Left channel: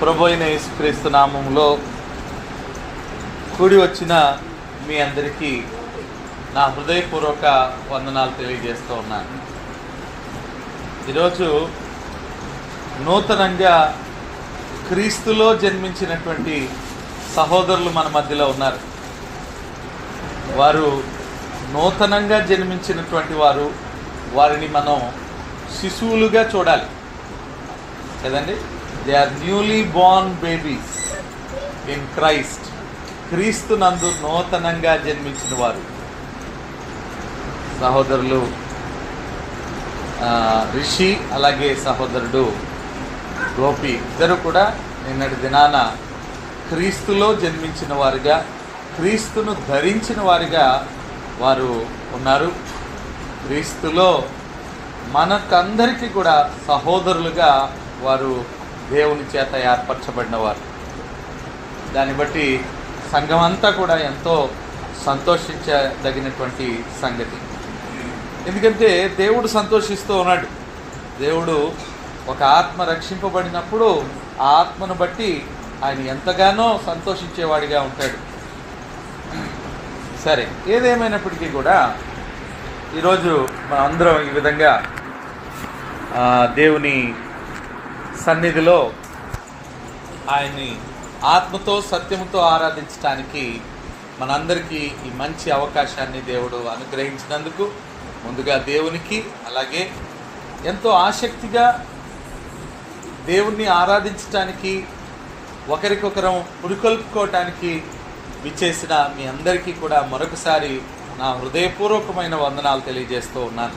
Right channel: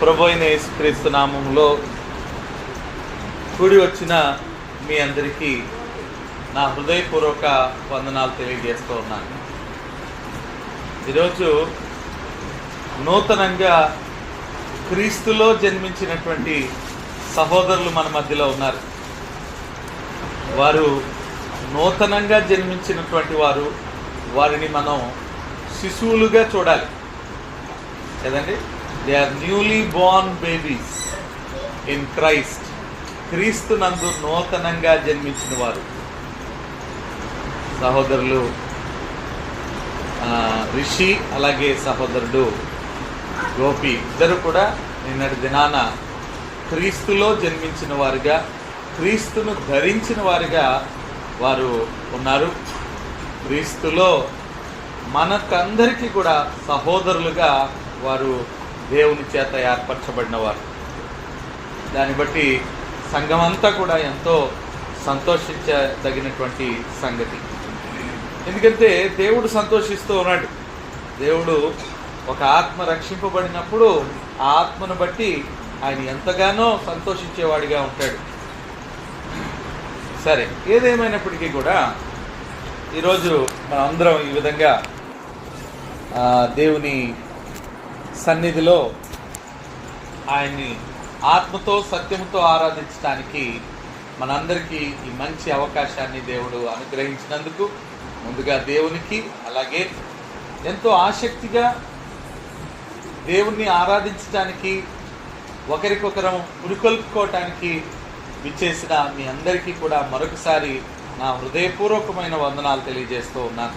ప్రభు అయిన యేసుక్రీస్తు నామములో కూడి వచ్చిన మీ అందరికీ నా హృదయపూర్వక వందనాలు తెలియజేస్తూ ఉన్నాను. ఈరోజు నూతనంగా క్రీస్తులో జన్మించినటువంటి సహోదరులు మన మధ్యలో ఉన్నారు. వారు నూతనంగా జన్మించినటువంటి వారిని మనం శిశువులుగా చూడాలి కదండి. They are newly born babies in Christ. క్రీస్తు నందు నూతనంగా జన్మించిన వారు సహోదరులు రిషి, అలాగే సహోదరుడు గోపి, ఇద్దరు కూడా నిన్నటి దినాన క్రీస్తులో జన్మించిన వారుగా, క్రీస్తును ధరించిన వారిగా వారు ఉన్నారు. క్రీస్తులో మనకందరికీ కూడా సహోదరులుగా వారు దేవుని చేత ఏర్పరచబడిన వారు. దాన్ని బట్టి సంఘం అంతా కూడా ఎంతో సంతోషించదగినటువంటి సంగతి. ఎందుకంటే దేవుడు సంతోషిస్తూ ఉన్నాడు. దేవుడు ఒక ఆత్మ రక్షింపబడినప్పుడు ఆ ఆత్మను బట్టి ఆయన ఎంతగానో సంతోషించేవాడిగా ఉంటాడు. సరే, ఏదేమైనప్పటికీ కూడా ఈరోజు మనం అందరం ఈ విధంగా దేవుని సన్నిధిలో ఆయన్ని ఆత్మతో సత్యముతో ఆరాధించడానికి మనందరికీ ఈ మంచి అవకాశాన్ని దేవుడు అనుగ్రహించినందుకు ముందుగా దేవునికి, అలాగే ఎంతో ఆసక్తిగా దేవుణ్ణి ఆరాధించడానికి, ఒకరికొకరం పురుకొల్పుకోవటానికి విచ్చేసిన మీ అందరికీ కూడా మరొకసారి నా హృదయపూర్వకమైన వందనాలు తెలియజేస్తూ ఉన్నాను.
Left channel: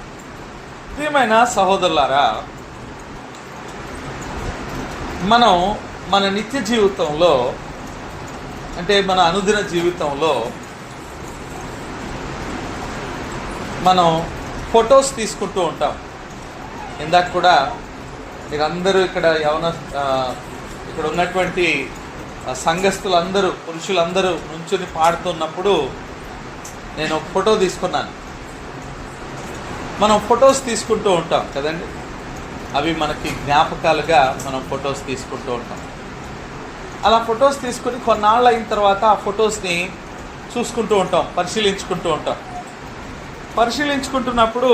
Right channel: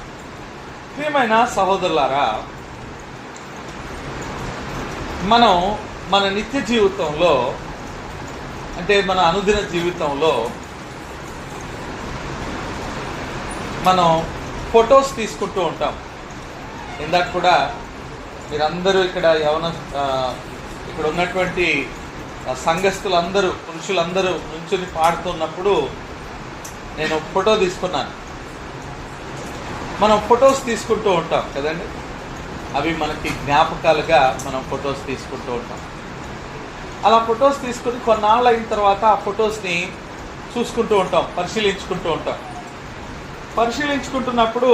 ప్రియమైన సహోదరులారా, మనం మన నిత్య జీవితంలో, అంటే మన అనుదిన జీవితంలో మనం ఫొటోస్ తీసుకుంటూ ఉంటాం. ఇందాక కూడా మీరందరూ ఇక్కడ ఇక్కడ ఉన్నటువంటి సంఘస్థులందరూ, పురుషులందరూ నుంచుని పాడుతున్నప్పుడు నేను ఫోటో తీసుకున్నాను. మనం ఫొటోస్ తీసుకుంటూ ఉంటాం కదండి. అవి మనకి జ్ఞాపకాలుగా మనం ఫొటోస్ తీసుకుంటూ ఉంటాం. అలా ఫొటోస్ తీసుకుని కొన్నాళ్ళు అయిన తర్వాత ఆ ఫొటోస్ని చూసుకుంటూ ఉంటాం, పరిశీలించుకుంటూ ఉంటాం. పరిశీలించుకుంటున్నప్పుడు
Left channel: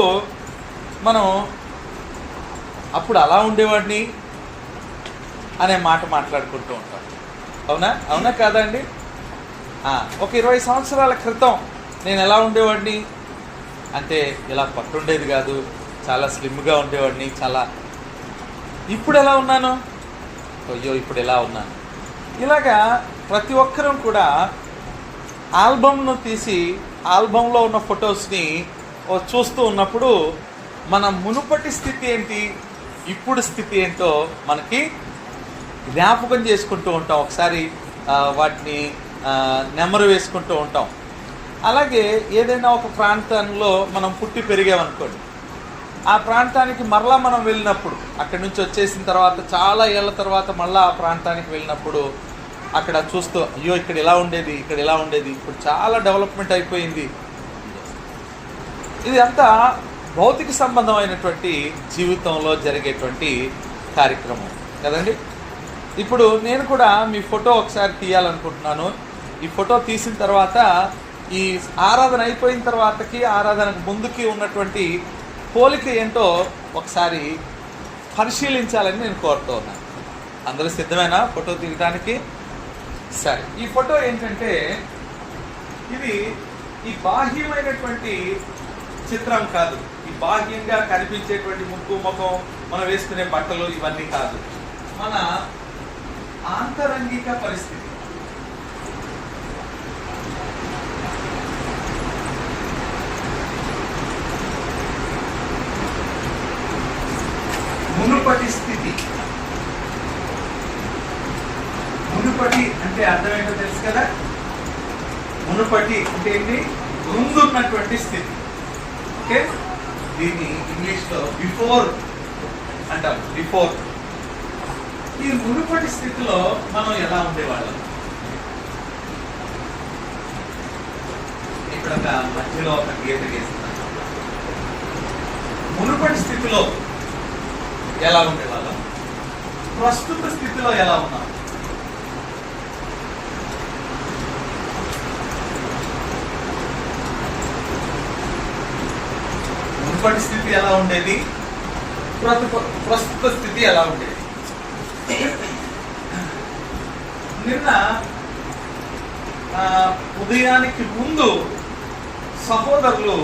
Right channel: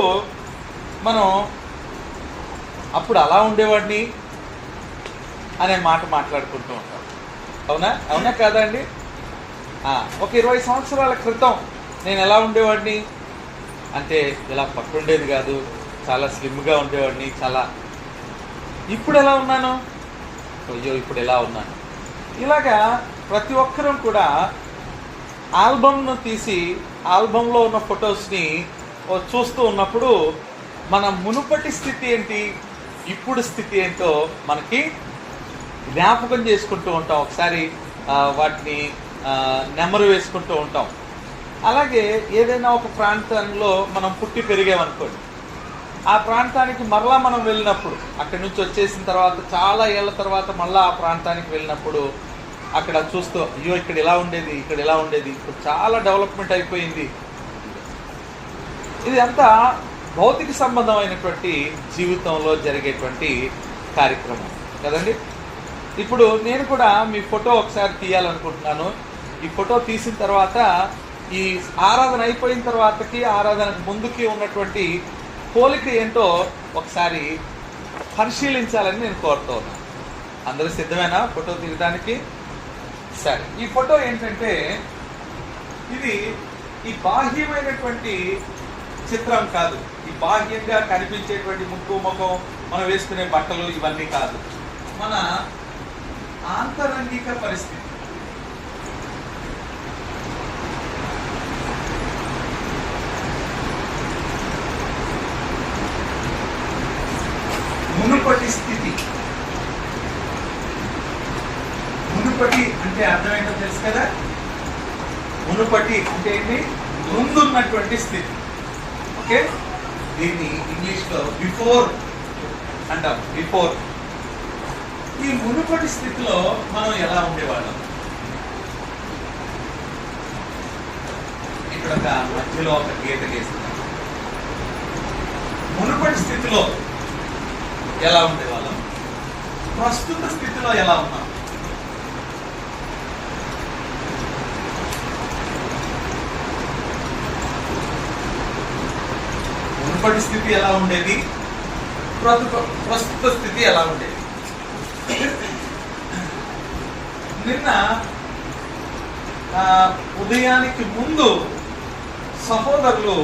మనం అప్పుడు అలా ఉండేవాడిని అనే మాట మాట్లాడుకుంటూ ఉంటాం. అవునా కాదా అండి? ఒక 20 సంవత్సరాల క్రితం నేను ఎలా ఉండేవాడిని అంటే ఇలా పట్టుండేది కాదు, చాలా స్లిమ్గా ఉండేవాడిని, చాలా. ఇప్పుడు ఎలా ఉన్నాను, అయ్యో ఇప్పుడు ఎలా ఉన్నాను. ఇలాగా ప్రతి ఒక్కరం కూడా ఆల్బమ్ను తీసి ఆల్బంలో ఉన్న ఫొటోస్ని చూస్తూ ఉన్నప్పుడు మన మునుపటి స్థితి ఏంటి, ఇప్పుడు స్థితి ఏంటో మనకి జ్ఞాపకం చేసుకుంటూ ఉంటాం. ఒకసారి వాటిని నెమరు వేసుకుంటూ ఉంటాం. అలాగే ఏదైనా ఒక ప్రాంతంలో మనం పుట్టి పెరిగామనుకోండి, ఆ ప్రాంతానికి మరలా మనం వెళ్ళినప్పుడు, అక్కడి నుంచి వచ్చేసిన తర్వాత చాలా ఏళ్ల తర్వాత మళ్ళీ ఆ ప్రాంతానికి వెళ్ళినప్పుడు అక్కడ చూస్తూ, అయ్యో ఇక్కడ ఇలా ఉండేది, ఇక్కడ ఇలా ఉండేది, ఇప్పుడు చాలా డెవలప్మెంట్ అయిపోయింది. ఇది అంతా భౌతిక సంబంధమైనటువంటి జీవితంలో జరిగేటువంటి కార్యక్రమం కదండి. ఇప్పుడు నేను కూడా మీ ఫోటో ఒకసారి తీయాలనుకుంటున్నాను. ఈ ఫోటో తీసిన తర్వాత ఈ ఆరాధన అయిపోయిన తర్వాతకి, ఆరాధనకు ముందుకి ఉన్నటువంటి పోలిక ఏంటో ఒకసారి పరిశీలించాలని నేను కోరుతూ ఉన్నాను. అందరూ సిద్ధమేనా ఫోటో తీయడానికి? సరే, ఈ ఫోటో ఏంటంటే ఇది ఈ బాహ్యమైనటువంటి చిత్రం కాదు. ఈ బాహ్యంగా కనిపించేటువంటి ముక్కు, ముఖం, మనం వేసుకునే బట్టలు ఇవన్నీ కాదు. మన ఆంతరంగిక పరిస్థితి, మునుపటి స్థితి. మునుపటి అంటే అర్థమేంటో తెలుసు కదా. మునుపటి అంటే ఏంటి? ముందున్నటువంటి స్థితి. ఓకే, దీన్ని ఇంగ్లీష్లో బిఫోర్ అంటాం. బిఫోర్. ఈ మునుపటి స్థితిలో మనం ఎలా ఉండేవాళ్ళం? ఇక్కడ ఒక మధ్యలో ఒక గీత గీస్తున్నాం. మునుపటి స్థితిలో ఎలా ఉండేవాళ్ళం, ప్రస్తుత స్థితిలో ఎలా ఉన్నాం. మునుపటి స్థితి ఎలా ఉండేది, ప్రస్తుత స్థితి ఎలా ఉండేది. నిన్న ఉదయానికి ముందు సహోదరులు,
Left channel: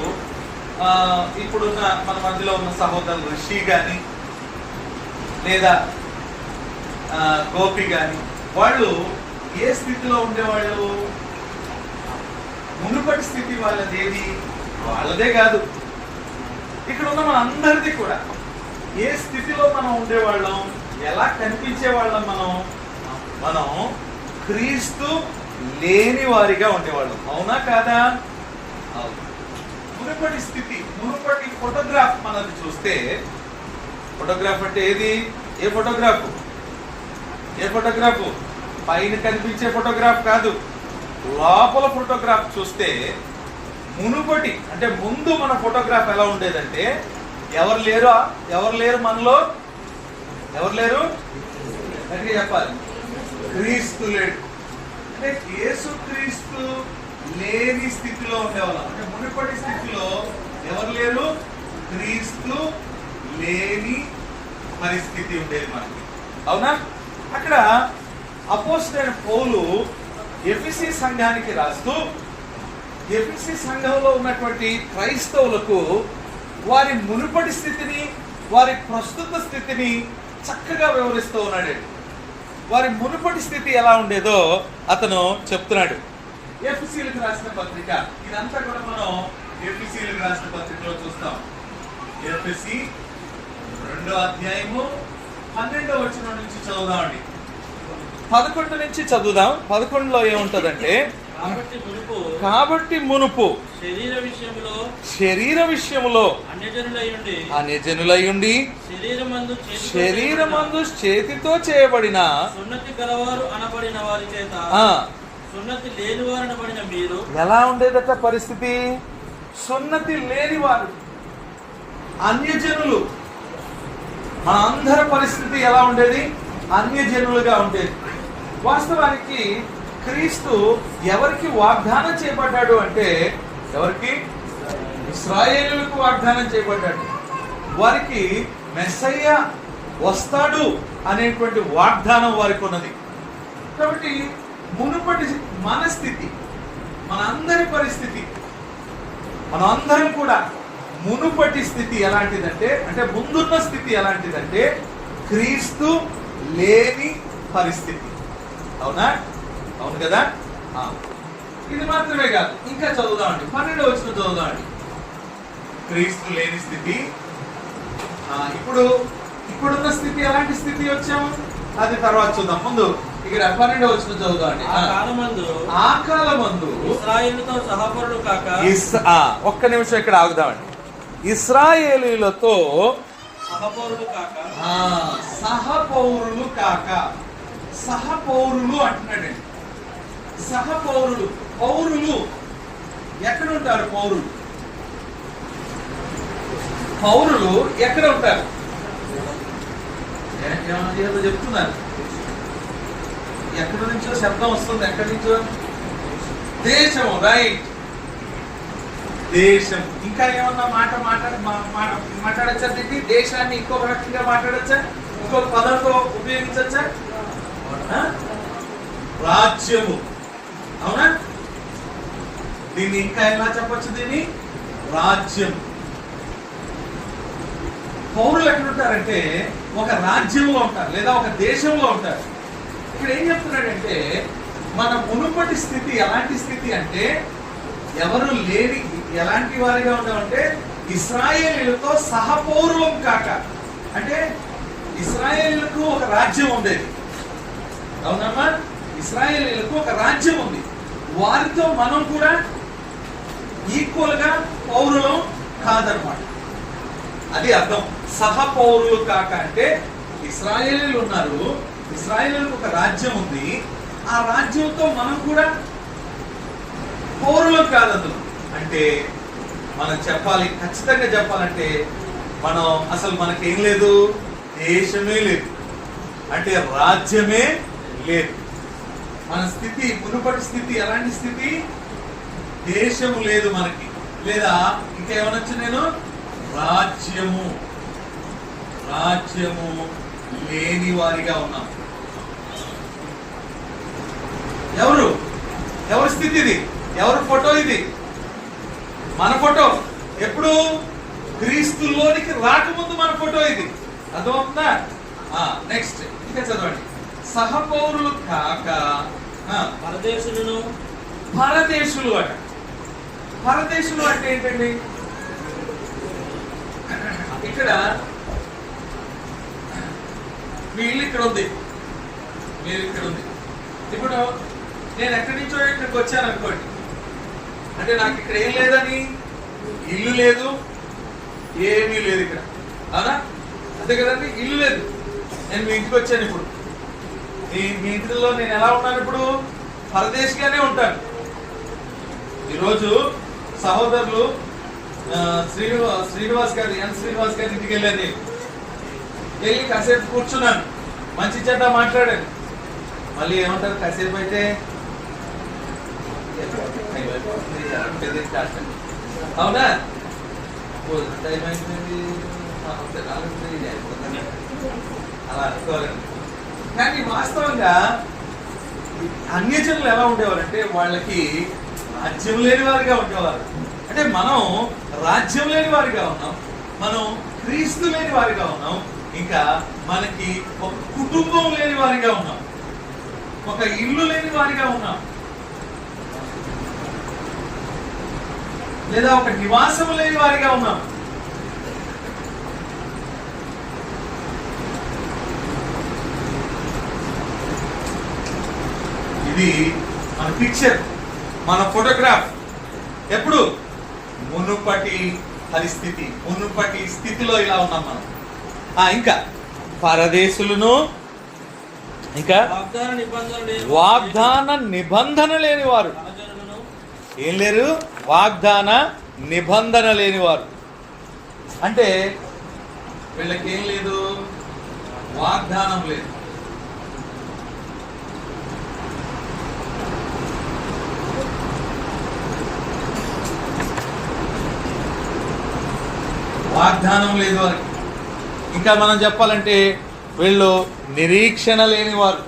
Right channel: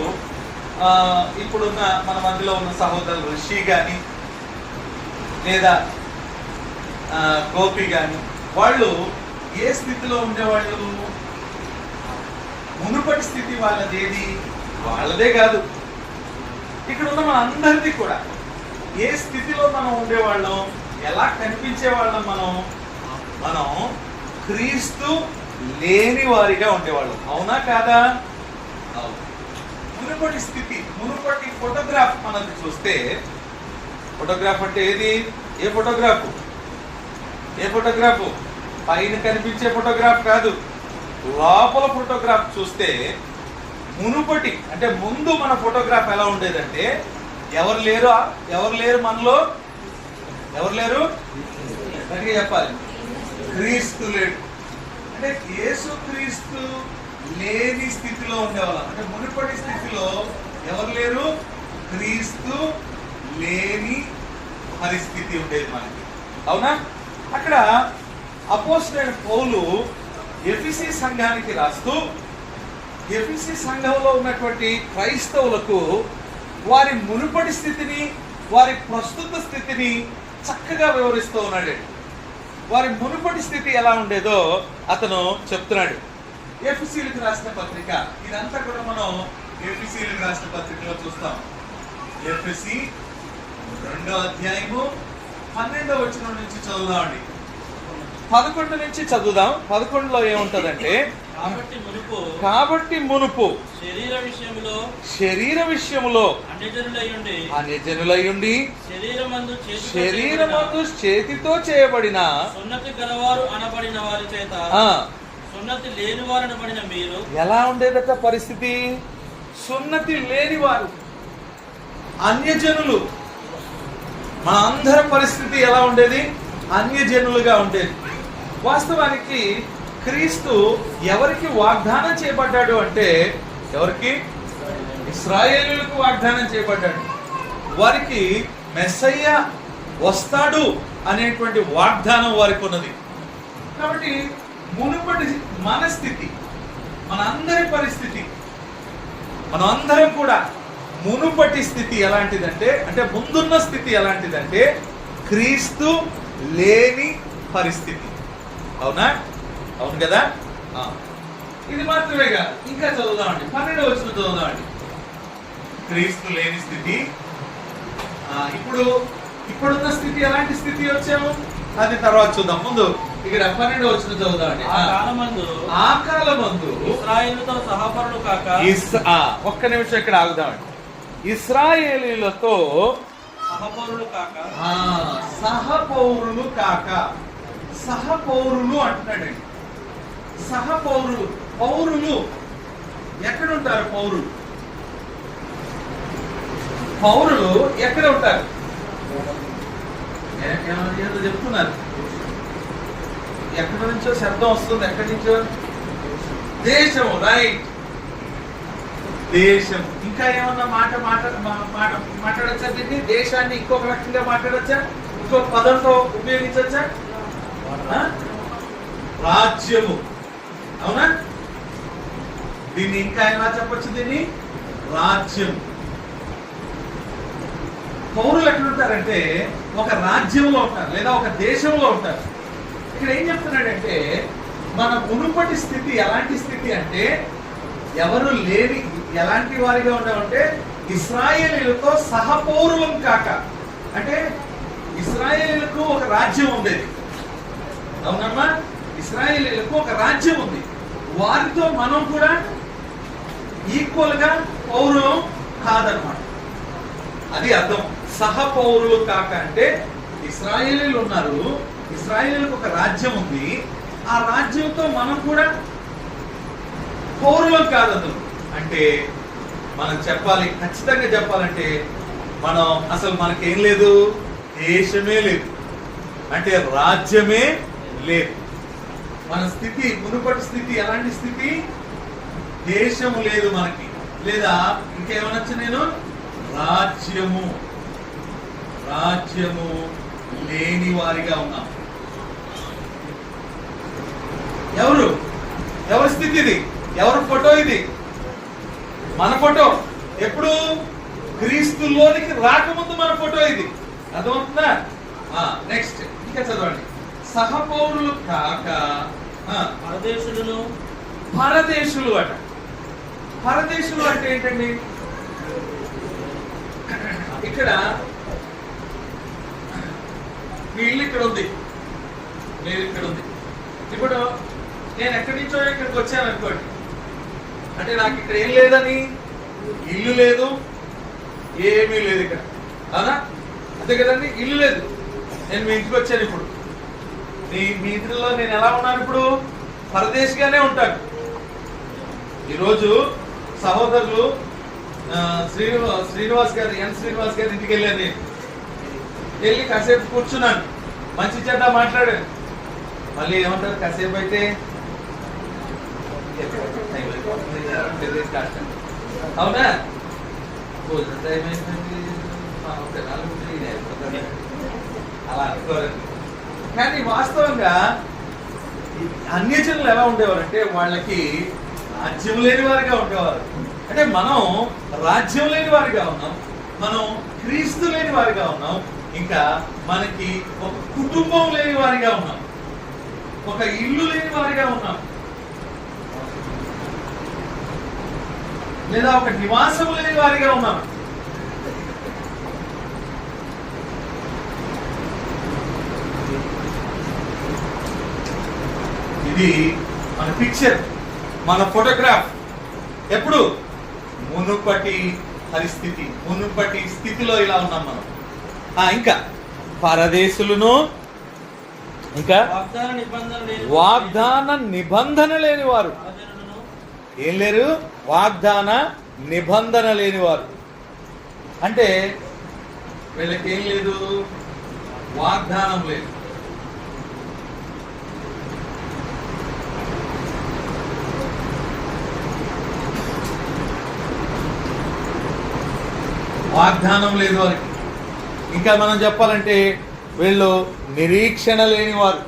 ఇప్పుడున్న మన మధ్యలో ఉన్న సహోదరులు రిషి గాని లేదా గోపి గాని, వాళ్ళు ఏ స్థితిలో ఉండేవాళ్ళు? మునుపటి స్థితి వాళ్ళదేది, వాళ్ళదే కాదు, ఇక్కడ ఉన్న మన అందరిది కూడా ఏ స్థితిలో మనం ఉండేవాళ్ళం, ఎలా కనిపించే వాళ్ళం? మనం క్రీస్తు లేని వారిగా ఉండేవాళ్ళం. అవునా కాదా? అవును. మునుపటి స్థితి, మునుపటి ఫోటోగ్రాఫ్ మనది చూస్తే, ఫోటోగ్రాఫ్ అంటే ఏది? ఏ ఫోటోగ్రాఫ్? ఏ ఫోటోగ్రాఫ్? పైన కనిపించే ఫోటోగ్రాఫ్ కాదు, లోపల ఫోటోగ్రాఫ్ చూస్తే మునుపటి అంటే ముందు మన ఫోటోగ్రాఫ్ ఎలా ఉండేదంటే, ఎవరు లేరు మనలో, ఎవరు లేరు? గట్టిగా చెప్పాలి, క్రీస్తు లేడు. అంటే యేసు క్రీస్తు లేని స్థితిలో ఉండేవాళ్ళం. అంటే మునుపటి స్థితిలో ఎవరు లేరు? క్రీస్తు లేని పరిస్థితి ఉండేది మనకి. అవునా? అక్కడ అపోస్తలుడైన పౌలు ఎఫెసీ సంఘానికి రాస్తూ, ఎఫెసీ సంఘంలో ఉన్నటువంటి క్రైస్తవులకు వారి మునుపటి స్థితిని, వారి ప్రస్తుత స్థితిని చక్కగా వివరిస్తూ ఉన్నాడు. వారి మునుపటి స్థితి ఎలా ఉండేదో అతను చెప్తున్నాడు. ఎఫెసీలకు రాసిన పత్రిక, ఇదంతా కూడా మనం ఎఫెసీలకు రాసిన పత్రికలో చూస్తాం. ఎఫెసీ 2వ అధ్యాయము 12వ వచనం నుంచి చదువుదామండి. 11 నుంచి చదువుదాం. 11లో ఏముంటదంటే, కాబట్టి మునుపు శరీర విషయములో అన్యజనులయుండి శరీరమందు చేతితో చేయబడిన సున్నతి గలవారు అనబడిన వారి చేత సున్నతి లేని వారు అనబడిన మీరు. ఎలా ఉండేదట పరిస్థితి? సున్నతి లేని వారు, అన్యజనులు. మన అందరి పరిస్థితి ఎలా ఉండేది? అన్యజనులుగా ఉండేది. వాస్తవానికి క్రీస్తు ఎవరికి వాగ్దానం చేయబడ్డాడు అంటే, ఎవరికి? ఇశ్రాయేలులకు వాగ్దానం చేయబడ్డాడు. వారికి మెస్సయ్య వస్తాడు అనేటువంటి వాగ్దానం వారికి ఉన్నది. కాబట్టి మునుపటి మన స్థితి, మనందరి పరిస్థితి, మనందరం కూడా మునుపటి స్థితి ఎలాంటిదంటే, అంటే ముందున్న స్థితి ఎలాంటిదంటే, క్రీస్తు లేని పరిస్థితి. అవునా? అవును కదా? ఇది మాత్రమే కాదు, ఇంకా చదువుదామండి. 12వ వచనం చదువుదామండి. క్రీస్తు లేని స్థితి. ఇప్పుడున్న స్థితి ఎలాంటి స్థితి వచ్చాము అది తర్వాత చూద్దాం. ముందు ఇక్కడ 12వ వచనం చదువుదామండి. ఆ కాలమందు ఇశ్రాయేలుతో సహపరులు కాక, ఒక్క నిమిషం ఇక్కడ ఆగుదామండి. ఇశ్రాయేలీలతో సహపౌరులు కాక, సహపౌరులు కాక, సహపౌరులు అంటున్నాడండి. సహపౌరులు, పౌరులు ఎక్కడ ఉంటారు? పౌరులు ఎక్కడ ఉంటారు? ఏదో చెప్తున్నారు, ఎక్కడి నుంచో శబ్దం వస్తుంది. ఎక్కడి నుంచో? దేశము, రైట్, దేశం. ఇంకా ఏమన్నా మాట్లాడచ్చా? దీన్ని దేశాన్ని ఇంకొక రకంగా మాట్లాడచ్చా? ఇంకొక పదంతో ఉపయోగించచ్చా? రాజ్యము. అవునా? దీన్ని ఇంకా ఎలా చెప్పచ్చు? దీన్ని రాజ్యం. పౌరులు ఎక్కడ ఉంటారంటే ఒక రాజ్యంలో ఉంటారు లేదా ఒక దేశంలో ఉంటారు. ఇక్కడ ఏం చెప్తున్నాడంటే, మన మునుపటి స్థితి ఎలాంటి స్థితి అంటే, ఎవరు లేని ఎలాంటి వారిగా ఉంటామంటే, ఇశ్రాయేలీలతో సహపౌరులం కాక. అంటే ఇశ్రాయేలీలకు ఒక రాజ్యం ఉండేది. అవునమ్మా? ఇశ్రాయేలీలకు ఒక రాజ్యం ఉంది. వారితో మనం కూడా ఈక్వల్ గా పౌరులం కాదనమాట. అది అర్థం. సహపౌరులు కాక అంటే ఇశ్రాయేలీలు ఉన్నారు, ఇశ్రాయేలీలకు ఒక రాజ్యం ఉంది, ఆ రాజ్యంతో మనం కూడా పౌరులు కాదు. అంటే మనం చెప్పాలి, ఖచ్చితంగా చెప్పాలంటే, మనం అసలు మనకేం లేదు, దేశమే లేదు, అంటే రాజ్యమే లేదు. మన స్థితి, మునుపటి స్థితి ఎలాంటి స్థితి? దేశము లేదు మనకి. లేదా ఇంకేమనొచ్చు నేను, రాజ్యము లేని వారిగా ఉన్నాం. ఎవరి స్థితి ఇది? ఎవరి ఫోటో ఇది? మన ఫోటో. ఎప్పుడు? క్రీస్తులోనికి రాకముందు మన ఫోటో ఇది. అర్థమవుతుందా? నెక్స్ట్ ఇంకా చదవండి. సహపౌరులు కాక పరదేశులను. పరదేశులు అట. పరదేశులు అంటే ఏంటండి? ఇక్కడ మీ ఇల్లు ఇక్కడ ఉంది, మీరు ఇక్కడ ఉంది. ఇప్పుడు నేను ఎక్కడి నుంచో ఇక్కడికి వచ్చాను అనుకోండి, అంటే నాకు ఇక్కడ ఏం లేదని, ఇల్లు లేదు, ఏమీ లేదు ఇక్కడ, అవునా? అంతే కదండి, ఇల్లు లేదు. నేను మీ ఇంటికి వచ్చాను. ఇప్పుడు మీ ఇంట్లో నేను ఎలా ఉన్నాను? ఇప్పుడు పరదేశిగానే ఉంటాను. ఈరోజు సహోదరులు శ్రీనివాస్ గారి ఇంటికి వెళ్ళాను. వెళ్ళి కాసేపు కూర్చున్నాను, మంచి చెడ్డ మాట్లాడాను. మళ్ళీ ఏమంటారు? కాసేపు అయితే అవునా? అలా అనుకోవాలండి. కానీ వాస్తవంగా అన్యజనులు ఎలా ఉండేవారంటే వాళ్ళకి రాజ్యం లేని వారిగా ఉండేవారు. అంటే మనం రాజ్యం లేని వారిగా ఉన్నాం, మనం క్రీస్తు లేని వారిగా ఉన్నాం, ఇంకా మనకి ఒక కుటుంబం లేని వారిగా ఉన్నాం, ఒక ఇల్లు లేని వారిగా ఉన్నాం, లేదా ఒక నివాసము లేని వారిగా ఉన్నాం. ఇది మన పిక్చర్, మన ఫోటోగ్రాఫ్. ఎప్పుడు? మునుపటి పరిస్థితి, మునుపటి స్థితిలో ఇలా ఉన్నాం మనం. ఇంకా పరదేశులను, ఇంకా వాగ్దాన నిబంధన లేని వారు. ఏం లేరు? వాగ్దాన నిబంధన లేని వారు. అంటే వీళ్ళకి ఏం లేదు? వాగ్దానం లేదు. వాగ్దానం లేదు వారికి. ఇంకా మనం చెప్పాలంటే వీళ్ళు నిరీక్షణ లేని వారు.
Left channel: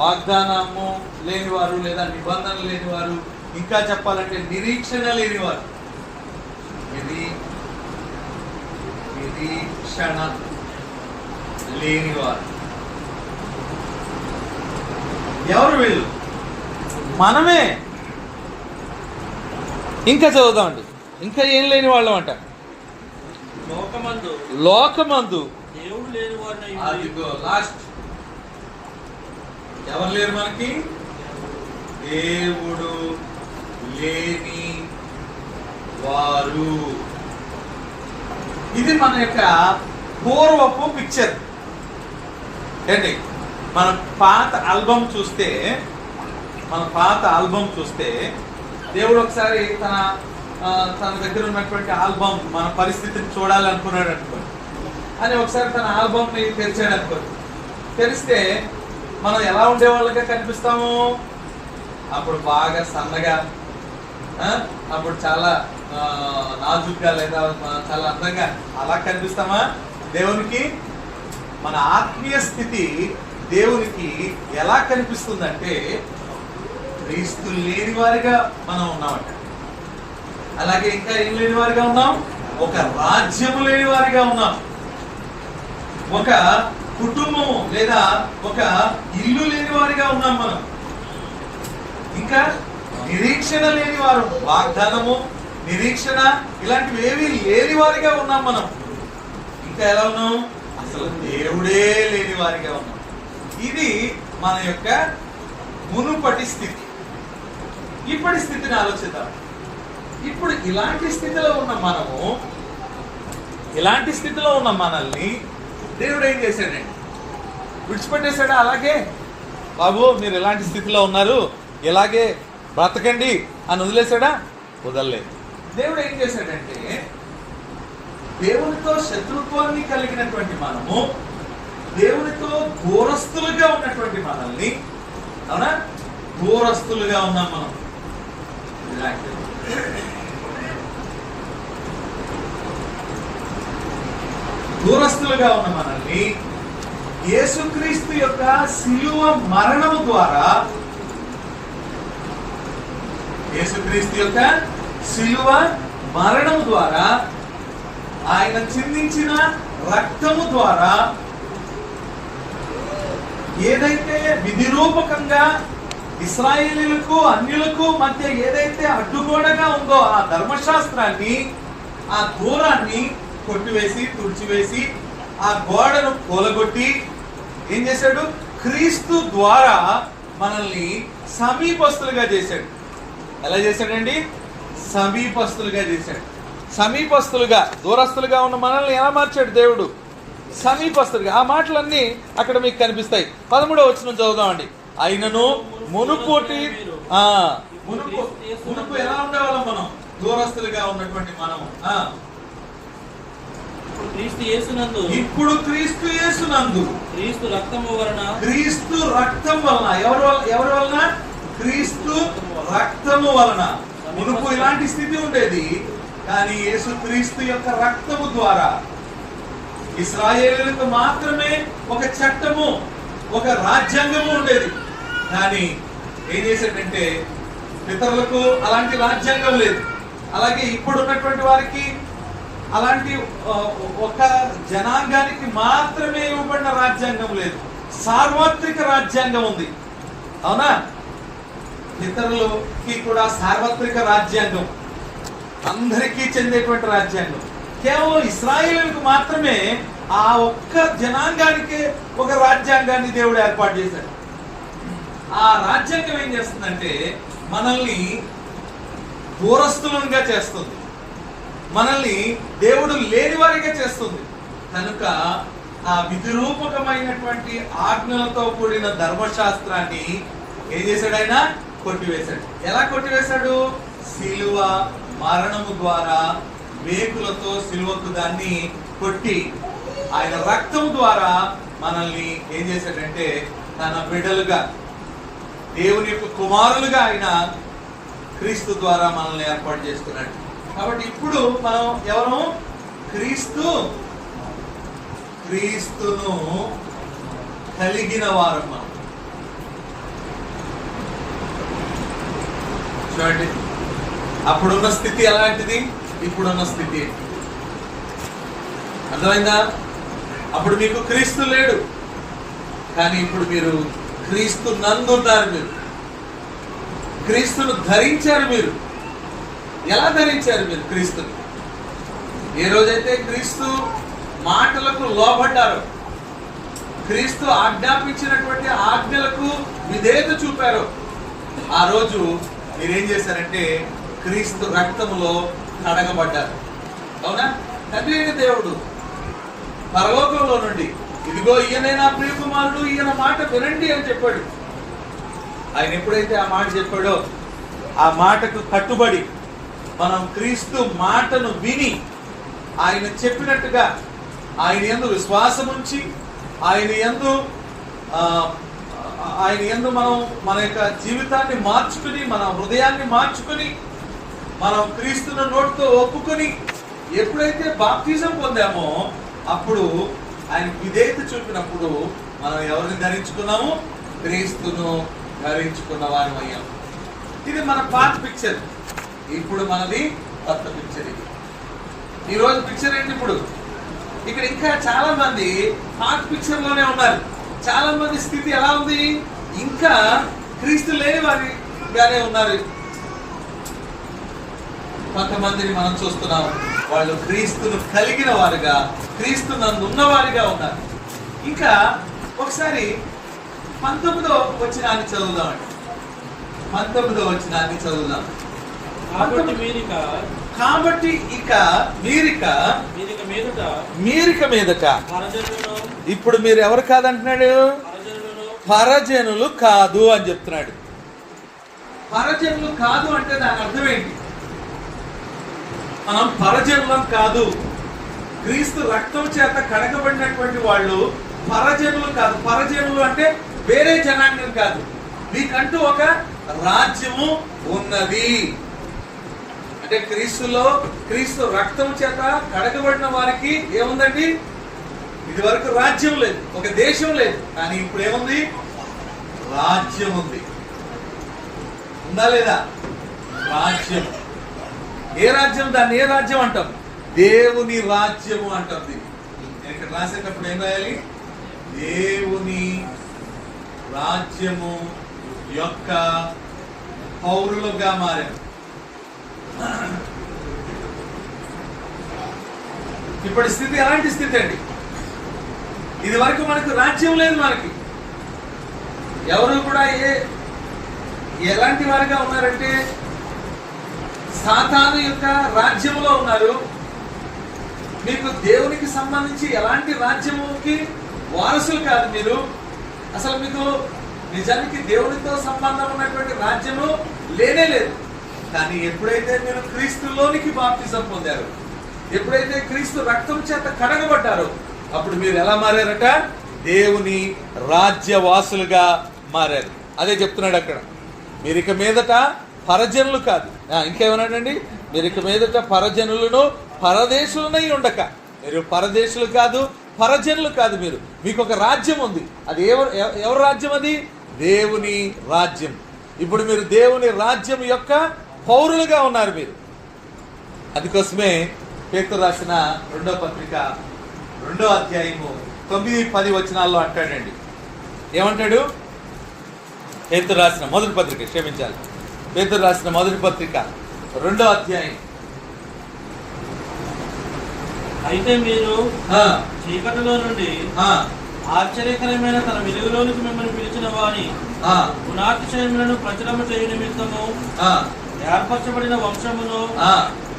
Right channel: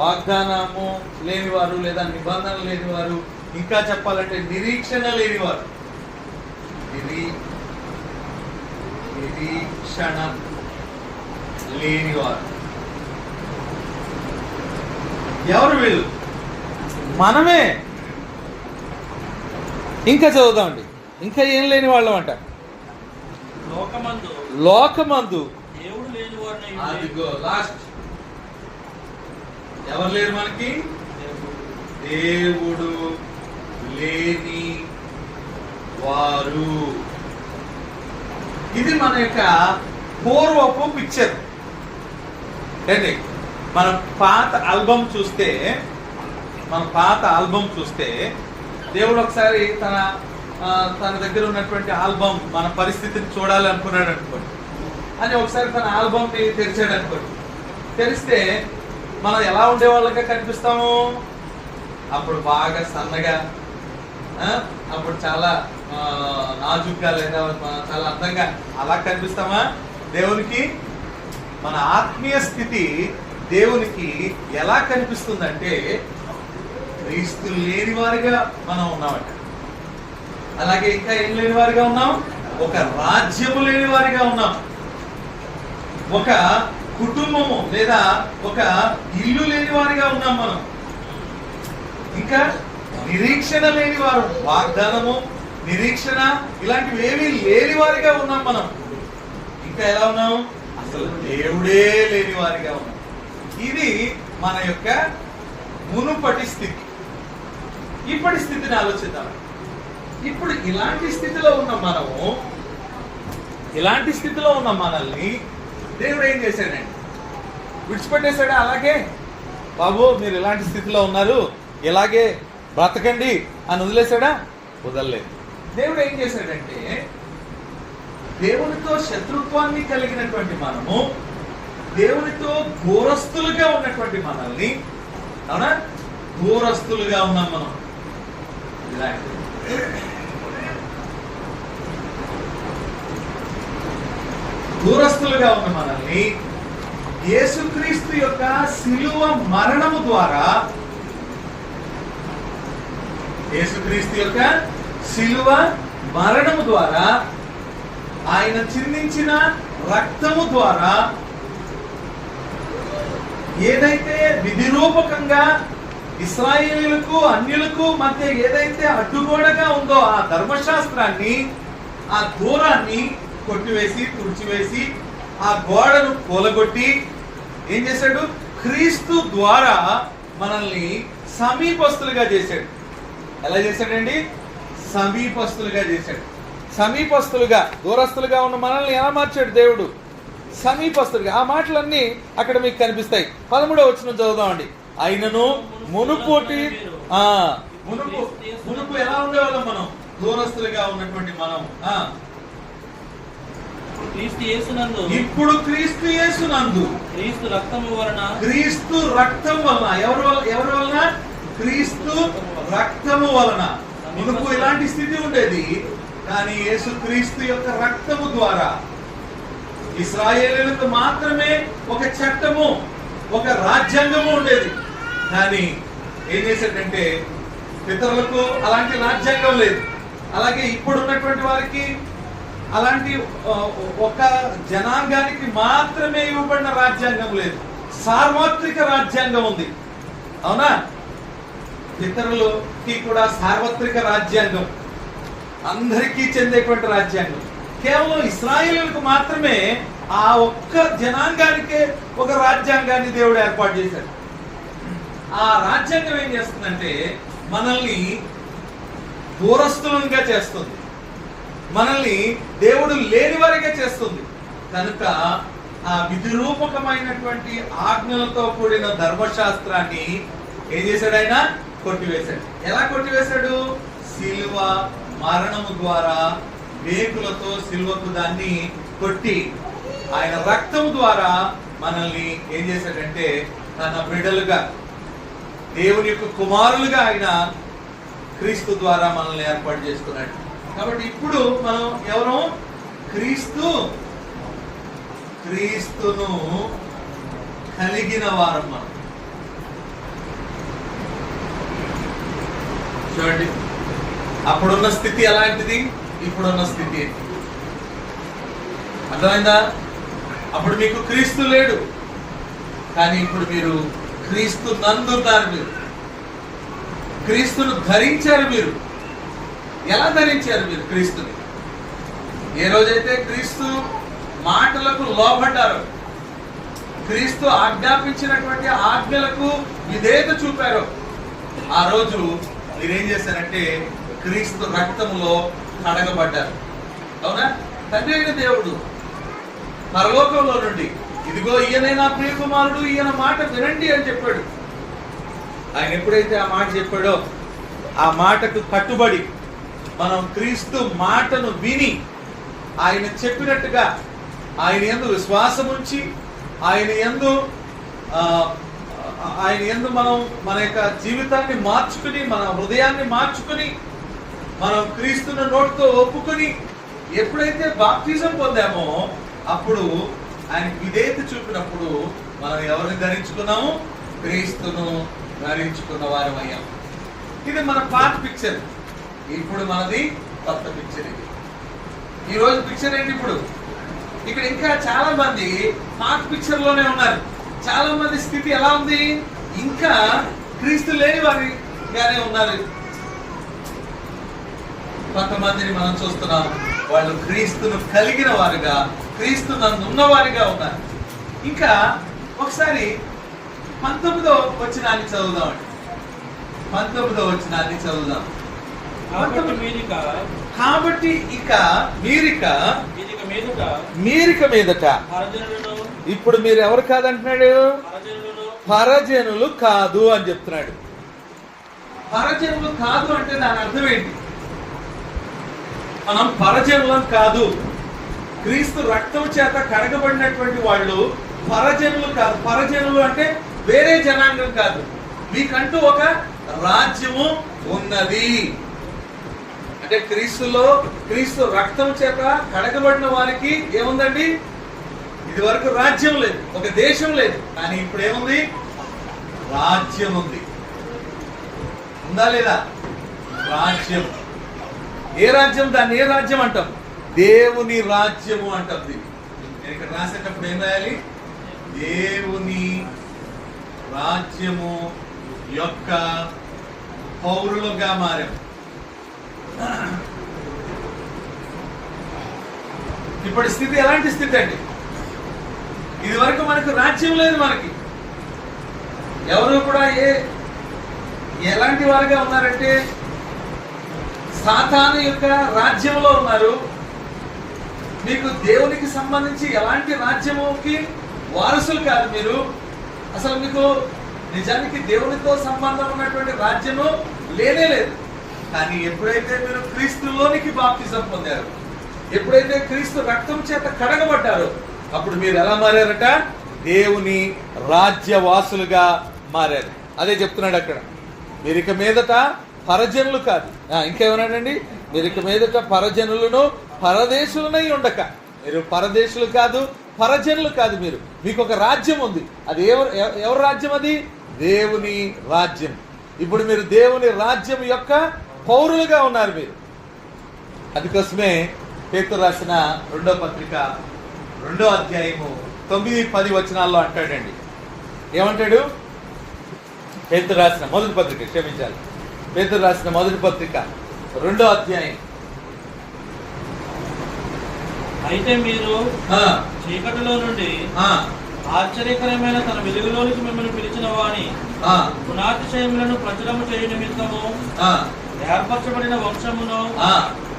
వాగ్దానము లేనివారు లేదా నిబంధన లేనివారు. ఇంకా చెప్పాలంటే నిరీక్షణ లేనివారు. నిరీక్షణ లేనివారు. ఎవరు వీళ్ళు? మనమే. ఇంకా చదువుదామండి. ఇంకా ఏం లేని వాళ్ళం అంట. లోకమందు దేవుడు లేని వారిని. లాస్ట్ ఎవరు లేరు మనకి? దేవుడు లేని వారు. ఇది మన యొక్క పూర్వపు పిక్చర్ ఏంటి? మన పాత ఆల్బమ్ చూస్తే, దేవుడు ఒకసారి తన దగ్గర ఉన్నటువంటి ఆల్బమ్, మన పరిస్థితిని చూడాలనుకున్నాడు అనుకోండి అని ఒకసారి తన ఆల్బమ్ ని తెరిచాడు అనుకోండి. తెరిస్తే మనం ఎలా ఉండేవాళ్ళగా కనిపిస్తాము? అప్పుడు బాగా సన్నగా, అప్పుడు చాలా నాజుగ్గా, లేదా చాలా అందంగా అలా కనిపిస్తామా? దేవునికి మన ఆత్మీయ స్థితి దేవునికి ఎలా కనిపిస్తుందంటే క్రీస్తు లేని వారిగా మనం ఉన్నామట. అలాగే ఇంకా ఏం లేని వారిగా ఉన్నాం? ఒక రాజ్యము లేని వారిగా ఉన్నాం, ఒక కుటుంబము లేదా ఒక ఇల్లు లేని వారిగా ఉన్నాం మనం. ఇంకా నిరీక్షణ లేని వారు, వాగ్దానము, నిరీక్షణ ఇలాంటివి ఏమీ లేని వారిగా ఉన్నాం మనం. ఇంకా ఎలా ఉన్నాం? అసలు దేవుడే లేని వారిగా ఉన్నాం. ఇది మన యొక్క మునుపటి స్థితి. ఇప్పటి స్థితిని ఆలోచిద్దాం. ఇప్పుడు ఇలాంటి స్థితిలో ఉన్న మనల్ని దేవుడు ఏం చేశాడండి? విడిచిపెట్టేశాడా? అలాగే బాబు మీరు ఇలాంటి స్థితిలో ఉన్నారు, ఇలాగే బ్రతకండి అని వదిలేశాడా? వదలలేదు. దేవుడు ఏం చేశాడంటే, దేవునితో శత్రుత్వాన్ని కలిగినటువంటి మనము, దేవునితో దూరస్తులుగా ఉన్నటువంటి మనల్ని, అవునా, దూరస్తులుగా ఉన్నాం మనం. దూరస్తులుగా ఉన్న మనల్ని యేసుక్రీస్తు యొక్క శిలువ మరణము ద్వారా, యేసుక్రీస్తు యొక్క శిలువ మరణము ద్వారా, ఆయన చిందించిన రక్తము ద్వారా ఏదైతే విధిరూపకంగా ఇశ్రాయేలీయులకు అన్యులకు మధ్య ఏదైతే అడ్డుగోడగా ఉందో ఆ ధర్మశాస్త్రాన్ని, ఆ దూరాన్ని కొట్టివేసి తుడిచివేసి ఆ గోడను కూలగొట్టి ఏం చేశాడు? క్రీస్తు ద్వారా మనల్ని సమీపస్తులుగా చేశాడు. ఎలా చేశాడండి? సమీపస్తులుగా చేశాడు. సమీపస్తులుగా, దూరస్తులుగా ఉన్న మనల్ని ఎలా మార్చాడు దేవుడు? సమీపస్తులుగా. ఆ మాటలన్నీ అక్కడ మీకు కనిపిస్తాయి. 13వ వచనం చదువుదామండి. అయినను మునుపు ఎలా ఉండేవాళ్ళం మనం? దూరస్తులుగా ఉన్నటువంటి మనం క్రీస్తు యేసునందు, ఇప్పుడు క్రీస్తు యేసునందు, క్రీస్తు రక్తము వలన, క్రీస్తు రక్తం వలన, ఎవరి వలన? క్రీస్తు రక్తము వలన. మునుపు ఇలాంటి స్థితి ఉండేది, కానీ యేసు క్రీస్తు యొక్క రక్తము ద్వారా ఇశ్రాయేలీయులకు మాత్రమే ఒక చట్టము, ఒక రాజ్యాంగము ఉండేది. కానీ ఏం చేశాడంటే పితరులకు అలాంటి రాజ్యాంగం లేదు. అలాగే ఇప్పుడు ఉన్నటువంటి వారికి అలాంటి ఒక జనాంగానికి మాత్రమే ఇవ్వబడిన రాజ్యాంగం లేదు, సార్వత్రిక రాజ్యాంగం ఉంది. అవునా? పితరులకి కూడా సార్వత్రిక రాజ్యాంగం, అందరికీ చెందేటువంటి రాజ్యాంగం. కేవలం ఇశ్రాయేలులకు మాత్రమే ఆ ఒక్క జనాంగానికే ఒక రాజ్యాంగాన్ని దేవుడు ఏర్పాటు చేశాడు. ఆ రాజ్యాంగం ఏం చేస్తుందంటే మనల్ని దూరస్తులుగా చేస్తుంది, మనల్ని దేవుడు లేని వారిగా చేస్తుంది. కనుక ఆ విధిరూపకమైనటువంటి ఆజ్ఞలతో కూడిన ధర్మశాస్త్రాన్ని ఏం చేశాడు? ఆయన కొట్టివేశాడు. ఎలా కొట్టివేశాడు? శిలువ మరణము ద్వారా, మేకులతో శిలువకు దాన్ని కొట్టి ఆయన రక్తం ద్వారా మనల్ని ఏం చేశాడంటే తన బిడ్డలుగా, దేవుని యొక్క కుమారులుగా ఆయన క్రీస్తు ద్వారా మనల్ని ఏర్పాటు చేసుకున్నాడు. కాబట్టి ఇప్పుడు మనం ఎవరు? క్రీస్తును కలిగిన వారం. మనం చూడండి, అప్పుడున్న స్థితి ఎలాంటిది, ఇప్పుడున్న స్థితి ఏంటి? అర్థమైందా? అప్పుడు మీకు క్రీస్తు లేడు, కానీ ఇప్పుడు మీరు క్రీస్తు నందున్నారు. మీరు క్రీస్తును ధరించారు. మీరు ఎలా ధరించారు? మీరు క్రీస్తుని ఏ రోజైతే క్రీస్తు మాటలకు లోబడ్డారు, క్రీస్తు ఆజ్ఞాపించినటువంటి ఆజ్ఞలకు విధేయత చూపారు, ఆ రోజు మీరేం చేశారంటే క్రీస్తు రక్తములో కడగబడ్డారు. అవునా? తండ్రి అయిన దేవుడు పరలోకంలో నుండి ఇదిగో ఈయనైనా ప్రియ కుమారుడు, ఈయన మాట వినండి అని చెప్పాడు. ఆయన ఎప్పుడైతే ఆ మాట చెప్పాడో ఆ మాటకు కట్టుబడి మనం క్రీస్తు మాటను విని ఆయన చెప్పినట్టుగా ఆయన యందు విశ్వాసం ఉంచి ఆయన యందు మనం మన యొక్క జీవితాన్ని మార్చుకుని, మన హృదయాన్ని మార్చుకుని, మనం క్రీస్తును నోటితో ఒప్పుకుని ఎప్పుడైతే బాప్తిజం పొందామో అప్పుడు ఆయన విధేయత చూపినప్పుడు మనం ఎవరిని ధరించుకున్నాము? క్రీస్తును ధరించుకున్న వారం అయ్యాము. ఇది మన పాత పిక్చర్. ఇప్పుడు మనది కొత్త పిక్చర్. ఇది ఈ రోజు పిక్చర్ ఏంటి? ఇప్పుడు ఇక్కడ ఇంకా చాలా మంది పాత పిక్చర్ లోనే ఉన్నారు. చాలా మంది స్థితి ఎలా ఉంది? ఇంకా క్రీస్తు లేని వారిగానే ఉన్నారు. కొంతమందిని మనం చూస్తున్నాం, వాళ్ళు క్రీస్తును కలిగిన వారుగా, క్రీస్తు నందు ఉన్నవారిగా ఉన్నారు. ఇంకా ఒకసారి 19వ వచనాన్ని చదువుదామండి. 19వ వచనాన్ని చదువుదాం. కాబట్టి ఇక మీరిక మీదట ఇప్పుడు మీరు ఎవరు కాదంటున్నాడు? పరజనులు కాదు అని చెప్తున్నాడు. పరజనులు కాదు అంటే దాని అర్థం ఏంటి? మనం పరజనులం కాదు. క్రీస్తు రక్తం చేత కడగబడినటువంటి వాళ్ళు పరజనులు కాదు. పరజనులు అంటే వేరే జనాంగం కాదు. మీకంటూ ఒక రాజ్యము ఉన్నది. అంటే క్రీస్తు రక్తం చేత కడగబడిన వారికి ఏముందండి? ఇది వరకు రాజ్యం లేదు, ఒక దేశం లేదు, కానీ ఇప్పుడు ఏముంది? రాజ్యం ఉంది. ఉందా లేదా? రాజ్యం. ఏ రాజ్యం? దాన్ని ఏ రాజ్యం అంటాం? దేవుని రాజ్యము అంటాం. దీన్ని నేను ఇక్కడ రాసేటప్పుడు ఏం రాయాలి? దేవుని రాజ్యము యొక్క పౌరులుగా మారారు. ఇప్పటి స్థితి ఎలాంటి స్థితి అండి? ఇది వరకు మనకు రాజ్యం లేదు. మనకి ఎవరు కూడా ఎలాంటి వారుగా ఉన్నారంటే సాతాను యొక్క రాజ్యంలో ఉన్నారు. మీకు దేవునికి సంబంధించి ఎలాంటి రాజ్యముకి వారసులు కాదు మీరు. అసలు మీకు నిజానికి దేవునితో సంబంధం ఉన్నటువంటి రాజ్యము లేనే లేదు. కానీ ఎప్పుడైతే మీరు క్రీస్తులోనికి బాప్తిజం పొందారు, ఎప్పుడైతే క్రీస్తు రక్తం చేత కడగబడ్డారో, అప్పుడు మీరు ఎలా మారారట? దేవుని రాజ్యవాసులుగా మారారు. అదే చెప్తున్నాడు అక్కడ. మీరు ఇక మీదట పరజనులు కాదు, ఇంకేమన్నాడండి? మీరు ఇక మీదట పరజనులను పరదేశులనై ఉండక. మీరు పరదేశులు కాదు, పరజనులు కాదు. మీకు ఒక రాజ్యం ఉంది. అది ఎవరి రాజ్యం? అది దేవుని రాజ్యం. ఇప్పుడు మీరు దేవుని రాజ్యం యొక్క పౌరులుగా ఉన్నారు మీరు. అందుకోసమే పేతురు రాసిన 2వ పత్రిక 2వ అధ్యాయము 9-10 వచనాల్లో అంటాడండి. ఏమంటాడు? పేతురు రాసిన మొదటి పత్రిక, క్షమించాలి, పేతురు రాసిన మొదటి పత్రిక 2వ అధ్యాయం. అయితే మీరు చీకటిలో నుండి ఆశ్చర్యకరమైన తన వెలుగులోనికి మిమ్మల్ని పిలిచిన వాని గుణాతిశయములను ప్రచురము చేయ నిమిత్తము ఏర్పరచబడిన వంశమును,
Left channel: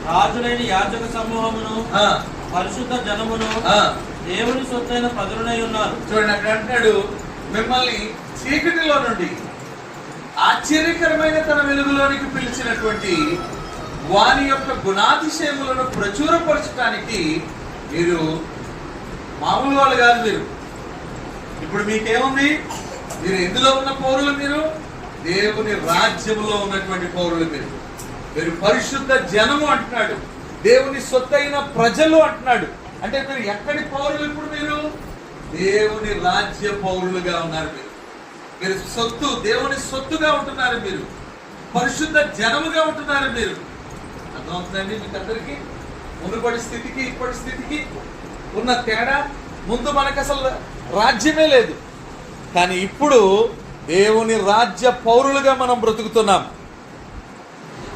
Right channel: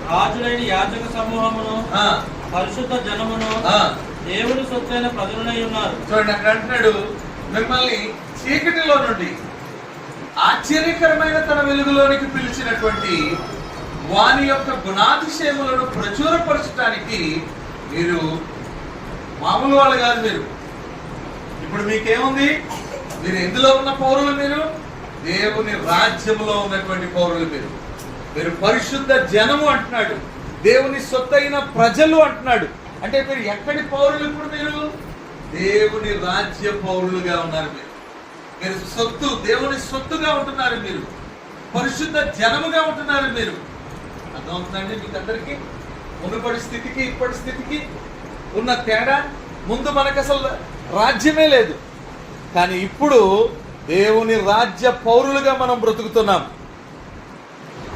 రాజులైన యాజక సమూహమును, పరిశుద్ధ జనమును, దేవుని సొత్తైన ప్రజలనై ఉన్నారు. చూడండి, అక్కడ అంటున్నాడు, మిమ్మల్ని చీకటిలో నుండి ఆశ్చర్యకరమైన తన వెలుగులోనికి పిలిచినటువంటి వాని యొక్క గుణాతిశయములను ప్రచురపరచడానికి మీరు మామూలు వాళ్ళు కాదు. మీరు ఇప్పుడు మీకేముంది? మీరు ఎందులో ఉన్న పౌరులు? మీరు దేవుని రాజ్యములో ఉన్నటువంటి పౌరులు. మీరు పరిశుద్ధ జనము అంటున్నాడు, దేవుని సొత్తైన ప్రజలు అంటున్నాడు. అంటే మీరు ఎక్కడి పౌరులు? ఇప్పుడు మీరు దేవుని రాజ్య పౌరులుగా ఉన్నారు. మీరు సొత్తు, దేవుని సొత్తుగా ఉంటున్నారు. మీరు పరిశుద్ధ జనముగా ఉంటున్నారు. మీరు అర్థమవుతుందండి మీకు అందరికీ? మునుపటి స్థితికి ఇప్పటి స్థితికి ఉన్న తేడా. ముందు మనకు అసలు రాజ్యమే లేదు, కానీ ఇప్పుడు దేవుని రాజ్య పౌరులుగా మనం బ్రతుకుతున్నాం.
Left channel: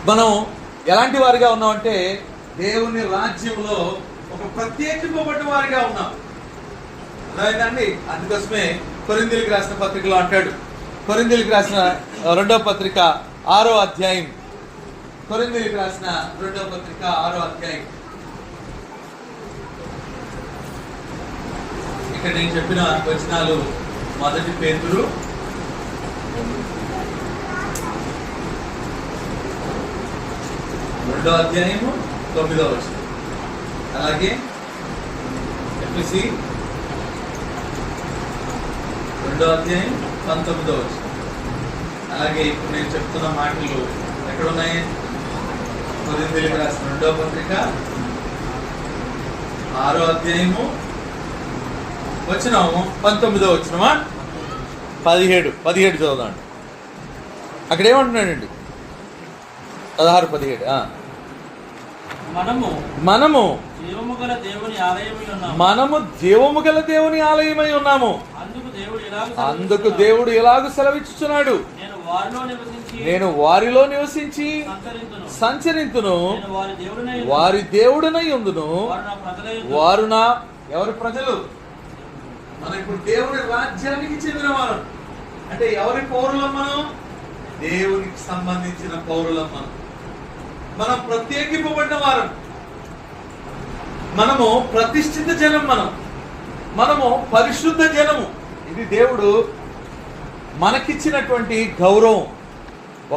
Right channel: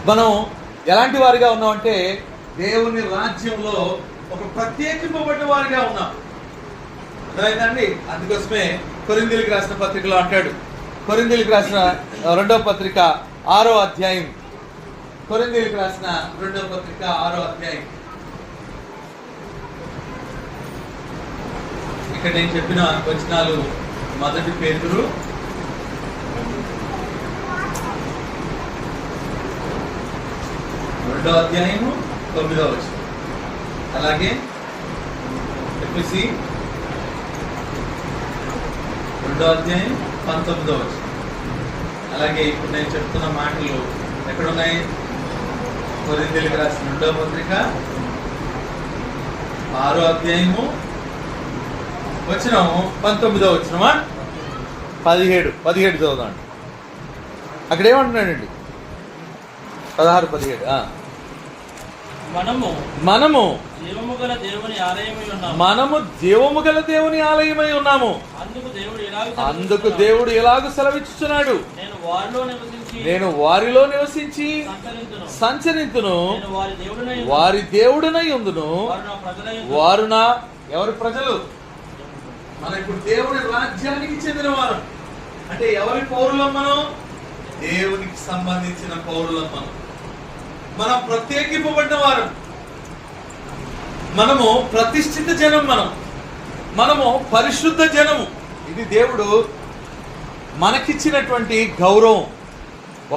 మనం ఎలాంటి వారిగా ఉన్నామంటే దేవుని రాజ్యంలో ఒక ప్రత్యేకింపబడిన వారిగా ఉన్నాం. అర్థమైందండి? అందుకోసమే కొరింథీయులకు రాసిన పత్రికలో అంటాడు, కొరింథీయులకు రాసిన 2వ పత్రిక 6వ అధ్యాయం, కొరింథీయులకు రాసిన 2వ పత్రిక 6వ అధ్యాయం. ఇక్కడ నేను చెప్పిన వచనాలు మొదటి పేతురు 2వ అధ్యాయము 9వ వచనం, అలాగే ఎఫెసీ 2వ అధ్యాయం 19వ వచనం. అలాగే ఇప్పుడు నేను చెప్తున్న మాటలు ఎక్కడున్నాయి? కొరింథీయులకు రాసిన 2వ పత్రిక 6వ అధ్యాయము వచనం 19వ వచనమా? 17 చదువుదాం. అక్కడ ఏమంటున్నాడండి? 16-17. మనము జీవము గల దేవుని ఆలయమై ఉన్నాము. అందుకు దేవుడు ఎలాగూ సెలవిచ్చుచున్నాడు, నేను వారిలో నివసించి సంచరింతును, వారి దేవుడునై ఉందును, వారు నా. ఎవరి ప్రజలు? మనం ఇప్పుడు దేవుని రాజ్యానికి చెందిన వారు. అంటే ఎవరి పౌరులం? మనం దేవునికి సంబంధించిన పౌరులం. మనం ప్రత్యేకింపబడిన వారు. మనము ప్రతిష్ఠిత జనం. మనము పరిశుద్ధ జనము. ఇది దేవుడు మనకిచ్చినటువంటి గౌరవం.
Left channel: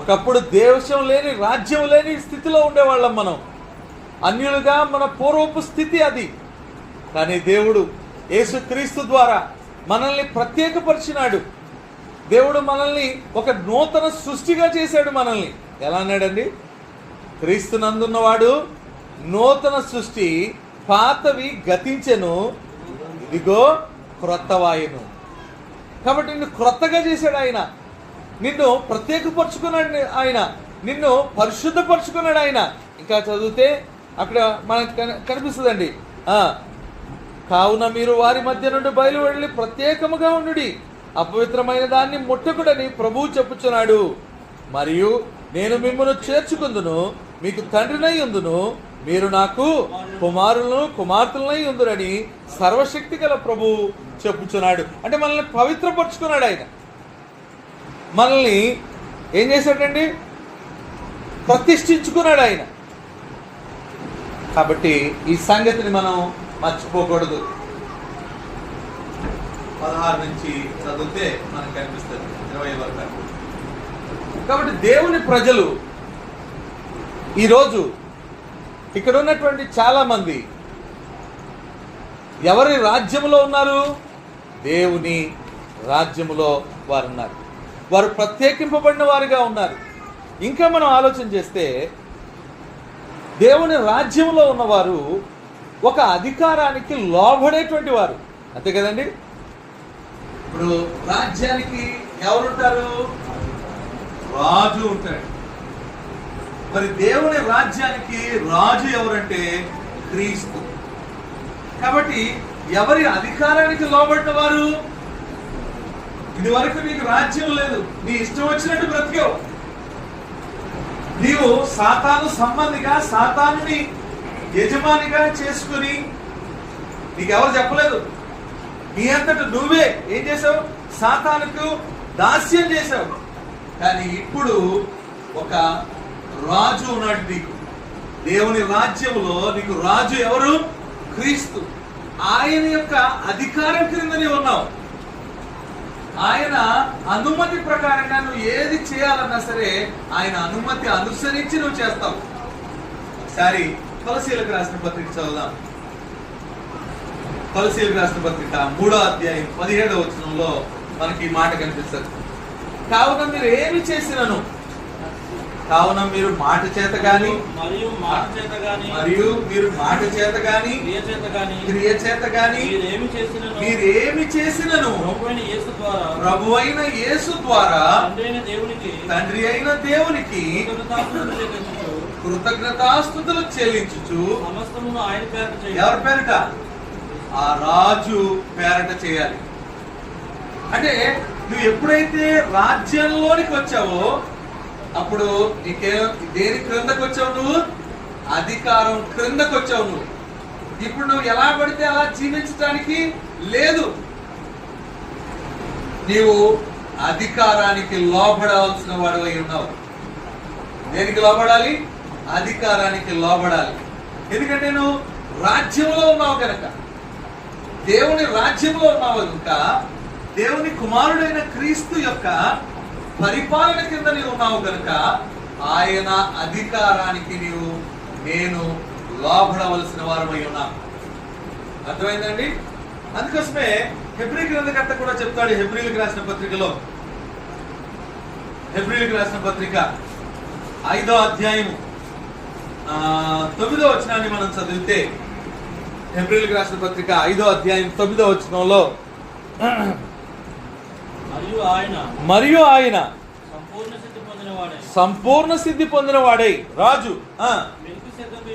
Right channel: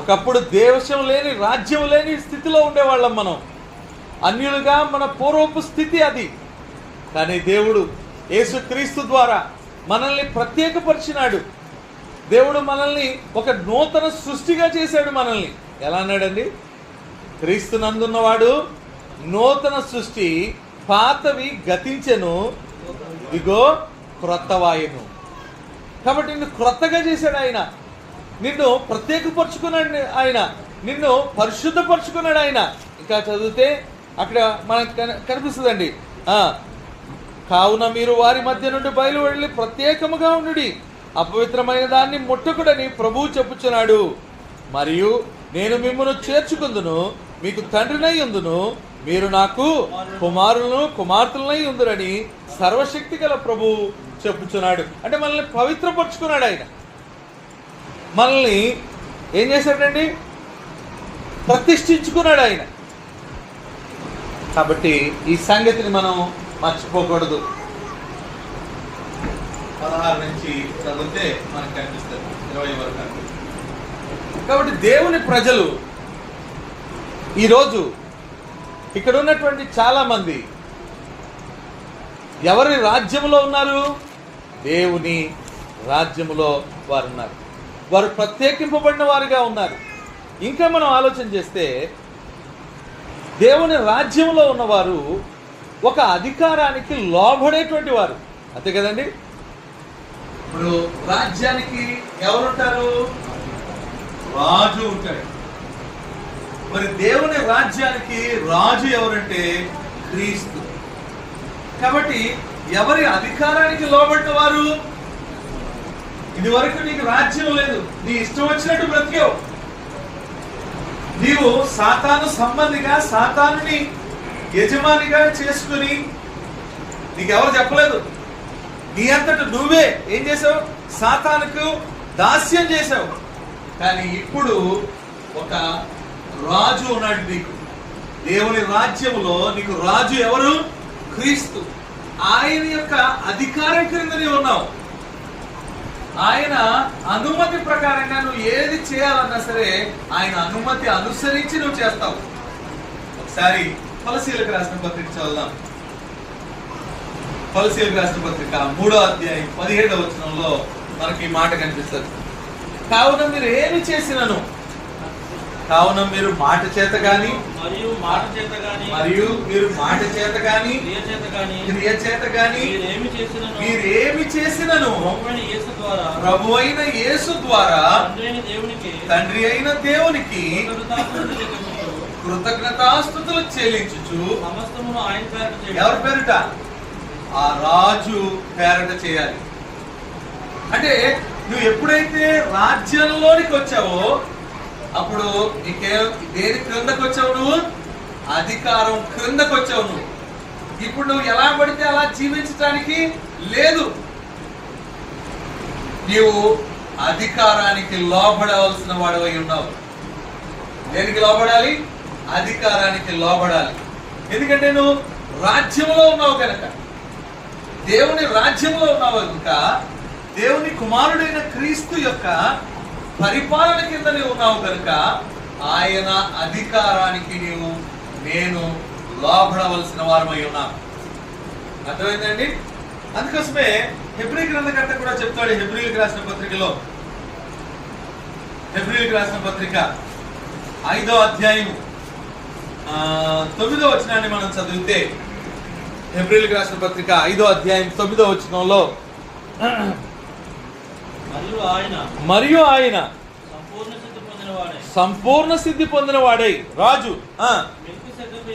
ఒకప్పుడు దేశం లేని, రాజ్యం లేని స్థితిలో ఉండేవాళ్ళం మనం, అన్యులుగా. మన పూర్వపు స్థితి అది. కానీ దేవుడు యేసుక్రీస్తు ద్వారా మనల్ని ప్రత్యేకపరిచినాడు. దేవుడు మనల్ని ఒక నూతన సృష్టిగా చేశాడు. మనల్ని ఎలా అన్నాడండి? క్రీస్తునందున్నవాడు నూతన సృష్టి, పాతవి గతించెను, ఇదిగో క్రొత్తవాయను. కాబట్టి నిన్ను క్రొత్తగా చేశాడు ఆయన, నిన్ను ప్రత్యేకపరుచుకున్నాడు ఆయన, నిన్ను పరిశుద్ధపరుచుకున్నాడు ఆయన. ఇంకా చదివితే అక్కడ మనకు కనిపిస్తుందండి, కావున మీరు వారి మధ్య నుండి బయలు వెళ్ళి ప్రత్యేకముగా ఉండుడి, అపవిత్రమైన దాన్ని ముట్టకుడని ప్రభువు చెప్పుచున్నాడు. మరియు నేను మిమ్మల్ని చేర్చుకుందును, మీకు తండ్రినై ఉందును, మీరు నాకు కుమారులను కుమార్తెలనై ఉందురని సర్వశక్తి గల ప్రభువు చెప్పుచున్నాడు. అంటే మనల్ని పవిత్రపరుచుకున్నాడు ఆయన, మనల్ని ఏం చేశాడండి, ప్రతిష్ఠించుకున్నాడు ఆయన. కాబట్టి ఈ సంగతిని మనం మర్చిపోకూడదు. 16 నుంచి చదివితే మనకు కనిపిస్తుంది 20 వరకు. కాబట్టి దేవుని ప్రజలు ఈరోజు ఇక్కడ ఉన్నటువంటి చాలా మంది ఎవరి రాజ్యములో ఉన్నారు? దేవుని రాజ్యములో వారు ఉన్నారు, వారు ప్రత్యేకింపబడిన వారుగా ఉన్నారు. ఇంకా మనం ఆలోచన చేస్తే దేవుని రాజ్యంలో ఉన్నవారు ఒక అధికారానికి లోబడేటువంటి వారు, అంతే కదండి. ఇప్పుడు రాజ్యానికి ఎవరుంటారు? రాజు ఉంటాడు. మరి దేవుని రాజ్యానికి రాజు ఎవరంటే క్రీస్తు. కాబట్టి ఎవరి అధికారానికి లోబడిన వారు? ఇది వరకు నీకు రాజ్యం లేదు, నీ ఇష్టం వచ్చినట్టు బ్రతికేవు, నీవు సాతాను సంబంధిగా సాతానుని యజమానిగా చేసుకుని, నీకెవరు చెప్పలేదు, నీ అంతట నువ్వే ఏం చేసావు? సాతానుకు దాస్యం చేసావు. కానీ ఇప్పుడు ఒక రాజు ఉన్నాడు నీకు, దేవుని రాజ్యములో నీకు రాజు ఎవరు? క్రీస్తు. ఆయన యొక్క అధికారం క్రింద నీవు ఉన్నావు. ఆయన అనుమతి ప్రకారంగా నువ్వు ఏది చేయాలన్నా సరే ఆయన అనుమతి అనుసరించి నువ్వు చేస్తావు. ఒకసారి కొలసీలకు రాసిన పత్రిక చదువుదాం. కొలసీలకు రాసిన పత్రిక 3వ అధ్యాయం 17వ వచనంలో మనకి ఈ మాట కనిపిస్తుంది. కావున మీరు ఏమి చేసినను, కావున మీరు మాట చేత గాని మరియు మాట చేత గాని క్రియ చేత గాని మీరేమి చేసినను ప్రభువైన యేసు ద్వారా తండ్రి అయిన దేవునికి కృతజ్ఞతాస్తుతులు చెల్లించుచు సమస్తము ఆయన పేరట, ఎవరి పేరట? ఆ రాజు పేరట చేయాలి. అంటే నువ్వు ఎప్పుడైతే రాజ్యంలోనికి వచ్చావో అప్పుడు నీకే దేని క్రిందకు వచ్చావు? నువ్వు అధికారం క్రిందకు వచ్చావు. నువ్వు ఇప్పుడు నువ్వు ఎలా పడితే అలా జీవించడానికి లేదు, నీవు అధికారానికి లోబడవలసిన వాడివై ఉన్నావు. దేనికి లోబడాలి? అధికారానికి లోబడాలి. ఎందుకంటే నువ్వు రాజ్యంలో ఉన్నావు కనుక, దేవుని రాజ్యంలో ఉన్నావు కనుక, దేవుని కుమారుడైన క్రీస్తు యొక్క పరిపాలన కింద నీవు ఉన్నావు కనుక ఆయన అధికారానికి నేను లోబడవలసిన వారమై ఉన్నాం. అర్థమైందండి? అందుకోసమే హెబ్రీ గ్రంథకర్త కూడా చెప్తాడు హెబ్రీలకు రాసిన పత్రికలో, హెబ్రీలకు రాసిన పత్రిక 5వ అధ్యాయం 9వ వచనాన్ని మనం చదివితే, హెబ్రీలకు రాసిన పత్రిక 5వ అధ్యాయం 9వ వచనంలో మరియు ఆయన సంపూర్ణ సిద్ధి పొందిన వాడై రాజు మెల్కీసెదెకు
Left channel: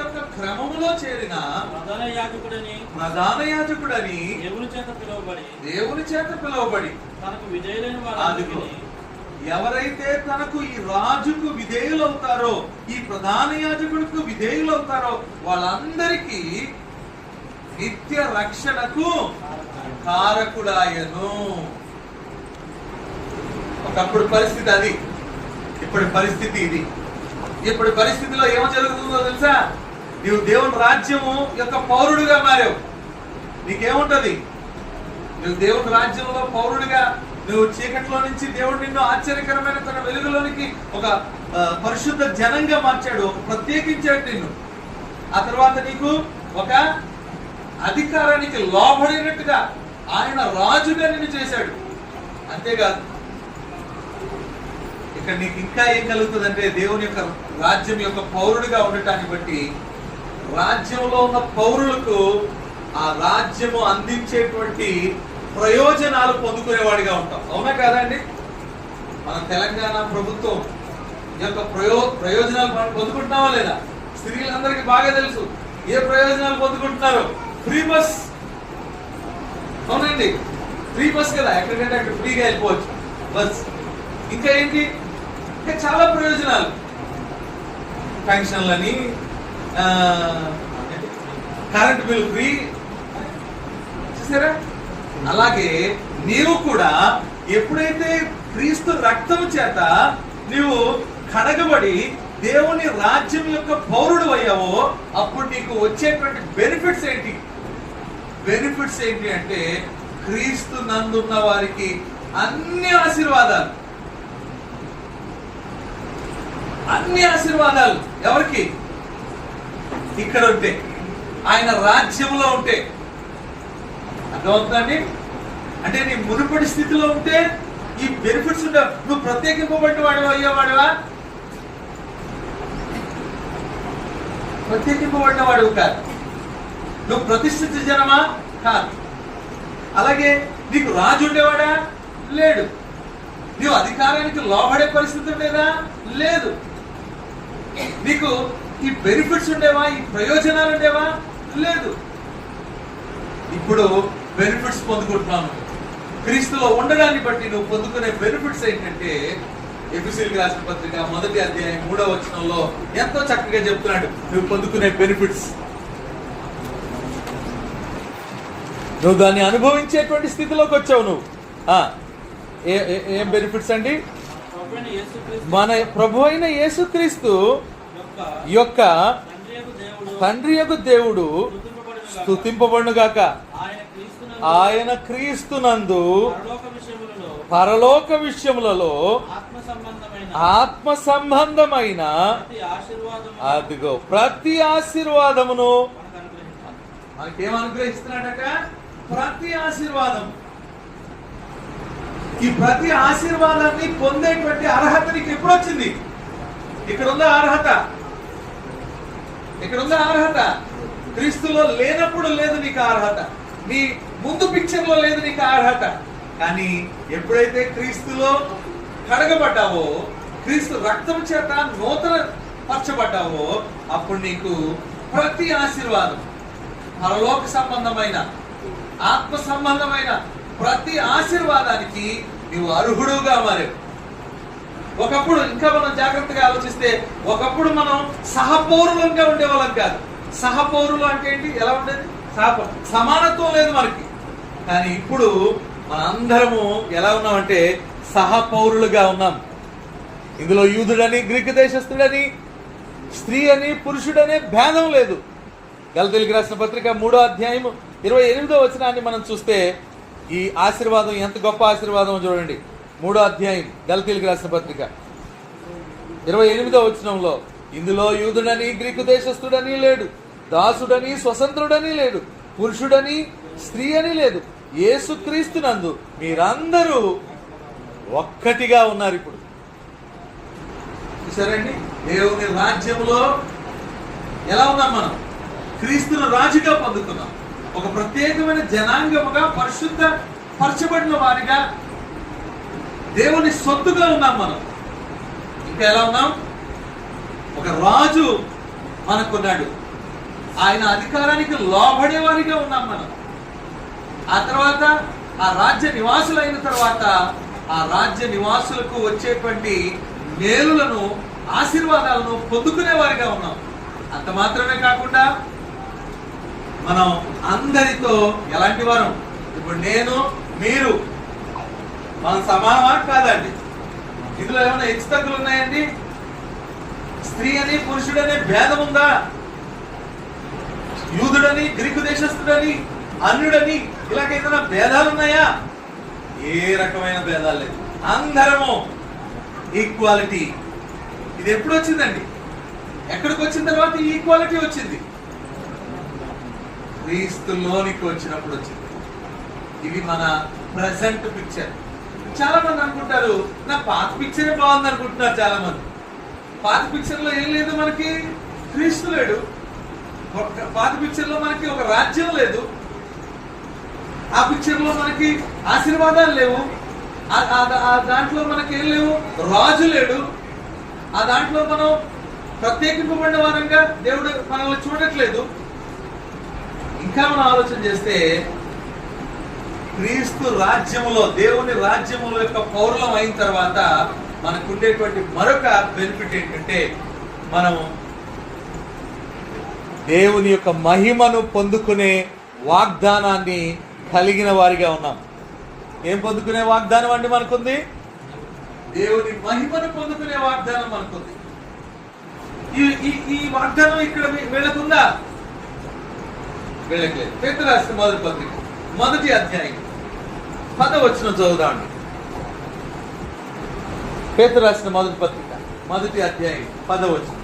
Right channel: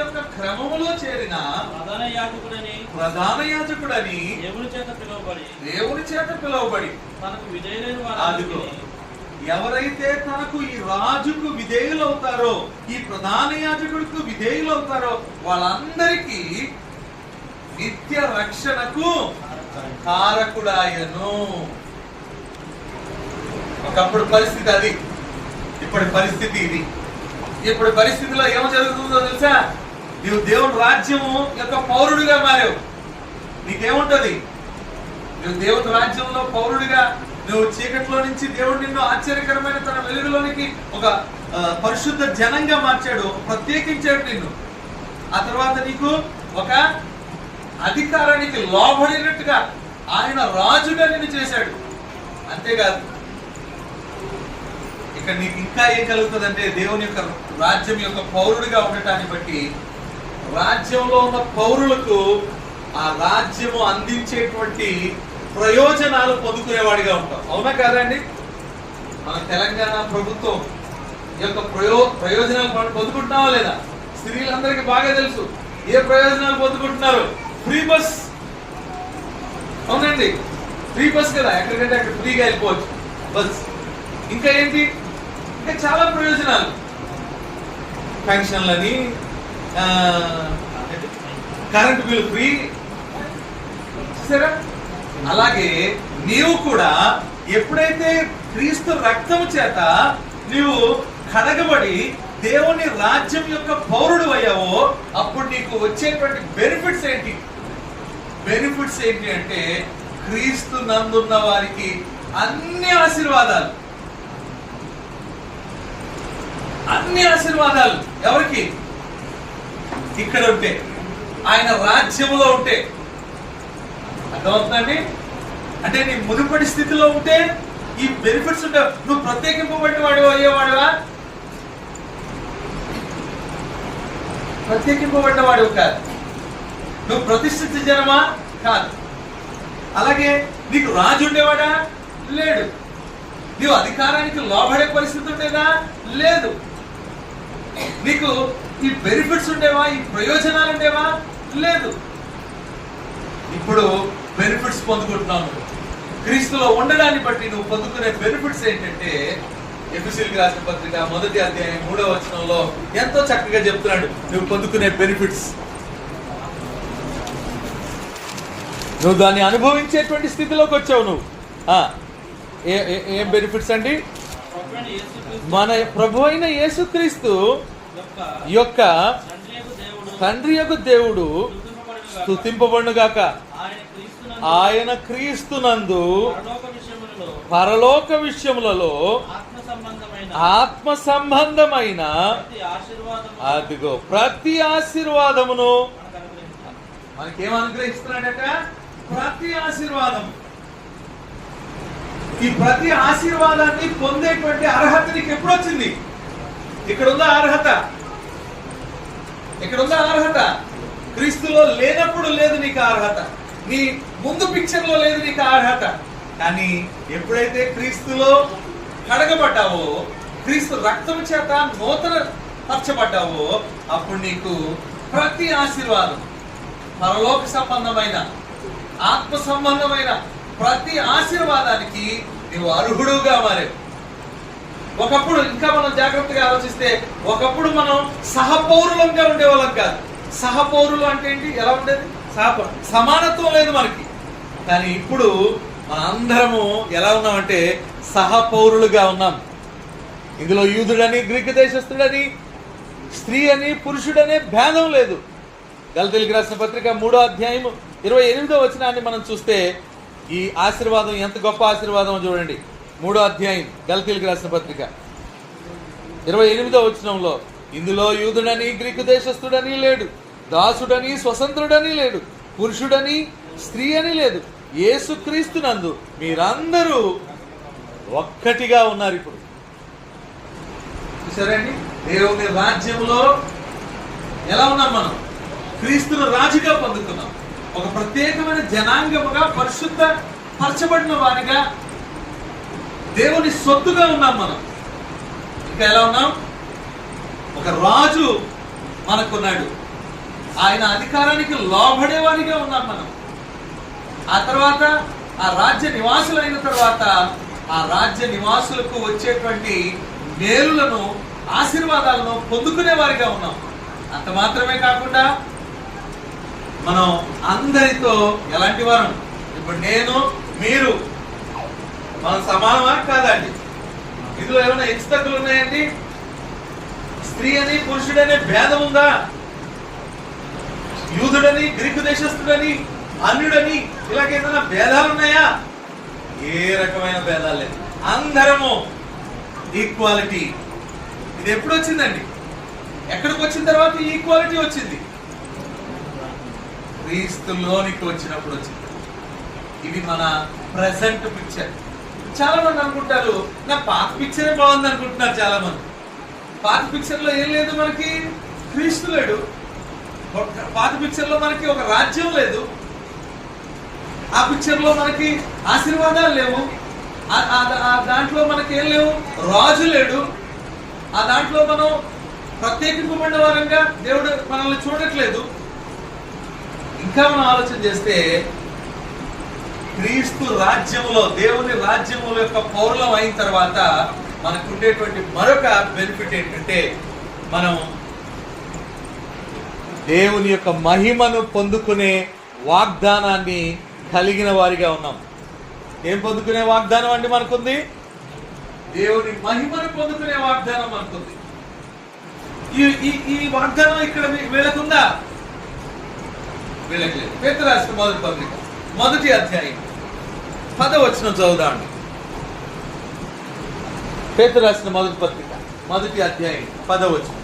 యొక్క క్రమములో చేరిన ప్రధాన యాజకుడని దేవుని చేత పిలువబడి తనకు విధేయులైన వారు ఎవరైతే తనకు ఈ రాజుకు విధేయులవుతారో, ఈ ప్రధాన యాజకుడికి విధేయులవుతారో వాళ్ళందరికీ నిత్య రక్షణకు కారకుడాయను. ఒకప్పుడు పరిస్థితి అది, ఇప్పటి పరిస్థితి ఇది. ఇప్పుడు పరిస్థితిలో ఏం జరుగుతుందో తెలుసా? నీవు దేవుని రాజ్యము యొక్క పౌరుడిగా మారావు. నీకేముంటది? నువ్వు దేవుని రాజ్యంలో పౌరుడిగా, నువ్వు చీకట్లో నుంచి దేవుడు నిన్ను ఆశ్చర్యకరమైన తన వెలుగులోనికి ఒక పరిశుద్ధ జనంగా మార్చాడు, ప్రత్యేకించాడు నిన్ను. ఆ తర్వాత నీకు ఒక అధికారానికి లోబడినట్టుగా ఆయన రాజుగా నిన్ను చేశాడు. అంతేకాదు, ఇక్కడ నీకు ఇంకా ఏం కలుగుతుందంటే దేవుని యొక్క రాజ్యం యొక్క పౌరుడిగా ఉండటాన్ని బట్టి రాజ్యంలో ఉన్న పౌరులకు ఆ రాజ్యము అందించేటువంటి ప్రయోజనాలు పొందుకునేవాడిగా ఉంటాం. అవునా కాదండి? మన తెలంగాణ ప్రభుత్వం యొక్క ప్రయోజనాలు పొందుకుంటున్నావా లేదా? స్త్రీలందరికీ బాగా తెలుసు ఏ ప్రయోజనాలు పొందుకుంటున్నారు. Free bus. అవునండి, ఫ్రీ బస్ కదా, ఎక్కడికంటే అక్కడ ఫ్రీగా వెళ్ళిపోవచ్చు బస్. ఇంకా ఏంటి, ఇంకా చాలా ప్రయోజనాలు, పెన్షన్లని, కరెంట్ బిల్ ఫ్రీ. చూసారా? అలాగే నీవు కూడా ఎప్పుడైతే క్రీస్తు రక్తము చేత నీవు కడగబడి దేవుని రాజ్యం యొక్క పౌరుడు అయ్యావో అప్పుడు నీకు వచ్చేటువంటి బెనిఫిట్స్ ఏంటి? బెనిఫిట్స్ ఏంటి అంటే క్రీస్తు నందున్న వారికి అన్ని ఆశీర్వాదాలు. అన్ని ఆశీర్వాదాలు ఎవరికి? ఇక్కడ ఉంటే, ఆయన రాజ్యములో ఉంటే. అర్థమవుతుందండి? అంటే నీ మునుపటి స్థితిలో ఉంటే ఈ బెనిఫిట్స్ ఉంటాయి. నువ్వు ప్రత్యేకింపబడిన వాడివా అయ్యేవాడివా? ప్రత్యేకింపబడిన వాడివి కాదు. నువ్వు ప్రతిష్ఠిత జనమా? కాదు. అలాగే నీకు రాజు ఉండేవాడా? లేడు. నీవు అధికారానికి లోబడే పరిస్థితి ఉండేదా? లేదు. నీకు ఈ బెనిఫిట్స్ ఉండేవా? ఈ ప్రయోజనాలు ఉండేవా? లేదు. ఇప్పుడు బెనిఫిట్స్ పొందుకుంటున్నావు. క్రీస్తులో ఉండడాన్ని బట్టి నువ్వు పొందుకునే బెనిఫిట్స్ ఏంటంటే ఎఫెసీయులకు రాసిన పత్రిక 1వ అధ్యాయం 3వ వచనంలో ఎంతో చక్కగా చెప్తున్నాడు నువ్వు పొందుకునే బెనిఫిట్స్. నువ్వు దాన్ని అనుభవించేటువంటి స్థితిలోకి వచ్చావు. నువ్వు ఏం బెనిఫిట్స్ అండి? మన ప్రభు అయిన యేసుక్రీస్తు యొక్క తండ్రి యొక్క దేవుడు స్తుతింపబడునుగాక. ఆయన క్రీస్తునందు పరలోక విషయములలో ఆత్మ సంబంధమైన అదిగో ప్రతి ఆశీర్వాదమును మనకేం అనుగ్రహిస్తున్నాడట? ప్రతి ఆశీర్వాదం. ఈ ప్రతి ఆశీర్వాదాన్ని పొందేటువంటి అర్హత నీకు ఎప్పుడు వచ్చింది? ఇక్కడ ఉన్న అర్హత, ఇక్కడ ఉన్న అర్హత క్రీస్తులో లేనప్పుడు లేదు నీకు అర్హత. నీ ముందు పిక్చర్ లో లేదు నీకు అర్హత. కానీ ఎప్పుడైతే క్రీస్తులో కడగబడ్డావో, క్రీస్తు రక్తం చేత నూతన పరచబడ్డావో అప్పుడు నీకు ప్రతి ఆశీర్వాదం, పరలోక సంబంధమైన ఆత్మ సంబంధమైన ప్రతి ఆశీర్వాదానికి నీవు అర్హుడుగా మారావు. ఒకప్పుడు ఇంకా మనం జాగ్రత్తగా ఆలోచిస్తే ఒకప్పుడు మనం సహపౌరులంగా ఉండేవాళ్ళం కాదు. సహపౌరులు అంటే ఏంటి? ఎలా ఉండేది? సమానత్వం లేదు మనకి. కానీ ఇప్పుడు మన అందరము ఎలా ఉన్నామంటే సహపౌరులుగా ఉన్నాం. ఇందులో యూదుడని, గ్రీకు దేశస్థుడని, స్త్రీ అని, పురుషుడనే భేదం లేదు. గలతీయులకు రాసిన పత్రిక 3వ అధ్యాయం 28వ వచనాన్ని మనం చూస్తే ఈ ఆశీర్వాదం ఎంత గొప్ప ఆశీర్వాదం చూడండి. 3వ అధ్యాయం గలతీయులకు రాసిన పత్రిక 28వ వచనంలో ఇందులో యూదుడని, గ్రీకు దేశస్థుడని లేడు, దాసుడని, స్వతంత్రుడని లేడు, పురుషుడని, స్త్రీ అని లేదు, యేసుక్రీస్తునందు మీరందరూ ఒక్కటిగా ఉన్నారు. ఇప్పుడు చూసారండి, దేవుని రాజ్యంలో ఎలా ఉన్నాం మనం? క్రీస్తును రాజుగా పొందుకున్నాం. ఒక ప్రత్యేకమైన జనాంగముగా, పరిశుద్ధ పరచబడిన వారిగా, దేవుని సొత్తుగా ఉన్నాం మనం. ఇంకా ఎలా ఉన్నాం? ఒక రాజు మనకున్నాడు. ఆయన అధికారానికి లోబడే వారిగా ఉన్నాం మనం. ఆ తర్వాత ఆ రాజ్య నివాసులు అయిన తర్వాత ఆ రాజ్య నివాసులకు వచ్చేటువంటి మేలులను, ఆశీర్వాదాలను పొందుకునే వారిగా ఉన్నాం. అంత మాత్రమే కాకుండా మనం అందరితో ఎలాంటి వారం? ఇప్పుడు నేను, మీరు మనం సమానమా కాదండి? ఇందులో ఏమైనా హెచ్చుతగ్గులు ఉన్నాయండి? స్త్రీ అని, పురుషుడనే భేదం ఉందా? యూదుడని, గ్రీకు దేశస్థుడని, అన్యుడని ఇలాగేదైనా భేదాలు ఉన్నాయా? ఏ రకమైన భేదాలు లేదు. అందరము ఈక్వాలిటీ. ఇది ఎప్పుడు వచ్చిందండి? ఎక్కడికి వచ్చిన తర్వాత ఈ ఈక్వాలిటీ వచ్చింది? క్రీస్తులోనికి వచ్చినప్పుడు వచ్చింది. ఇవి మన ప్రెసెంట్ పిక్చర్. చాలా మంది అనుకుంటారు నా పాత పిక్చరే బాగుంది అనుకుంటున్నారు చాలా మంది. పాత పిక్చర్ లో ఏం లేదు, మనకి క్రీస్తు లేడు. పాత పిక్చర్ లో మనకి ఒక రాజ్యం లేదు. ఆ పిక్చర్ లో మనకి ఆశీర్వాదాలు లేవు. ఆ దాంట్లో మనకి ఏం లేవు, రాజు లేడు. ఆ దాంట్లో మనం ప్రత్యేకింపబడిన వారంగా దేవుడు మనల్ని చూడట్లేదు. ఇంకా మనం ఆలోచన చేస్తే క్రీస్తు రాజ్యంలో, దేవుని రాజ్యముల యొక్క పౌరులం అయిన తర్వాత మనకు ఉండేటువంటి మరొక బెనిఫిట్ ఏంటంటే మనం దేవుని యొక్క మహిమను పొందుకునే వాగ్దానాన్ని కలిగిన వారిగా ఉన్నాం. ఏం పొందుకునే వాగ్దానం అండి మనకుంది? దేవుని మహిమను పొందుకునే వాగ్దానం మనకుంది. ఈ వాగ్దానం ఇక్కడ వీళ్ళకుందా? వీళ్ళకి లేదు. పేతురు రాసిన మొదటి పత్రిక 1వ అధ్యాయం 10వ వచనం చదువుదాండి. పేతురు రాసిన మొదటి పత్రిక 1వ అధ్యాయం 10వ వచనం.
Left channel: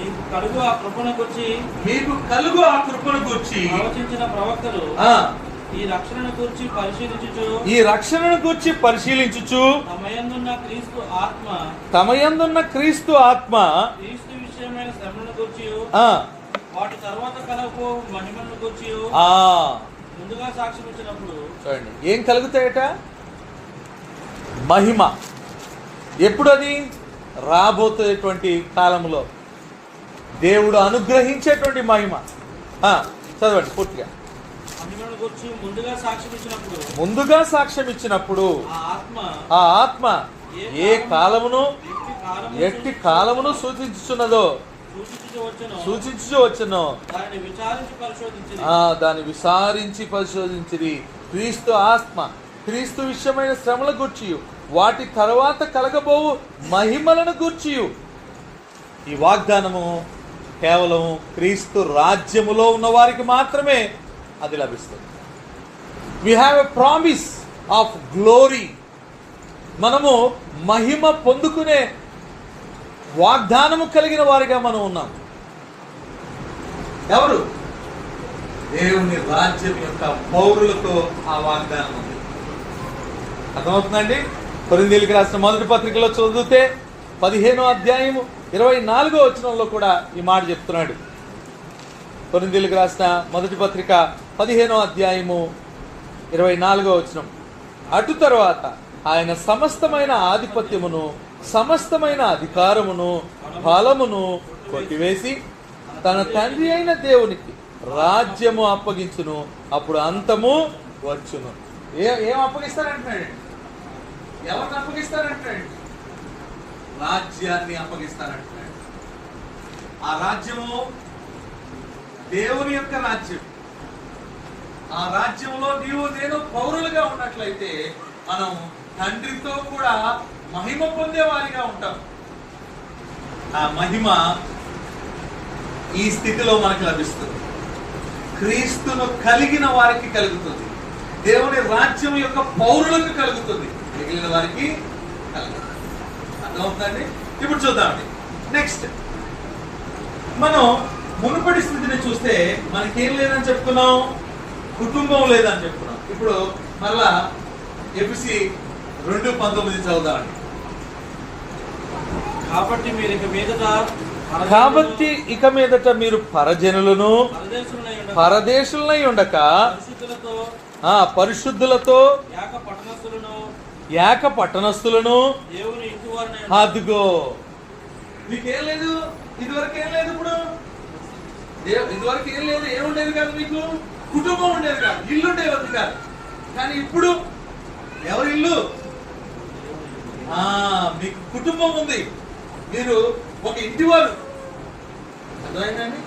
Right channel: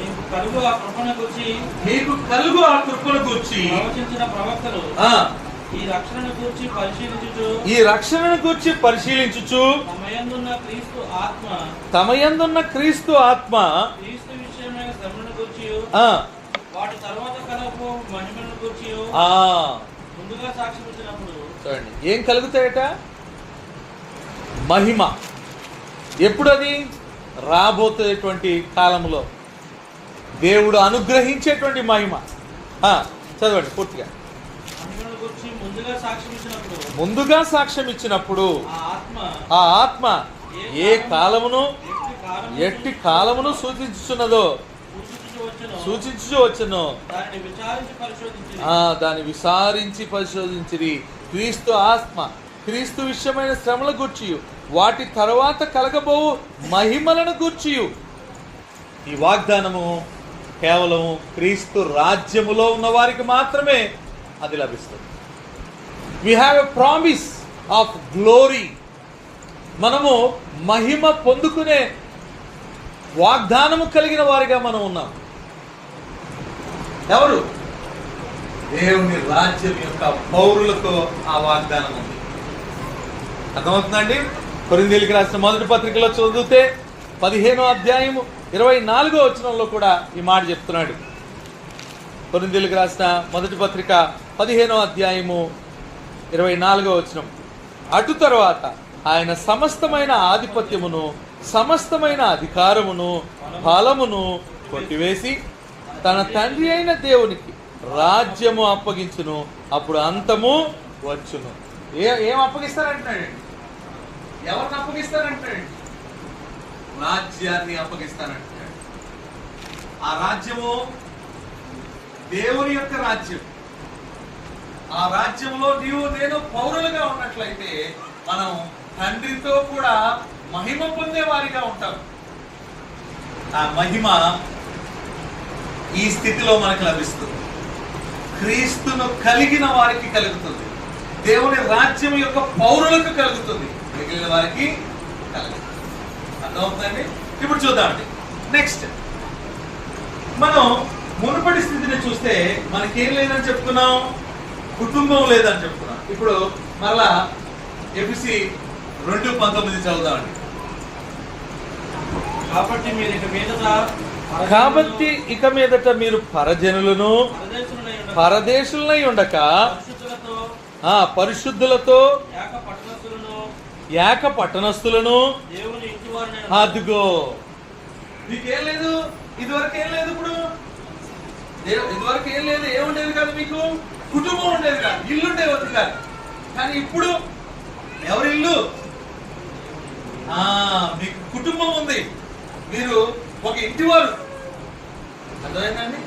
మీకు కలుగు ఆ కృపను గురించి ప్రవచించిన ప్రవక్తలు ఈ రక్షణను గురించి పరిశీలించుచు తమయందున్న క్రీస్తు ఆత్మ క్రీస్తు విషయమైన శ్రమను గురించి వాటి తర్వాత కలగబో మహిమను గురించి ముందుగా సాక్ష్యం ఇచ్చినప్పుడు చూడండి ఏం కలుగుతాయట? మహిమ. ఎప్పుడు అది? రాబోయేటువంటి కాలంలో దేవుడు అనుగ్రహించేటువంటి మహిమ. చదవండి పూర్తిగా. ముందుగా సాక్ష్యం ఇచ్చినప్పుడు ఆ ఆత్మ ఏ కాలమును ఎట్టి కాలమును సూచించుచున్నదో వచ్చునో దాన్ని విచారించి పరిశోధించిరి. క్రీస్తు ఆత్మ క్రీస్తు విషయమైన శ్రమల గూర్చియు వాటి తర్వాత కలగబోవు మహిమలను గూర్చియు. ఈ వాగ్దానము కేవలం క్రీస్తు రాజ్యములో ఉన్న వారికి మాత్రమే అది లభిస్తుంది. We have a promise of glory. మనము మహిమ పొందుకునే వాగ్దానము కలిగిన వారిగా మనం ఉన్నాం. ఎవరు? దేవుని రాజ్యం యొక్క పౌరులకు ఆ వాగ్దానం ఉంది. అర్థమవుతుందండి? కొరింథీయులకు రాసిన మొదటి పత్రికలో చదివితే 15వ అధ్యాయము 24వ వచనంలో కూడా ఈ మాట చెప్తున్నాడు. కొరింథీయులకు రాసిన మొదటి పత్రిక 15వ అధ్యాయము 24వ వచనం. అటు తర్వాత ఆయన సమస్తమైన ఆధిపత్యమును సమస్తమైన అధికారమును బలమును కొట్టివేసి తన తండ్రి అయిన దేవునికి రాజ్యము అప్పగించును. అప్పుడు అంతము వచ్చును. ఏం అప్పగిస్తారంటున్నాడు? ఎవరిని అప్పగిస్తారంటున్నాడు? రాజ్యాన్ని అప్పగిస్తారంటున్నాడు. ఆ రాజ్యము దేవుని యొక్క రాజ్యం. ఆ రాజ్యంలో నీవు నేను పౌరులుగా ఉన్నట్లయితే మనం తండ్రితో కూడా మహిమ పొందే వారిగా ఉంటాం. ఆ మహిమ ఈ స్థితిలో మనకు లభిస్తుంది. క్రీస్తును కలిగిన వారికి కలుగుతుంది. దేవుని రాజ్యం యొక్క పౌరులకు కలుగుతుంది, మిగిలిన వారికి కలుగుతుంది. అర్థమవుతుందండి? ఇప్పుడు చూద్దామండి. నెక్స్ట్ మనం మునుపటి స్థితిని చూస్తే మనకేం లేదని చెప్తున్నాం? కుటుంబం లేదని చెప్తున్నాం. ఇప్పుడు మరలా ఎఫెసీ 2:19 చదువుదామండి. కాబట్టి ఇక మీదట మీరు పరజనులను పరదేశులనై ఉండక పరిశుద్ధులతో ఏక పట్టణస్థులను. అదిగో మీకేం లేదు, ఇదివరకు ఏం లేదు. ఇప్పుడు ఇదివరకు ఏం లేదు, ఏముండేది కాదు, మీకు కుటుంబం ఉండేది కాదు, ఇల్లు ఉండేది కాదు. కానీ ఇప్పుడు ఎవరి ఇల్లు? మీకు కుటుంబం ఉంది, మీరు ఒక ఇంటి వారు. అర్థమైందండి?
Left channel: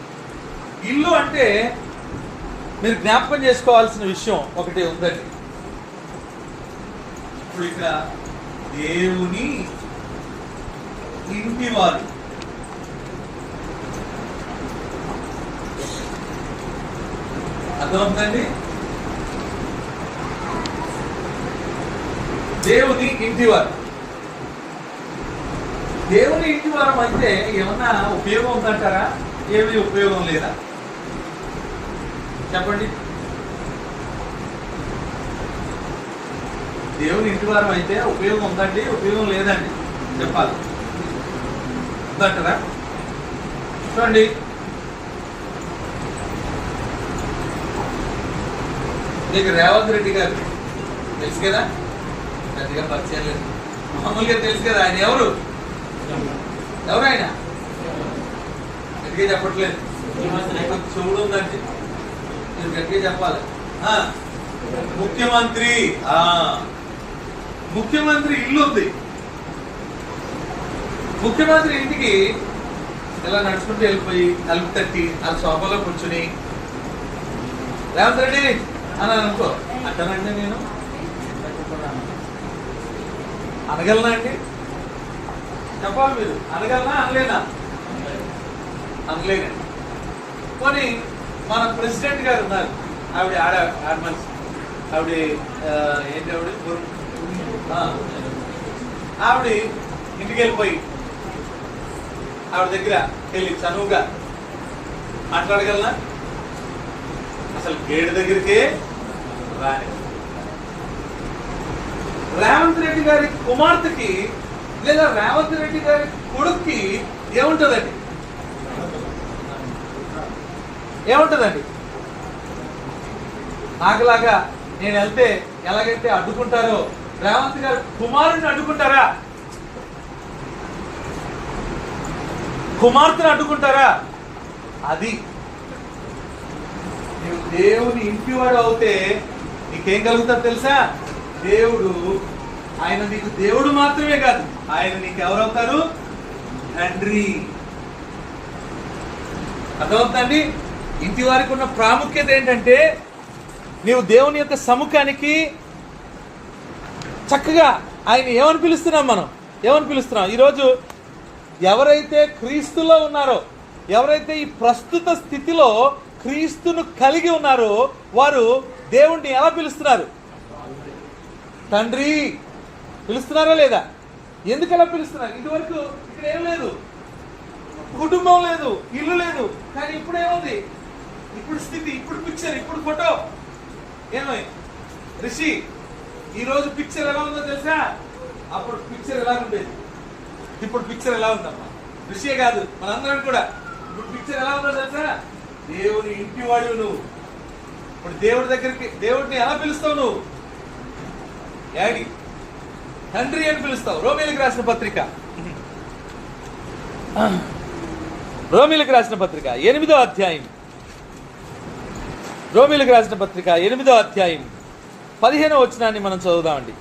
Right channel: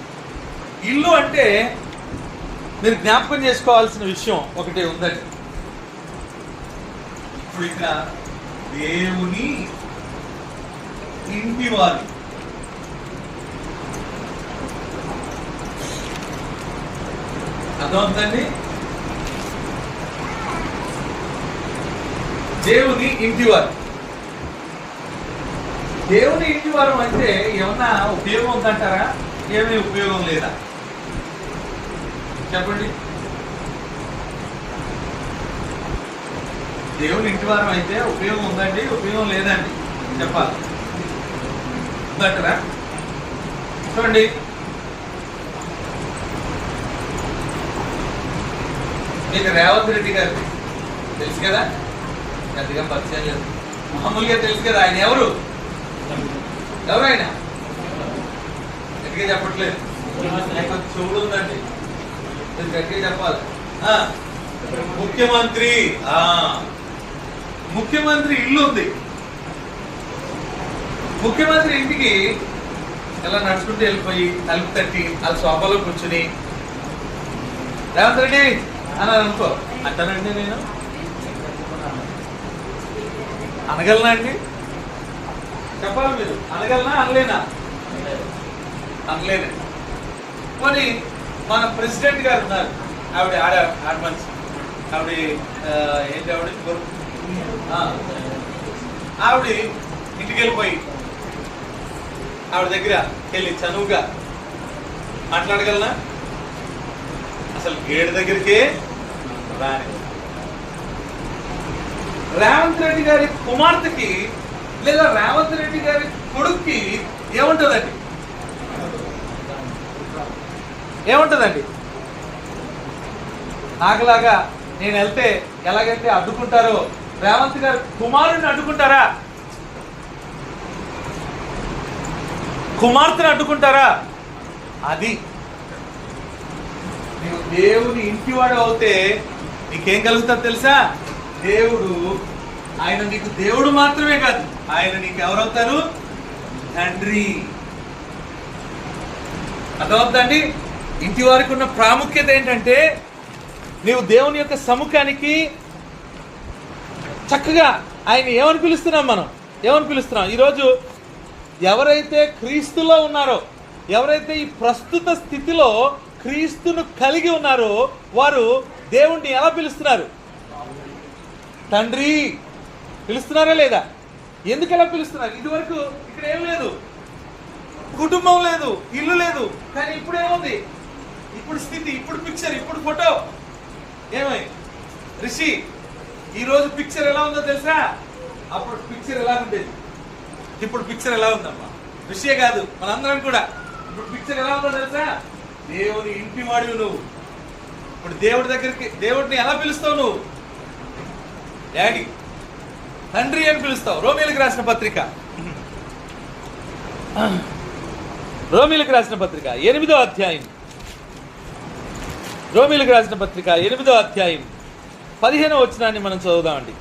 ఇల్లు అంటే మీరు జ్ఞాపకం చేసుకోవాల్సిన విషయం ఒకటి ఉందండి. ఇప్పుడు ఇక్కడ దేవుని ఇంటి వారు. అర్థమవుతుందండి? దేవుని ఇంటివారు. దేవుని ఇంటివారం అంటే ఏమన్నా ఉపయోగం ఉందంటారా? ఏమీ ఉపయోగం లేదా? చెప్పండి. దేవుని ఇంటి వారం అయితే ఉపయోగం ఉందండి, ఉపయోగం లేదండి చెప్పాలి. ఉందంటారా? చూడండి, మీకు రేవంత్ రెడ్డి గారు తెలుసు కదా, పెద్దగా పరిచయం లేదు, మామూలుగా తెలుసు కదా. ఆయన ఎవరు ఆయన గట్టిగా చెప్పట్లేదు, కొంచెం చెవుడు ఉందండి, మీరు గట్టిగా చెప్పాలి. ముఖ్యమంత్రి ముఖ్యమంత్రి ఇల్లు ఉంది. ముఖ్యమంత్రి ఇంటికి ఇలా నడుచుకుంటూ వెళ్ళిపోయి తలుపు తట్టి ఆ సోఫాలో కూర్చుని రేవంత్ రెడ్డి అని అనుకో, అంటానండి నేను అనగలనా అండి? చెప్పాలి మీరు, అనగలనా అనలేనా? అనలేనండి. పోనీ మన ప్రెసిడెంట్ గారు ఉన్నారు, ఆవిడ ఆడమనిషి, ఆవిడ ఏంటి ఆవిడ ఇంటికి వెళ్ళిపోయి ఆవిడ దగ్గర వెళ్ళి చనువుగా మాట్లాడగలనా? అసలు గేడు దగ్గరికే రాని. రేవంత్ రెడ్డి గారి కుమార్తెకి లేదా రేవంత్ రెడ్డి గారి కొడుక్కి ఏముంటుందండి? నాకులాగా నేను వెళ్తే ఎలాగైతే అడ్డుకుంటారో రేవంత్ గారు కుమారుడిని అడ్డుకుంటారా? కుమార్తెని అడ్డుకుంటారా? అది నీవు దేవుని ఇంటివాడు అవుతే నీకేం కలుగుతుంది తెలుసా? దేవుడు, ఆయన నీకు దేవుడు మాత్రమే కాదు, ఆయన నీకు ఎవరవుతారు? తండ్రి. అర్థమవుతుందండి? ఇంటి వారికి ఉన్న ప్రాముఖ్యత ఏంటంటే, నీవు దేవుని యొక్క సముఖానికి చక్కగా ఆయన ఏమని పిలుస్తున్నాం? మనం ఏమని పిలుస్తున్నాం? ఈరోజు ఎవరైతే క్రీస్తులో ఉన్నారో, ఎవరైతే ఈ ప్రస్తుత స్థితిలో క్రీస్తును కలిగి ఉన్నారో వారు దేవుణ్ణి ఎలా పిలుస్తున్నారు? తండ్రి పిలుస్తున్నారా లేదా? ఎందుకు ఎలా పిలుస్తున్నారు? ఇదివరకు ఇక్కడ ఏం లేదు, కుటుంబం లేదు, ఇల్లు లేదు, కానీ ఇప్పుడు ఏముంది? ఇప్పుడు స్థితి, ఇప్పుడు పిక్చర్, ఇప్పుడు ఫోటో. ఏమై రిషి, ఈ రోజు పిక్చర్ ఎలా ఉందో తెలుసా? అప్పుడు పిక్చర్ ఎలా ఉండేది, ఇప్పుడు పిక్చర్ ఎలా ఉందమ్మా? రిషియే కాదు, మనందరం కూడా. ఇప్పుడు పిక్చర్ ఎలా ఉందో తెలుసా? దేవుని ఇంటి వాడు నువ్వు. ఇప్పుడు దేవుడి దగ్గరికి, దేవుడిని ఎలా పిలుస్తావు నువ్వు? డాడీ, తండ్రి అని పిలుస్తావు. రోమీలకు రాసిన పత్రిక, రోమీలకు రాసిన పత్రిక 8వ అధ్యాయం, రోమీలకు రాసిన పత్రిక 8వ అధ్యాయం 15వ వచనాన్ని మనం చదువుదామండి.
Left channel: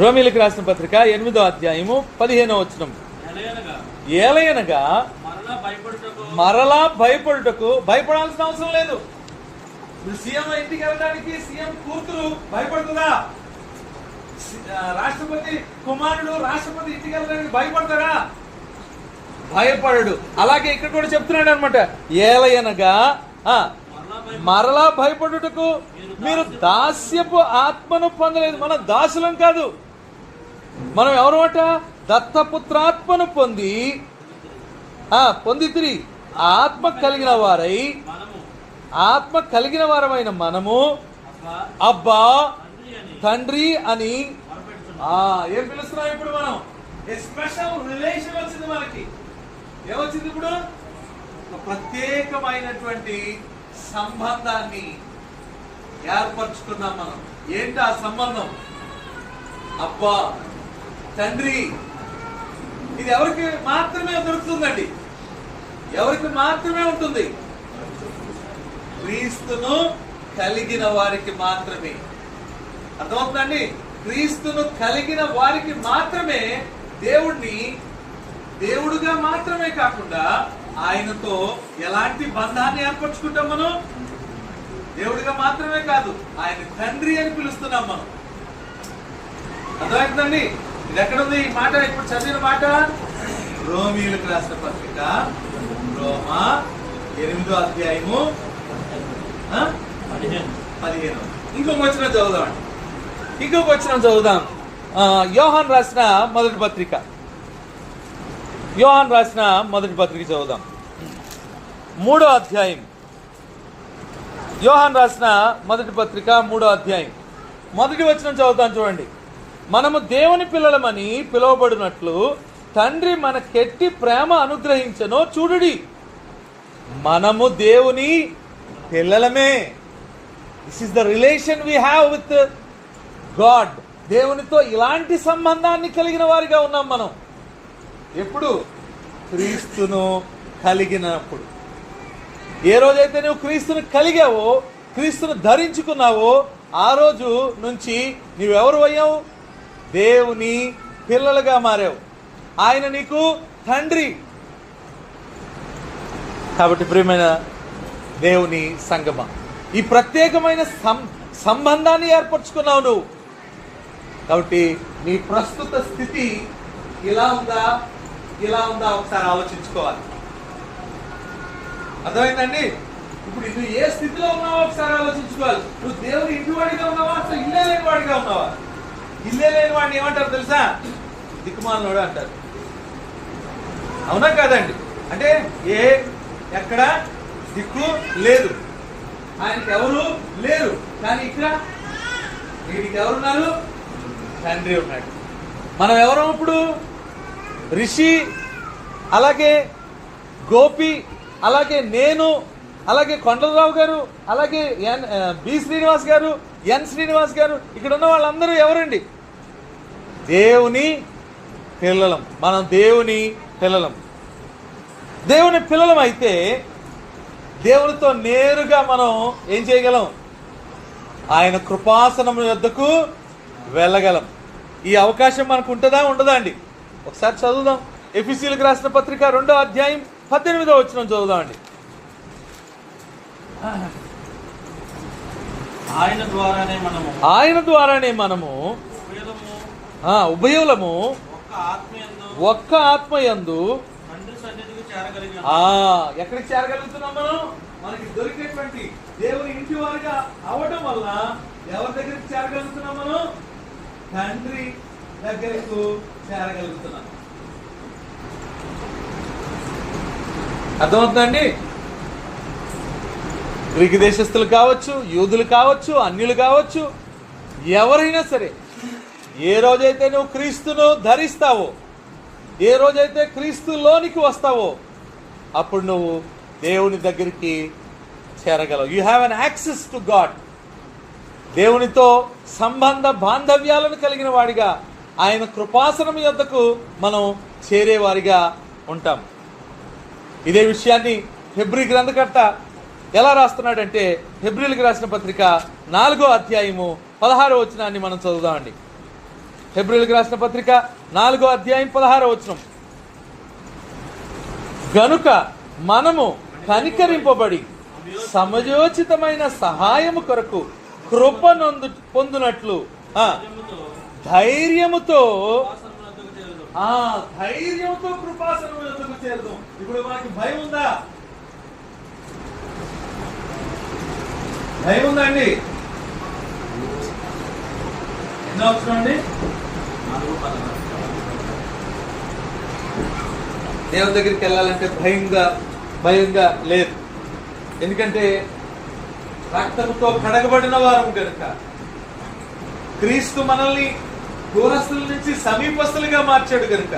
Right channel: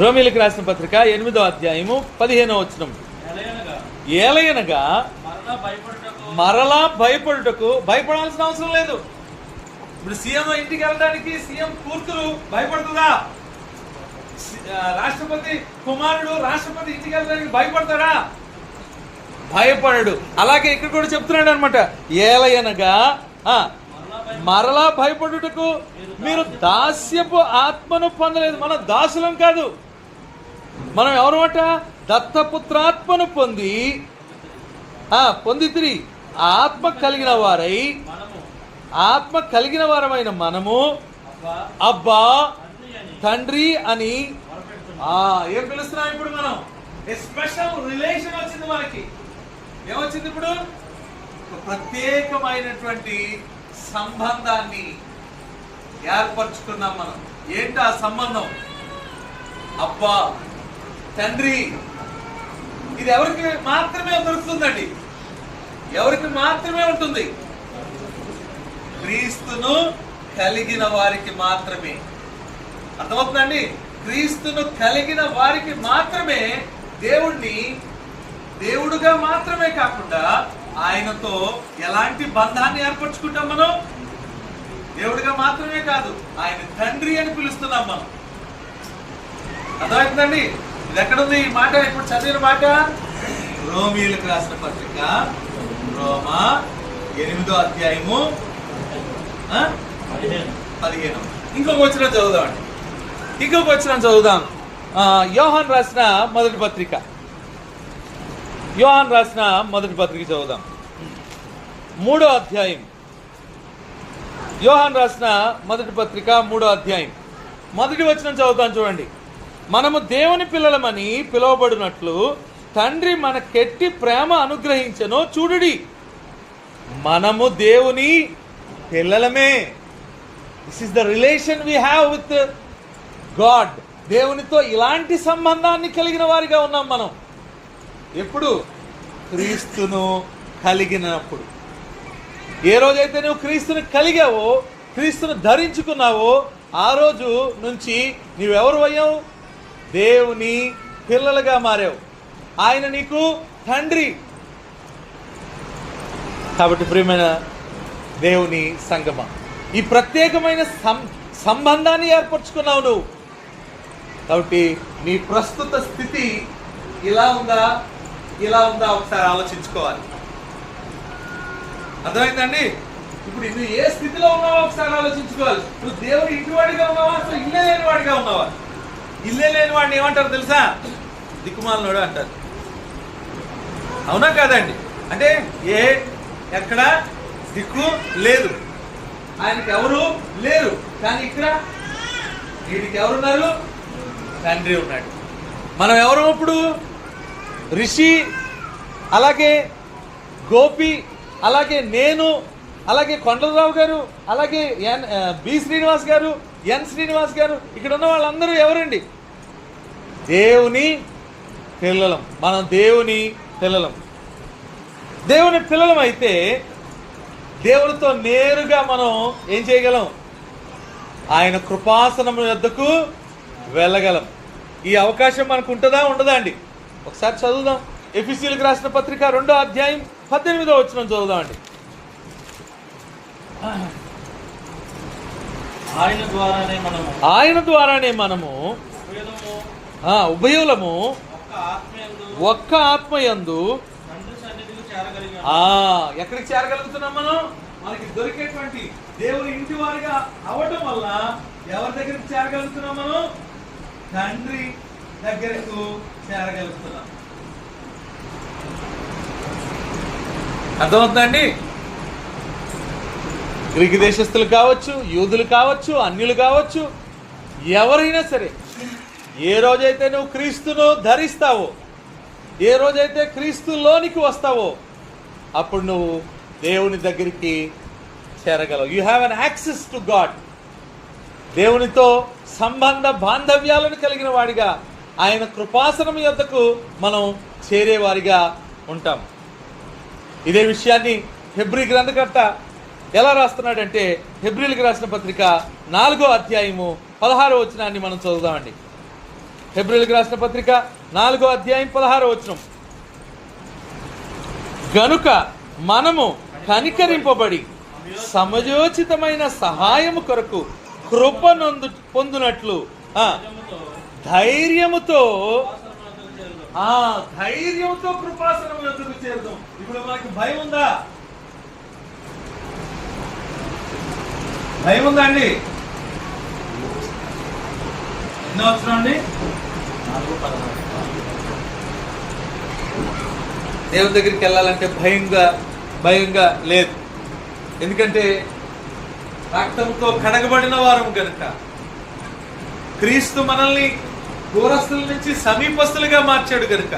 రోమీలకు రాసిన పత్రిక 8వ అధ్యాయము 15వ వచనం. ఏలయనగా మరలా భయపడుటకు, భయపడాల్సిన అవసరం లేదు. ఇప్పుడు సీఎం ఇంటికి వెళ్ళడానికి సీఎం కూతురు భయపడుతుందా? రాష్ట్రపతి కుమారుడు రాష్ట్రపతి ఇంటికి వెళ్ళడానికి భయపడతారా? భయపడడు. అలాగే ఇక్కడ కూడా చెప్తున్నాడు అనమాట, ఏలయనగా మరలా భయపడుటకు మీరు దాస్యపు ఆత్మను పొందలేదు. మనం దాసులం కాదు, మనం ఎవరమాట? దత్తపుత్రాత్మను పొందితిరి. ఆత్మ కలిగిన వారై, ఆత్మ కలిగిన వారమైన మనము అబ్బా తండ్రి అని ఏం పిలుస్తున్నాం? ఇప్పుడు మనం స్పెషల్ రిలేషన్ వచ్చింది మనకి. ఏమొచ్చింది ఇప్పుడు? ప్రత్యేకమైనటువంటి సంబంధాన్ని ఏర్పరచుకున్నాం మనం. ఏంటి ఆ సంబంధం? అబ్బా తండ్రి. ఇది ఎవరికి మాత్రమే దొరుకుతుందండి? ఎవరికి మాత్రమే ఉంటుంది? క్రీస్తును కలిగిన వారికి మాత్రమే. అర్థమవుతుందండి? క్రీస్తును కలిగిన వారికి మాత్రమే దేవుణ్ణి దేవుడుగా మాత్రమే కాకుండా ఆయనతో ఎలాంటి బంధాన్ని ఏర్పరచుకుంటాం మనం? దేవుడిగా మాత్రమే కాదు, ఆయన తండ్రి అని పిలుస్తున్నాం మనం. అర్థమవుతుందండి? ఇది ఎక్కడుంది ఈ మాట? ఇప్పుడు చదివిన మాట రోమీయులకు రాసిన పత్రిక, రోమా 8వ అధ్యాయము 15. ఇంకొక వచనం చదువుదాం అండి, ఇంకొక వచనం చదువుదాం. యోహాన్ రాసిన మొదటి పత్రిక, యోహాన్ రాసిన మొదటి పత్రిక చదువుదాం. 3వ అధ్యాయం, యోహాన్ రాసిన మొదటి పత్రిక 3వ అధ్యాయం మొదటి వచనం చదువుతాను చూడండి. మనము దేవుని పిల్లలమని పిలువబడినట్లు తండ్రి మనకెట్టి ప్రేమ అనుగ్రహించెనో చూడుడి. మనము దేవుని పిల్లలమే. This is the relation we have with God. దేవునితో ఇలాంటి సంబంధాన్ని కలిగిన వారిగా ఉన్నాం మనం. ఎప్పుడు? క్రీస్తును కలిగినప్పుడు. ఏ రోజైతే నువ్వు క్రీస్తుని కలిగావో, క్రీస్తును ధరించుకున్నావో, ఆ రోజు నుంచి నీవెవరు అయ్యావు? దేవుని పిల్లలుగా మారావు. ఆయన నీకు తండ్రి. కాబట్టి ప్రియమైన దేవుని సంగమా, ఈ ప్రత్యేకమైన సంబంధాన్ని ఏర్పరచుకున్నావు నువ్వు. కాబట్టి నీ ప్రస్తుత స్థితి ఇలా ఉందా, ఇలా ఉందా ఒకసారి ఆలోచించుకోవాలి. అర్థమైందండి? ఇప్పుడు నువ్వు ఏ స్థితిలో ఉన్నావో ఒకసారి ఆలోచించుకోవాలి. నువ్వు దేవుడు ఇంటివాడిగా ఉన్నావా, అసలు ఇల్లే లేని వాడిగా ఉన్నావా? ఇల్లే లేని వాడిని ఏమంటారు తెలుసా? దిక్కుమాలనోడు అంటారు. అవునా కాదండి? అంటే ఎక్కడ దిక్కు లేదు, ఆయనకి ఎవరు లేరు. కానీ ఇక్కడ వీడికి ఎవరున్నారు? తండ్రి ఉన్నాడు. మనం ఎవరు ఇప్పుడు? రిషి, అలాగే గోపి, అలాగే నేను, అలాగే కొండలరావు గారు, అలాగే బి శ్రీనివాస్ గారు, ఎన్ శ్రీనివాస్ గారు, ఇక్కడ ఉన్న వాళ్ళందరూ ఎవరండి? దేవుని పిల్లలం. మనం దేవుని పిల్లలం. దేవుని పిల్లలం అయితే దేవునితో నేరుగా మనం ఏం చేయగలం? ఆయన కృపాసనం యొద్దకు వెళ్ళగలం. ఈ అవకాశం మనకు ఉంటుందా, ఉండదా అండి? ఒకసారి చదువుదాం. ఎఫెసీయులకు రాసిన పత్రిక 2వ అధ్యాయం 18వ వచనం చదువుదాం అండి. ఆయన ద్వారానే మనము ఉభయులము ఒక్క ఆత్మయందు ఎక్కడికి చేరగలుగుతున్నాం మనం? మనకి దొరికేటువంటి దేవుని ఇంటి వారిగా అవ్వటం వల్ల ఎవరి దగ్గరికి చేరగలుగుతున్నాం మనం? తండ్రి దగ్గరకు చేరగలుగుతున్నాం. అర్థమవుతుందండి? గ్రీకు దేశస్తులు కావచ్చు, యూదులు కావచ్చు, అన్యులు కావచ్చు, ఎవరైనా సరే, ఏ రోజైతే నువ్వు క్రీస్తును ధరిస్తావో, ఏ రోజైతే క్రీస్తులోనికి వస్తావో, అప్పుడు నువ్వు దేవుని దగ్గరికి చేరగలవు. You have an access to God. దేవునితో సంబంధ బాంధవ్యాలను కలిగిన వాడిగా ఆయన కృపాసనం యొద్దకు మనం చేరేవారిగా ఉంటాం. ఇదే విషయాన్ని హెబ్రీ గ్రంథకర్త ఎలా రాస్తున్నాడంటే, హెబ్రీలకు రాసిన పత్రిక 4వ అధ్యాయము 16వ వచనాన్ని మనం చదువుదామండి. హెబ్రీలకు రాసిన పత్రిక 4వ అధ్యాయం 16వ వచనం. గనుక మనము కనికరింపబడి సమయోచితమైన సహాయము కొరకు కృప పొందునట్లు ధైర్యముతో కృపాసనం యొద్దకు చేరుదాం. ఇప్పుడు మనకి భయం ఉందా? భయం ఉందా అండి? ఎన్నో వస్తున్నాండి? దేవుని దగ్గరికి వెళ్ళాలంటే భయంగా లేదు. ఎందుకంటే రక్తంతో కడగబడిన వారం కనుక, క్రీస్తు మనల్ని దూరస్తుల నుంచి సమీపస్తులుగా మార్చాడు కనుక,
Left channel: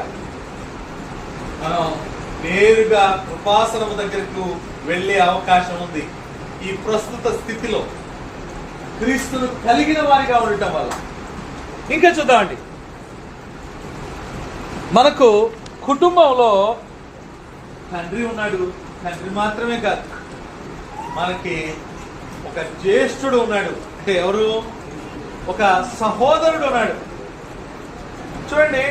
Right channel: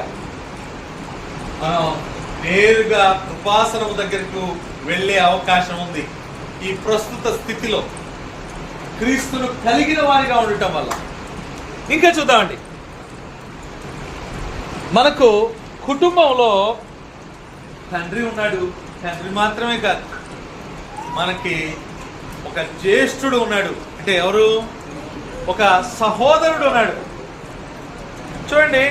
మనం నేరుగా కృపాసనం దగ్గరకు వెళ్ళే అవకాశం ఉంది. ఈ ప్రస్తుత స్థితిలో క్రీస్తును కలిగిన వారిగా ఉండటం వల్ల. ఇంకా చూద్దామండి, మనకు కుటుంబంలో తండ్రి ఉన్నాడు. తండ్రి మాత్రమే కాదు, మనకి ఒక జ్యేష్ఠుడు ఉన్నాడు. అంటే ఎవరు? ఒక సహోదరుడు ఉన్నాడు. చూడండి,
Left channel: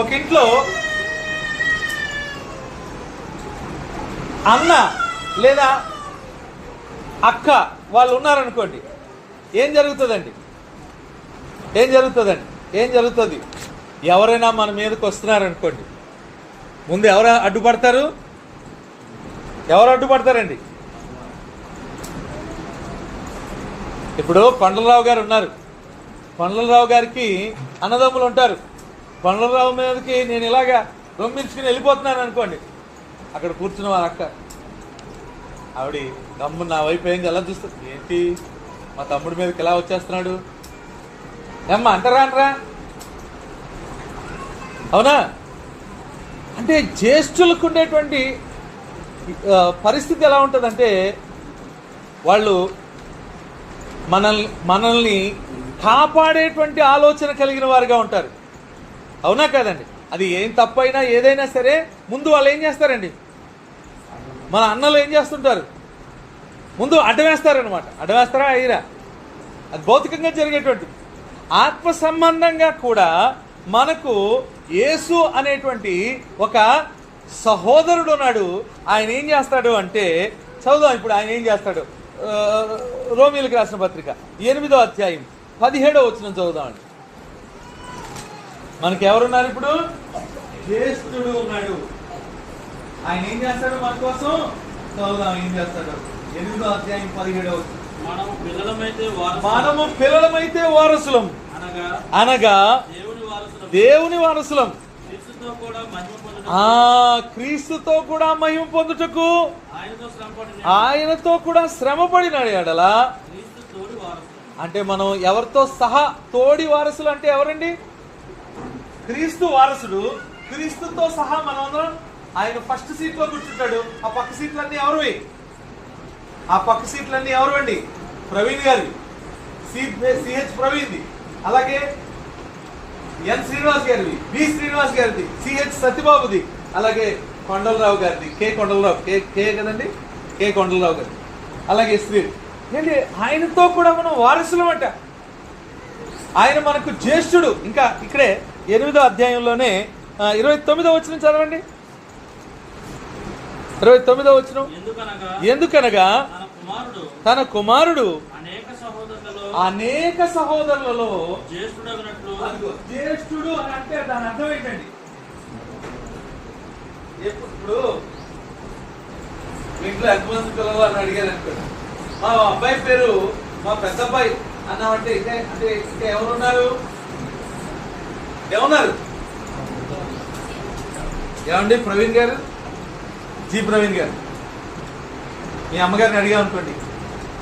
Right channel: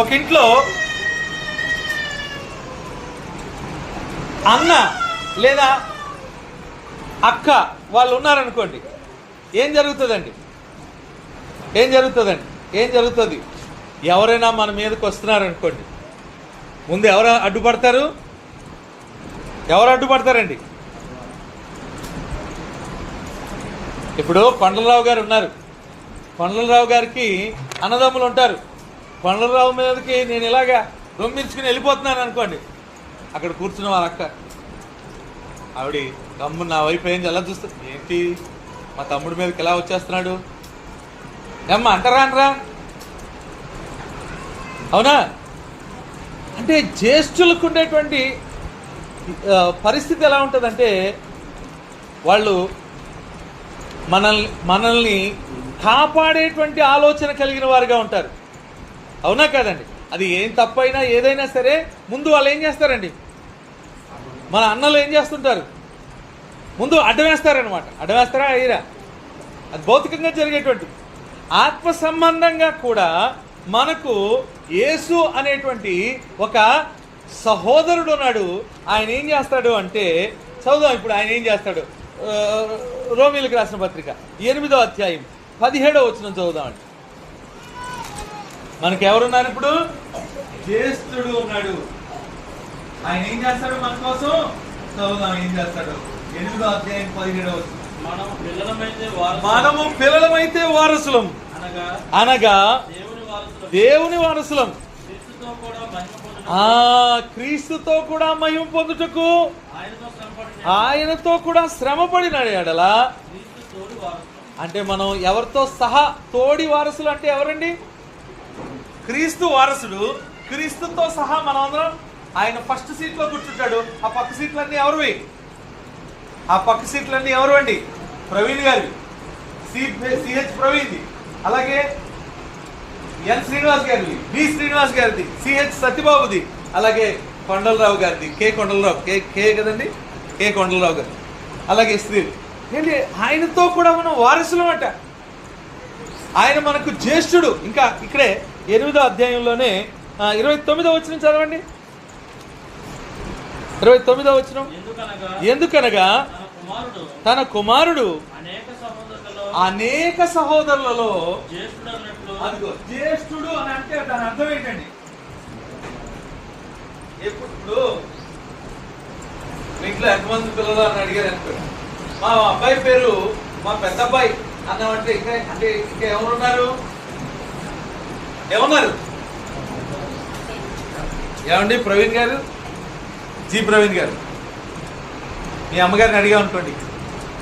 ఒక ఇంట్లో అన్న లేదా అక్క వాళ్ళు ఉన్నారనుకోండి, ఏం జరుగుతుంది? ఎవరైనా మన మీదకి వస్తున్నారనుకోండి, ముందు ఎవరు అడ్డుపడతారండి? ఇప్పుడు కొండలరావు గారు ఉన్నారు. కొండలరావు గారికి అన్నదమ్ములు ఉంటారు. కొండలరావు మీదకి నేను ఇలాగా రొమ్మించుకుని వెళ్ళిపోతున్నాను అనుకోండి, అక్కడ కూర్చున్న వాళ్ళ అక్క ఆవిడ గమ్ము నా వైపు ఏం ఎలా చూస్తుంది, ఏంటి మా తమ్ముడి మీదకి ఎలా వచ్చేస్తున్నాడు, ఏమ్మా అంటారా అనరా? అవునా? అంటే జ్యేష్ఠులకు ఉండేటువంటి పరిస్థితి ఎలా ఉంటుందంటే వాళ్ళు మనల్ని కాపాడేటువంటి ఆలోచన కలిగిన వారుగా ఉంటారు. అవునా కాదండి? అది ఏం తప్పైనా ఏదైనా సరే ముందు వాళ్ళు ఏం చేస్తారండి, మన అన్నలు ఏం చేస్తుంటారు, ముందు అడ్డవేస్తారనమాట. అడ్డవేస్తారా అయ్యిరా? అది భౌతికంగా జరిగేటువంటి. ఆత్మ సంబంధంగా కూడా మనకు యేసు అనేటువంటి ఒక సహోదరుడు ఉన్నాడు. ఆయన ఏం చేస్తాడు అంటే, చదువుదాం ఇప్పుడు ఆయన ఏం చేస్తాడు. రోమీలకు రాసిన పత్రిక 8వ అధ్యాయం 17వ వచనం చదువుదామండి. మనకి ఎవరున్నారు ఇప్పుడు? జ్యేష్ఠుడు ఉన్నాడు. ఆయన ఏం చేస్తాడు మన కోసం? చదువుదాం ఏం చేస్తాడు. 8వ అధ్యాయం 17వ వచనం. మనము పిల్లలమైతే వారసులం అనగా దేవుని వారసులం, క్రీస్తుతో కూడా మహిమ పొందుటకు ఆయనతో కూడా శ్రమపడిన ఎడలా. అంటే మనం ఎవరితో సహా తోడి వారసులు అంటే ఎవరండి? క్రీస్తు వారసుడు. క్రీస్తుతో సహా మనం అందరం ఆయన ఫస్ట్ సీట్ లో కూర్చుంటాడు. ఆ పక్క సీట్లన్నీ ఎవరువి? ఆ పక్క సీట్లన్నీ ఎవరు అండి? ప్రవీణ్ గారివి, సిహెచ్ ప్రవీణ్ది, అలాగే ఎన్ శ్రీనివాస్ గారిది, బి శ్రీనివాస్ గారిది, సిహెచ్ సత్యబాబుది, అలాగే కొండలరావు గారిది, కే కొండలరావు, కే కదండి, కే కొండలరావు గారు, అలాగే స్త్రీ. ఏంటి? ఆయనతో కూడా మనం వారసులం అంట. ఆయన మనకు జ్యేష్ఠుడు. ఇంకా ఇక్కడే 8వ అధ్యాయంలోనే 29వ వచనం చదవండి. 29వ వచనం. ఎందుకనగా తన కుమారుడు అనేక సహోదరులలో జ్యేష్ఠుడు అని అంటే దాని అర్థం ఏంటండి? ఇప్పుడు ఇంట్లో ఎంతమంది పిల్లలు అని అడిగారు అనుకోండి, మా అబ్బాయి పేరు మా పెద్ద అబ్బాయి అన్నామంటే ఇంకా ఎవరున్నారు? ఏమన్నారు? ఏమండి ప్రవీణ్ గారు, జి ప్రవీణ్ గారు, మీ అమ్మగారిని అడిగా అనుకోండి,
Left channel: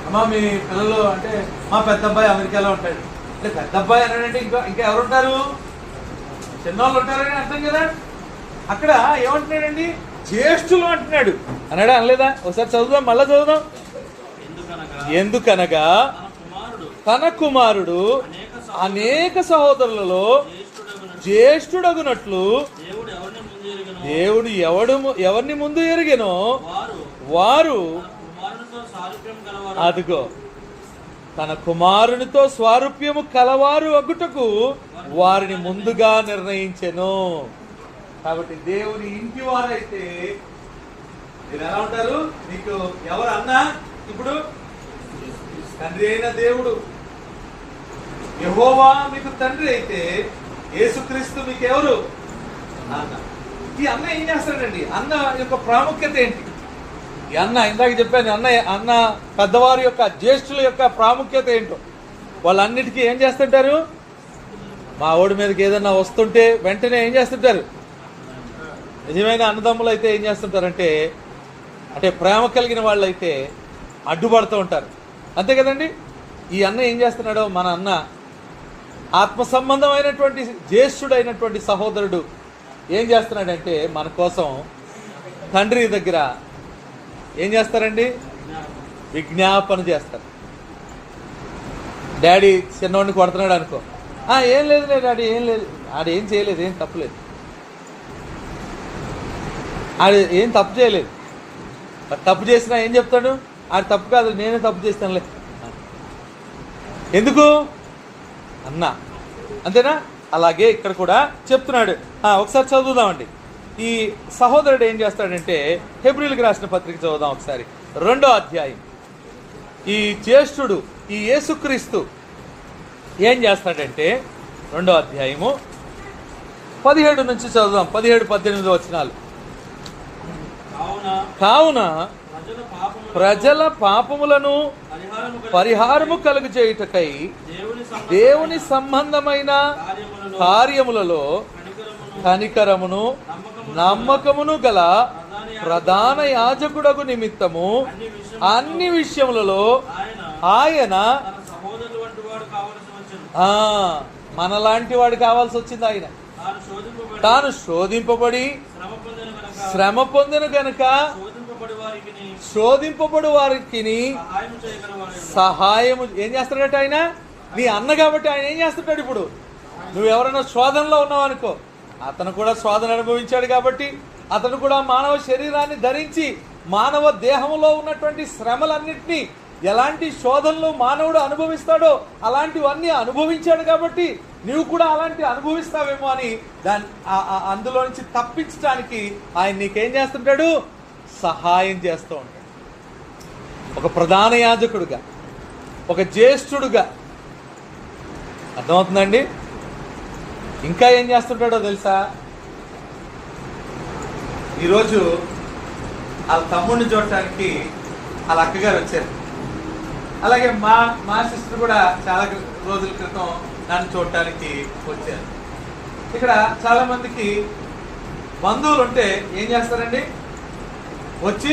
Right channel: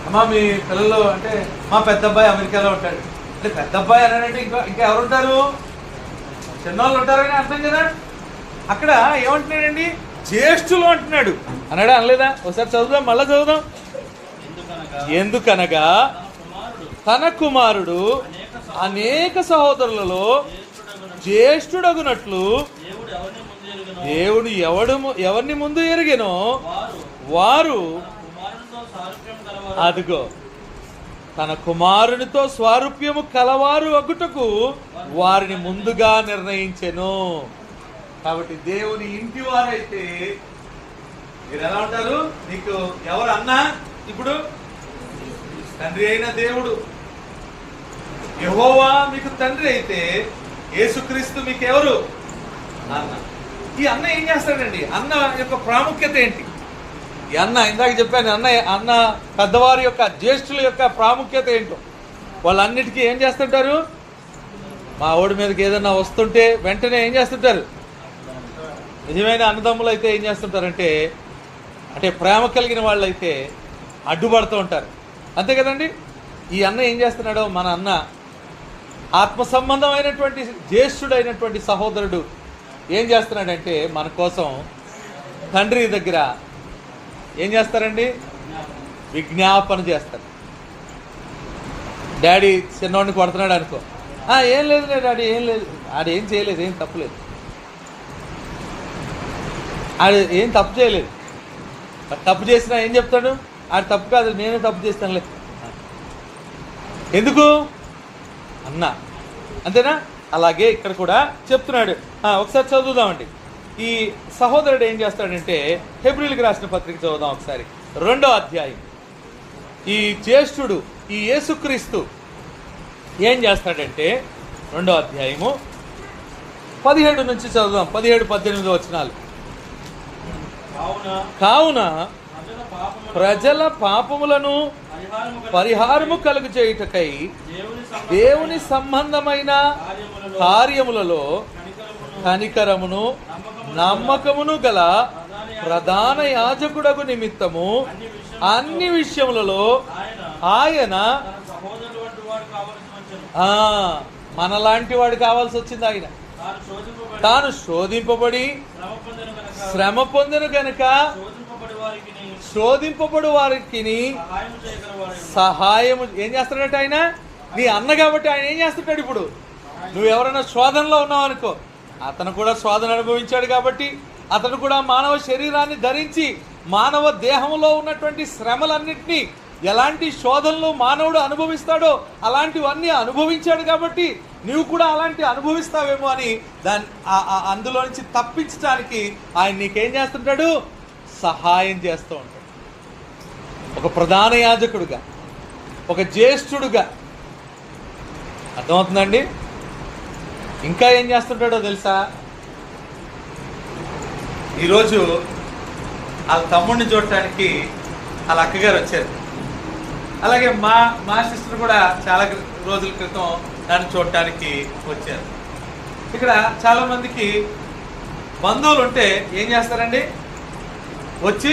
అమ్మ మీ పిల్లలు అంటే మా పెద్ద అబ్బాయి అమెరికాలో ఉంటాడు అంటే పెద్ద అబ్బాయి అని ఇంకా ఎవరు ఉంటారు? చిన్నవాళ్ళు ఉంటారని అర్థం కదా. అక్కడ ఏమంటున్నాడండి? జ్యేష్ఠులు అంటున్నాడు. అన్నాడా? అనలేదా? ఒకసారి చదువుదాం, మళ్ళా చదువుదాం. ఎందుకనగా తన కుమారుడు అనేక సహోదరులలో జ్యేష్ఠుడగునట్లు దేవుడు ఎవరిని ముందు ఎరిగెనో వారు, అదిగో తన కుమారునితో స్వారూప్యము కలవారు అగుటకు వారిని ముందుగా నిర్ణయించెను. కాబట్టి దేవుని ఇంటి వారైతే మీరు ఎలా ఉంటారు? నీకు ఎవరు అన్నా? ఇప్పుడు తండ్రి అయిన దేవుడు యెహోవా మీకు తండ్రి అయితే యేసుక్రీస్తు మీకు ఎవరు? అన్న. ఈ అన్న ఏం చేస్తాడండి? అన్న యొక్క ప్రాముఖ్యత ఏంటి? ఈ అన్న, ఇందాక చెప్పాను, అన్న పెద్దవారి యొక్క జ్యేష్ఠుల యొక్క ప్రాముఖ్యత ఏంటో. వాళ్ళన్నిటికీ ఏం చేస్తుంటారు? మా ఓడి మీదకి ఏదన్నా వస్తుంటే వెంటనే ఏం చేస్తుంటారు? నిజమైన అన్నదమ్ములు అయితే ఏం చేస్తుంటారంటే, అంటే ప్రేమ కలిగిన వాళ్ళు అయితే అడ్డుపడుతూ ఉంటారు. అంతే కదండి? ఈ అన్న ఏం చేస్తున్నాడో, మన అన్న ఆత్మ సంబంధమైనటువంటి జ్యేష్ఠుడైనటువంటి సహోదరుడు ఏం చేస్తున్నాడంటే మన కోసం తండ్రి దగ్గర ఏం చేస్తారండి? విజ్ఞాపన చేస్తారు. డాడీ చిన్నవాడిని కొడుతున్నాడు అనుకో, ఏం లేదు డాడీ, ఏం లేదు, ఆడేం చేయలేదు, ఏం తప్పులేదు, ఆడు ఏం తప్పు చేయలేదు. తప్పు చేసినా ఏం చెప్తాడు? ఆడు తప్పు కాదు, నేనే తప్పు చేస్తానులే. ఎందుకు? అన్న. అంతేనా? అలాగే ఇక్కడ కూడా చెప్తున్నాడు. ఒకసారి చదువుదామండి. ఈ సహోదరుడు ఏం చేస్తాడంటే, హెబ్రీయులకు రాసిన పత్రిక చదువుదాం ఒకసారి. 2వ అధ్యాయం. ఈ జ్యేష్ఠుడు, ఈ యేసుక్రీస్తు ఏం చేస్తాడంటే, 2వ అధ్యాయము 17 నుంచి చదువుదాం. 17-18 వచనాలు. కావున ప్రజల పాపములను పరిహారము కలుగు చేయుటకై దేవుని సంబంధమైన కార్యములలో కనికరమును నమ్మకమును గల ప్రధాన యాజకుడగు నిమిత్తము అన్ని విషయములలో ఆయన వచ్చాను. మనలాంటి వాడు కావాల్సి వచ్చింది ఆయన. తాను శోధింపబడి శ్రమ పొందెను గనుక శోధింపబడి వారికి సహాయము ఏం చేస్తాడట ఆయన? నీ అన్న కాబట్టి ఆయన ఏం చేస్తుంటాడు? ఇప్పుడు నువ్వు ఎవరైనా శోధనలో ఉన్నావు అనుకో, అతను కూడా శోధన అనుభవించాడు కాబట్టి అతను కూడా మానవ శరీరాన్ని ధరించి మానవ దేహంలో ఉన్నటువంటి శ్రమలన్నింటినీ, ఎలాంటి శోధనలు మానవుడు అనుభవిస్తాడో అలాంటివన్నీ అనుభవించాడు కాబట్టి నువ్వు కూడా అలాంటి అనుభవిస్తావేమో అని అందులో నుంచి తప్పించడానికి ఆయన నీకేం చేస్తుంటాడు? సహాయం చేస్తూ ఉంటాడు. ఒక ప్రధాన యాజకుడుగా, ఒక జ్యేష్ఠుడుగా. అర్థమవుతుందండి? ఇంకా ఏం చేస్తుంటాడో తెలుసా? ఈరోజు వాళ్ళ తమ్ముడిని చూడటానికి వాళ్ళ అక్కగారు వచ్చారు. అలాగే మా సిస్టర్ కూడా చాలా రోజుల క్రితం నన్ను చూడటానికి వచ్చారు. ఇక్కడ చాలా మందికి బంధువులు ఉంటే ఏం చేస్తారండి? వచ్చి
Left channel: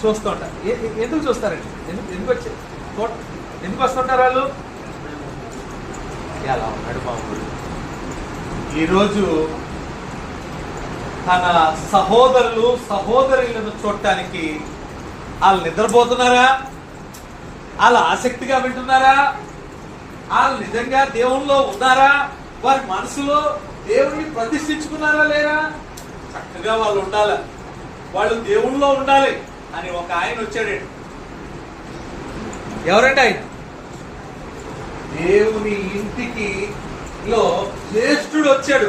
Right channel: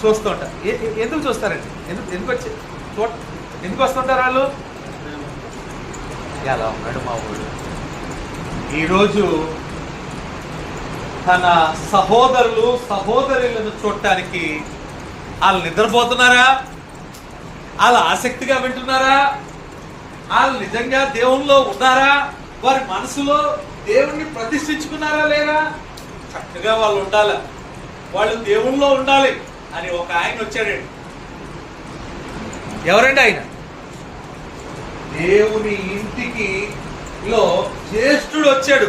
చూస్తుంటారు. ఎందుకు చూస్తారండి? ఎందుకు వచ్చి ఎందుకు వస్తుంటారు వాళ్ళు? ఎలా ఉన్నాడు బాబు? ఈరోజు తన సహోదరులను చూడటానికి వాళ్ళు నిద్రపోతున్నారా? వాళ్ళు ఆసక్తిగా వింటున్నారా? వాళ్ళు నిజంగా దేవునిలో ఉన్నారా? వారి మనసులో దేవుణ్ణి ప్రతిష్ఠించుకున్నారా లేరా? చక్కగా వాళ్ళు ఉండాలి, వాళ్ళు దేవునిలో ఉండాలి అని ఒక ఆయన వచ్చాడండి. ఎవరండి ఆయన? దేవుని ఇంటికి లో జ్యేష్ఠుడు వచ్చాడు.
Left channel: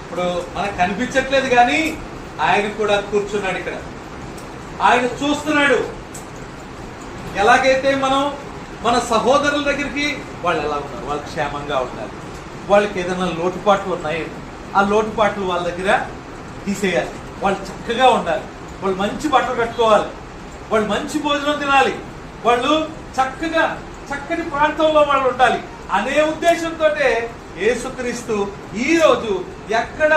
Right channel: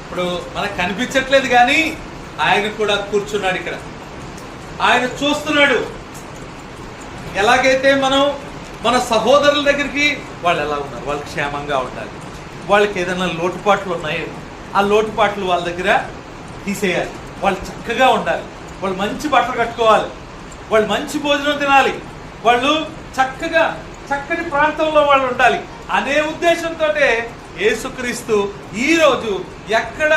ఇప్పుడు మనకు కనిపించట్లేదు కానీ ఆయన కూడా కూర్చున్నాడు ఇక్కడ. ఆయన చూస్తున్నాడు. ఎలాగైతే మనం మన సహోదరుల దగ్గరికి వాళ్ళు ఎలా ఉన్నారు, వాళ్ళు క్షేమంగా ఉండాలి, వాళ్ళకి ఏదైనా లోటుపాట్లు ఉన్నాయో ఆ లోటుపాట్లు వాళ్ళ దగ్గర తీసేయాలి, వాళ్ళు చక్కగా ఉండాలి, వాళ్ళు మంచి బట్టలు కట్టుకోవాలి, వాళ్ళు మంచి భోజనం తినాలి, వాళ్ళు చక్కని ప్రాంతంలో వాళ్ళు ఉండాలి అనే ఉద్దేశంతో యేసుక్రీస్తు ఈ రోజు ఎక్కడ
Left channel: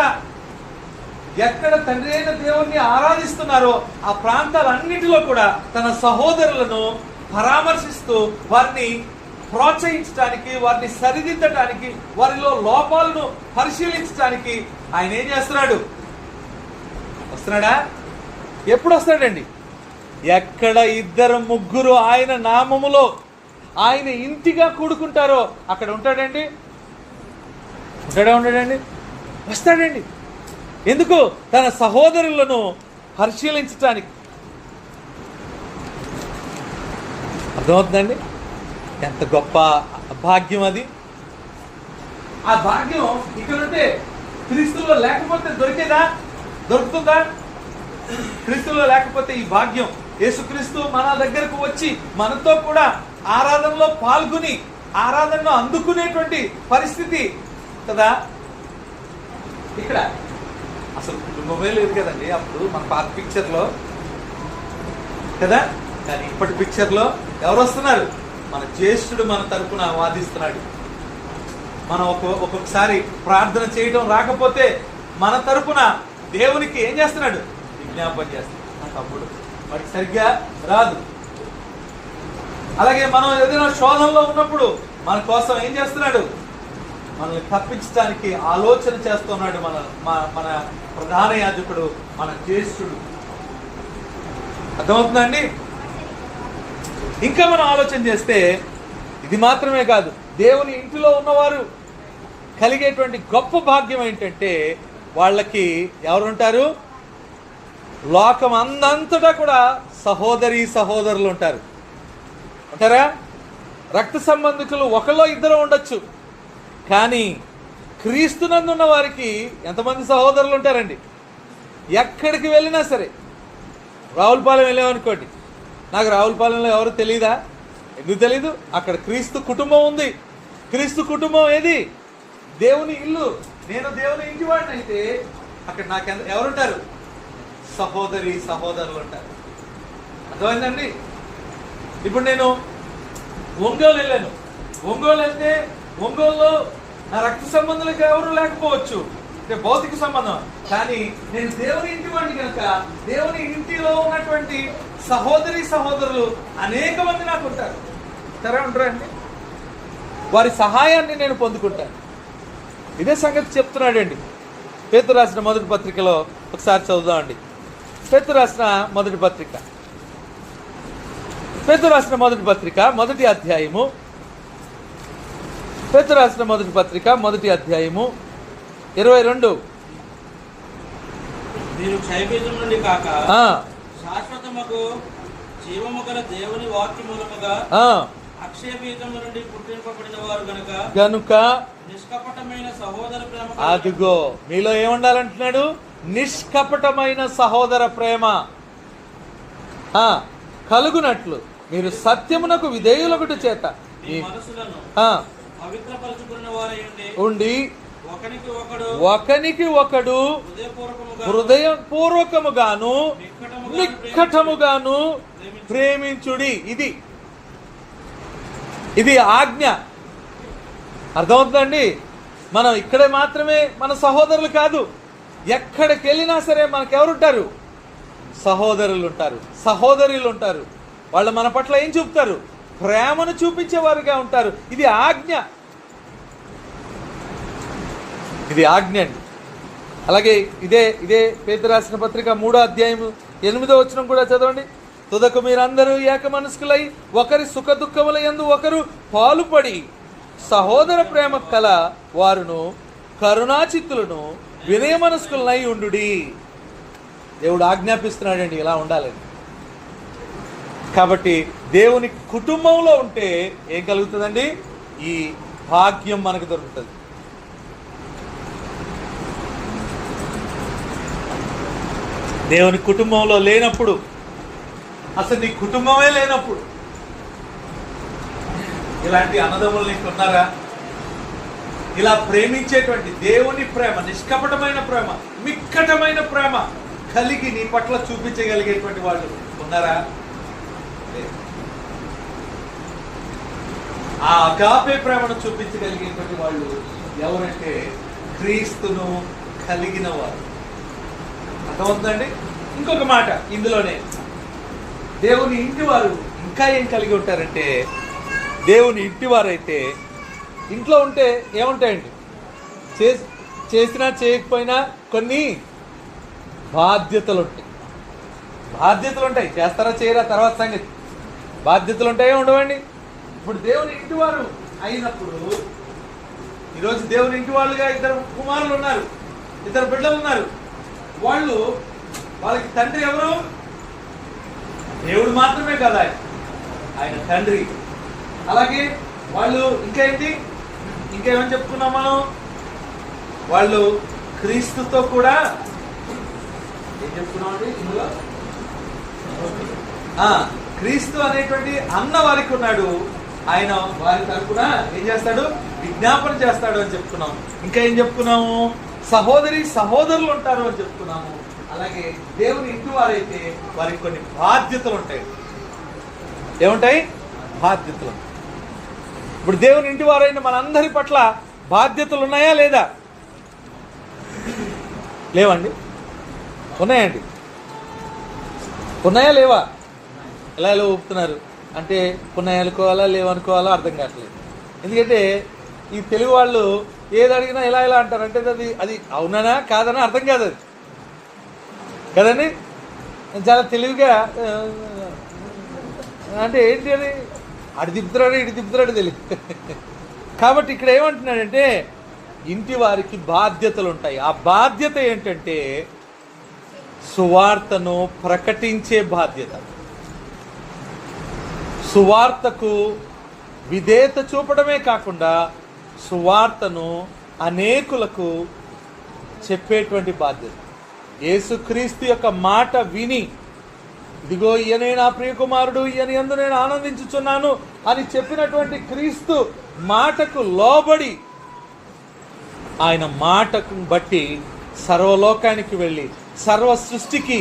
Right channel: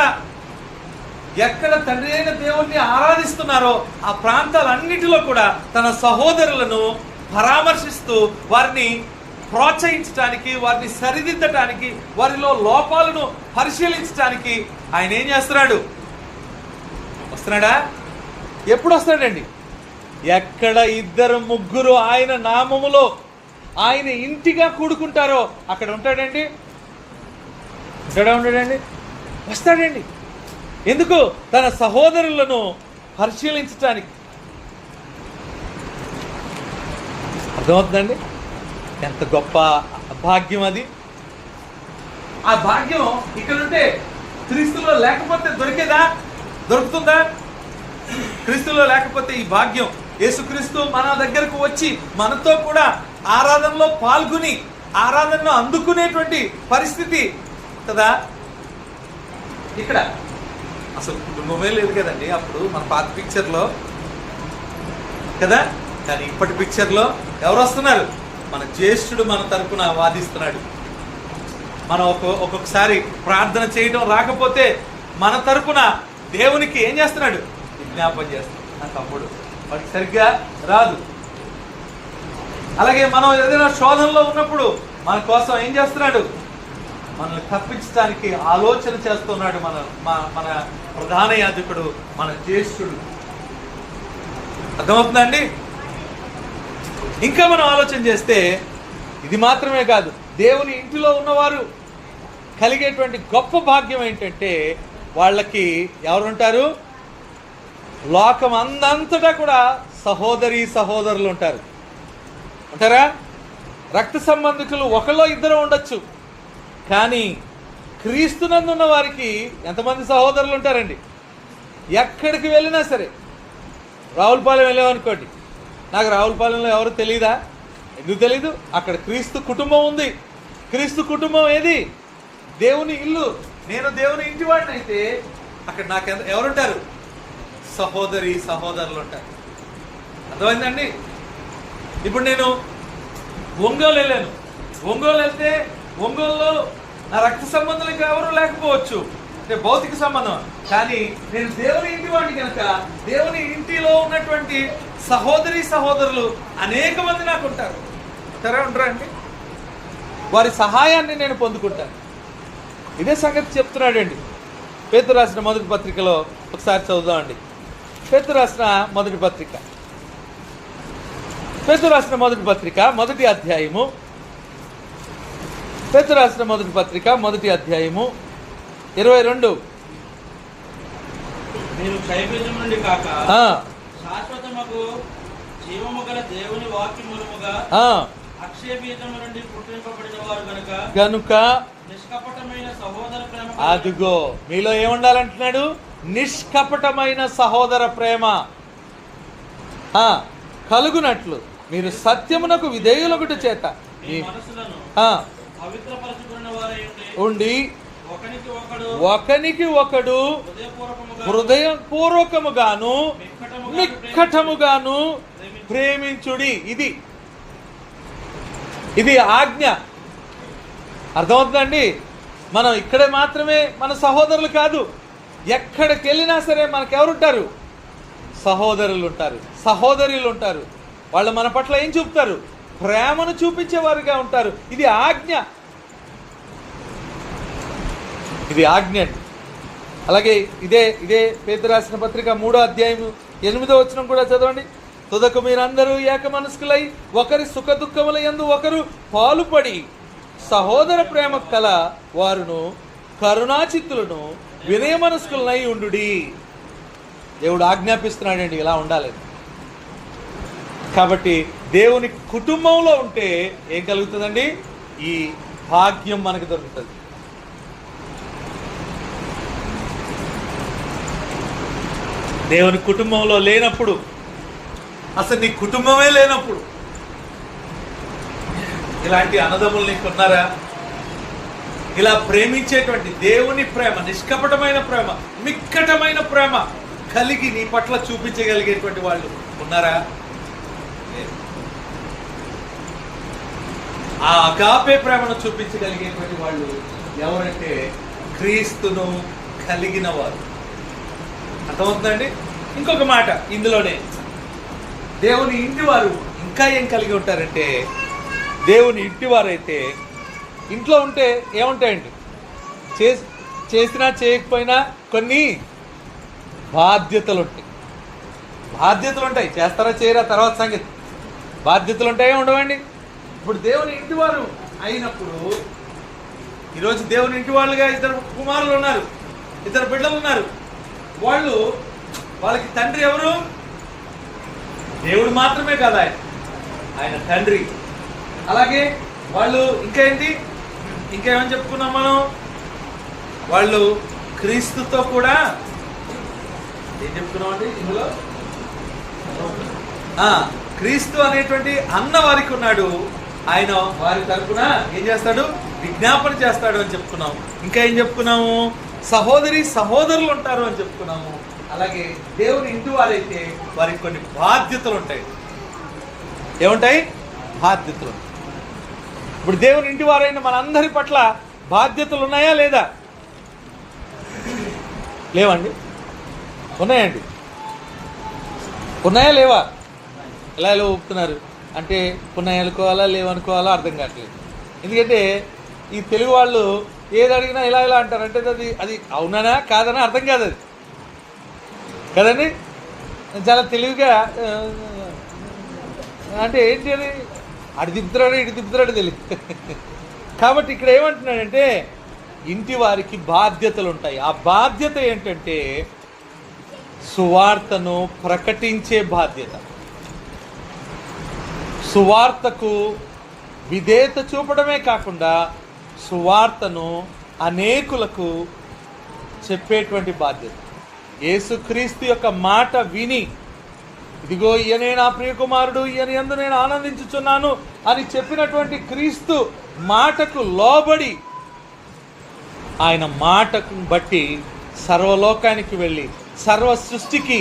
తండ్రి అయిన దేవుణ్ణి ఆరాధిస్తున్నారో ఆ ప్రాంతాలన్నిటిలో కూడా తన సహోదరులను పరామర్శిస్తూ వారిని ప్రోత్సహించడానికి, వారిని సరిదిద్దటానికి, వారిలో లోపాలను పరిశీలించడానికి ఆయన ఏం చేస్తున్నాడు? వస్తున్నాడా? ఎప్పుడు వస్తాడండి? ఎక్కడ 2-3 ఆయన నామములో ఆయన ఇంటిగా కూడుకుంటారో అక్కడ ఉంటాడండి. ఉండడండి, వస్తాడండి. ఎందుకు? తన సహోదరులను పరిశీలించటానికి. అర్థమవుతుందండి? ఎంత గొప్ప భాగ్యం అది. ఆ భాగ్యం ఇక్కడ ఉంటే క్రీస్తులో లేకపోతే దొరుకుతుందా? క్రీస్తులో లేకపోతే ఈ భాగ్యం, యేసుక్రీస్తు మన దగ్గరకు వచ్చి మనతో కూడా ఆరాధనలో పాల్గొని ఆరాధనలో అందుకునేటువంటి పరిస్థితి కదా. ఇక్కడ అసలు కుటుంబమే లేదు కదండి అప్పుడు మన పాత పిక్చర్లో కదా. కానీ ఇప్పటి పిక్చర్లో ఎవరు వస్తున్నారు? మన జ్యేష్ఠుడు మన తరపున వాదిస్తున్నాడు. మనం ఒక్కొక్కసారి ప్రార్థన చేయడం రాకపోతే మన తరపున దేవునికి ఏం చేస్తున్నాడు? విజ్ఞాపన చేస్తున్నాడు. అప్పుడు వాడికి సరిగ్గా రాదు. అలాగే మనం ఏదైనా శోధనలో ఉన్నప్పుడు మన కోసం ఏం చేస్తున్నాడు? మనల్ని తప్పించడానికి ఆలోచన చేస్తున్నాడు మన ప్రధాన యాజకుడు, మన జ్యేష్ఠుడు. అర్థమవుతుందండి? ఇంకా మనం ఆలోచన చేస్తే ఇది మాత్రమే కాదు, దేవుని ఇంటిలో ఉన్నవారు కలిగేటువంటి గొప్ప భాగ్యం ఏంటంటే వాళ్ళకి ఎవరుంటారు? లోకం అందంతటా కూడా సహోదరులు ఉంటారా? రక్త సంబంధికులు ఒకళ్ళో ఇద్దరు ఉండొచ్చు, కానీ క్రీస్తునందున్న వారికి ఎంతమంది సహోదరులు ఉంటారండి? ఎక్కడికి వెళ్ళినా సరే, రావులపాలెం వెళ్ళామనుకోండి, నాకు రావులపాలెంలో ఎవరు తెలీదా? ఎందుకు తెలీదు? అక్కడ క్రీస్తు కుటుంబం ఉంది. క్రీస్తు కుటుంబం ఏది? దేవుని ఇల్లు. నేను దేవుని ఇంటి వాడిని అయితే అక్కడ నాకు ఎవరుంటారు? సహోదరులు ఉంటారు. అర్థమైందండి? ఇప్పుడు నేను ఒంగోలు వెళ్ళాను. ఒంగోలు వెళ్తే ఒంగోలులో నా రక్త సంబంధులకు ఎవరు లేకపోవచ్చు, అంటే భౌతిక సంబంధం. కానీ నేను దేవుని ఇంటి వాడిని కనుక దేవుని ఇంటిలో ఉన్నటువంటి సహోదరులు అనేక మంది నాకు ఉంటారు. ఉంటారా అండి? వారి సహాయాన్ని నేను పొందుకుంటాను. ఇదే సంగతి చెప్తున్నాడండి. పేతురు రాసిన మొదటి పత్రికలో ఒకసారి చదువుదామండి. పేతురు రాసిన మొదటి పత్రిక మొదటి అధ్యాయము. పేతురు రాసిన మొదటి పత్రిక మొదటి అధ్యాయము 22. మీరు క్షయబీజం నుండి కాక శాశ్వతముకు జీవము గల దేవుని వాక్యములుగా అక్షయ బీజము నుండి పుట్టింపబడిన వారు గనుక నిష్కపటమైన సహోదర ప్రేమ. అదిగో మీలో ఏముండాలంటున్నాడు? నిష్కపటమైన సహోదర ప్రేమ కలుగునట్లు మీరు సత్యమునకు విధేయులొకటి చేత మీ మనసులను పవిత్రపరచుకున్న వారై ఉండి ఒకనికి ఒకడు హృదయపూర్వకముగా హృదయపూర్వకముగాను నిక్కటముగాను ప్రేమించుడి. ఇది ఆజ్ఞ. అర్థమవుతుందండి? మనం ఇక్కడే మాత్రమే మన సహోదరులు కాదు, ఎక్కడికి వెళ్ళినా సరే మనకెవరుంటారు? సహోదరులు ఉంటారు, సహోదరులు ఉంటారు. వాళ్ళు మన పట్ల ఏం చూపుతారు? ప్రేమను చూపించేవారుగా ఉంటారు. ఇది ఆజ్ఞ అండి. అలాగే ఇదే పేతురు రాసిన పత్రిక 3వ అధ్యాయము 8వ వచనం కూడా చదవండి. తుదకు మీరందరూ ఏక మనస్కులై ఒకరి సుఖ దుఃఖముల యందు ఒకరు పాలుపడి సహోదర ప్రేమ కల వారును కరుణాచిత్తులను వినయ మనస్కులనై ఉండుడి. దేవుడు ఆజ్ఞాపిస్తున్నాడండి ఇలా ఉండాలని. కాబట్టి దేవుని కుటుంబంలో ఉంటే ఏం కలుగుతుందండి? ఈ భాగ్యం మనకు దొరుకుతుంది. దేవుని కుటుంబంలో లేనప్పుడు, అసలు నీ కుటుంబమే లేనప్పుడు ఇలాంటి అన్నదమ్ములు నీకున్నారా? ఇలా ప్రేమించేటువంటి దేవుని ప్రేమ, నిష్కపటమైన ప్రేమ, మిక్కటమైన ప్రేమ కలిగి నీ పట్ల చూపించగలిగేటువంటి వాళ్ళు ఉన్నారా? ఆ అగాపే ప్రేమను చూపించగలిగేటువంటి వాళ్ళు ఎవరంటే క్రీస్తును కలిగిన వారు. అర్థమవుతుందండి? ఇంకొక మాట ఇందులోనే, దేవుని ఇంటి వారు ఇంకా ఏం కలిగి ఉంటారంటే, దేవుని ఇంటి వారు అయితే ఇంట్లో ఉంటే ఏముంటాయండి? చేసినా చేయకపోయినా కొన్ని బాధ్యతలు ఉంటాయి. చేస్తారా చేయరా తర్వాత సంగతి. బాధ్యతలు ఉంటాయో ఉండవండి. ఇప్పుడు దేవుని ఇంటి వారు అయినప్పుడు, ఈరోజు దేవుని ఇంటి వాళ్ళుగా 2 కుమారులు ఉన్నారు, 2 బిడ్డలు ఉన్నారు. వాళ్ళకి తండ్రి ఎవరు? దేవుడు మాత్రమే కాదు, ఆయన తండ్రి. అలాగే వాళ్ళు ఇంకేమని చెప్పుకున్నాం మనం? వాళ్ళు క్రీస్తుతో కూడా ఏం చెప్పుకున్నామండి ఇందులో? క్రీస్తు అనేటువంటి అన్న వారికి ఉన్నాడు. ఆయన వారి తరపున ఏం చేస్తాడు? విజ్ఞాపన చేస్తాడు అని చెప్పుకున్నాము. ఇంకా ఏం చెప్పుకున్నాము? సహోదరులు ఉంటారు అని చెప్పుకున్నాము. అలాగే దేవుని ఇంటి వారైతే వారికి కొన్ని బాధ్యతలు ఉంటాయి. ఏముంటాయి? బాధ్యతలు. ఇప్పుడు దేవుని ఇంటి వారైన మనందరి పట్ల బాధ్యతలు ఉన్నాయా లేదా? లేవండి? ఉన్నాయండి? ఉన్నాయా లేవా? ఎలా ఊపుతున్నారు అంటే ఉన్నాయి అనుకోవాలా లేవనుకోవాలా అర్థం కావట్లేదు. ఎందుకంటే ఈ తెలుగు వాళ్ళు ఏది అడిగినా ఇలా అంటారు. అంటే అది అవునా కాదనా అర్థం కాదు. అది కదండి, చాలా తెలివిగా అంటే ఏంటి అది అడి తిప్పుతున్నాడు ఇటు తిప్పుతున్నాడు తెలియదు. కాబట్టి ఇక్కడ ఏమంటున్నాడంటే ఇంటి వారికి బాధ్యతలు ఉంటాయి. ఆ బాధ్యత ఏంటంటే సువార్తను ప్రకటించే బాధ్యత. సువార్తకు విధేయత చూపడమే కాకుండా సువార్తను అనేకులకు చెప్పేటువంటి బాధ్యత. యేసుక్రీస్తు యొక్క మాట విని, ఇదిగో ఈయనే నా ప్రియకుమారుడు, ఈయన యందు నేను ఆనందించుచున్నాను అని చెప్పినటువంటి క్రీస్తు మాటకు లోబడి, ఆయన మాటకు బట్టి సర్వలోకానికి వెళ్ళి సర్వ సృష్టికి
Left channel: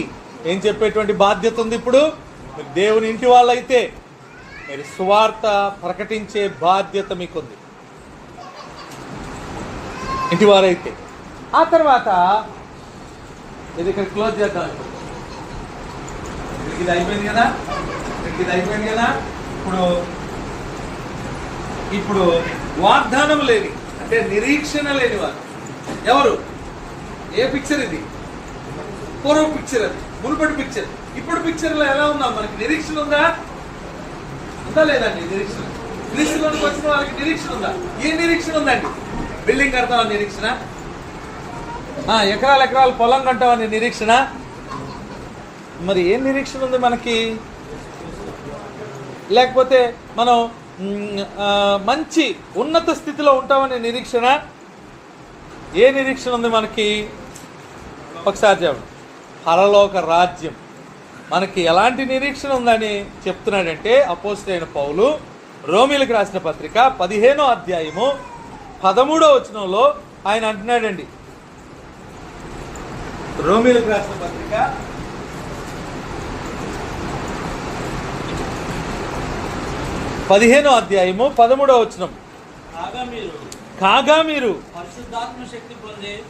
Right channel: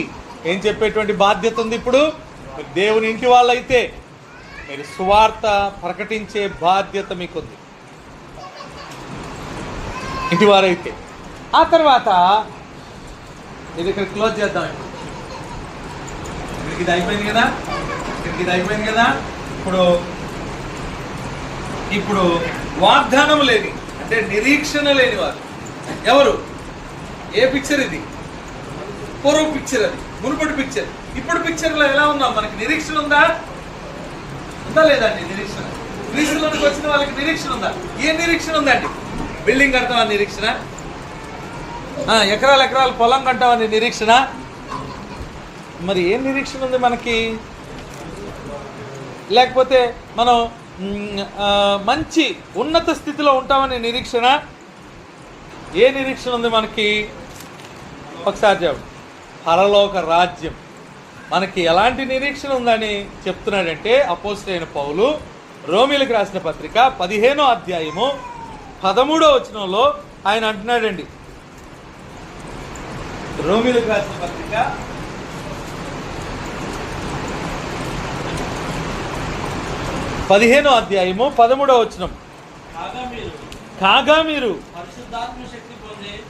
ఏం చెప్పేటువంటి బాధ్యత ఉంది. ఇప్పుడు దేవుని ఇంటి వాళ్ళైతే మీరు సువార్త ప్రకటించే బాధ్యత మీకుంది, ఇంటివారైతే. ఆ తర్వాత ఇది ఇక్కడ క్లోజ్ చేద్దామండి. ఇది అయిపోయింది కదా. ఇప్పుడు వాగ్దానం లేని, అంటే నిరీక్షణ లేని వారు ఎవరు? ఏ పిక్చర్ ఇది? పూర్వ పిక్చర్, అది మునుపటి పిక్చర్. ఇప్పుడు పిక్చర్లో ఎలా ఉన్నాం? మనకి నిరీక్షణ ఉందా? ఉందా లేదండి నిరీక్షణ? క్రీస్తులోకి వచ్చిన వాళ్ళకి నిరీక్షణ ఉందా? ఏ నిరీక్షణ ఉందండి? బిల్డింగ్ కడతామని నిరీక్షణ, ఎకరాల ఎకరాల పొలం కట్టామని నిరీక్షణ. మరి ఏం నిరీక్షణ ఉంది మనకి? లేకపోతే మనం మంచి ఉన్నత స్థితిలో ఉంటామని నిరీక్షణ. ఏ నిరీక్షణ ఉంది మనకి? ఒకసారి చెప్పండి. పరలోక రాజ్యం. మనకి ఎలాంటి నిరీక్షణ ఉందని చెప్తున్నాడంటే అపోస్తలుడైన పౌలు రోమీయులకు రాసిన పత్రిక 15వ అధ్యాయము 13వ వచనంలో ఆయన అంటున్నాడండి. రోమీయులకు రాసిన పత్రిక 15వ అధ్యాయము 13వ వచనం. కాగా మీరు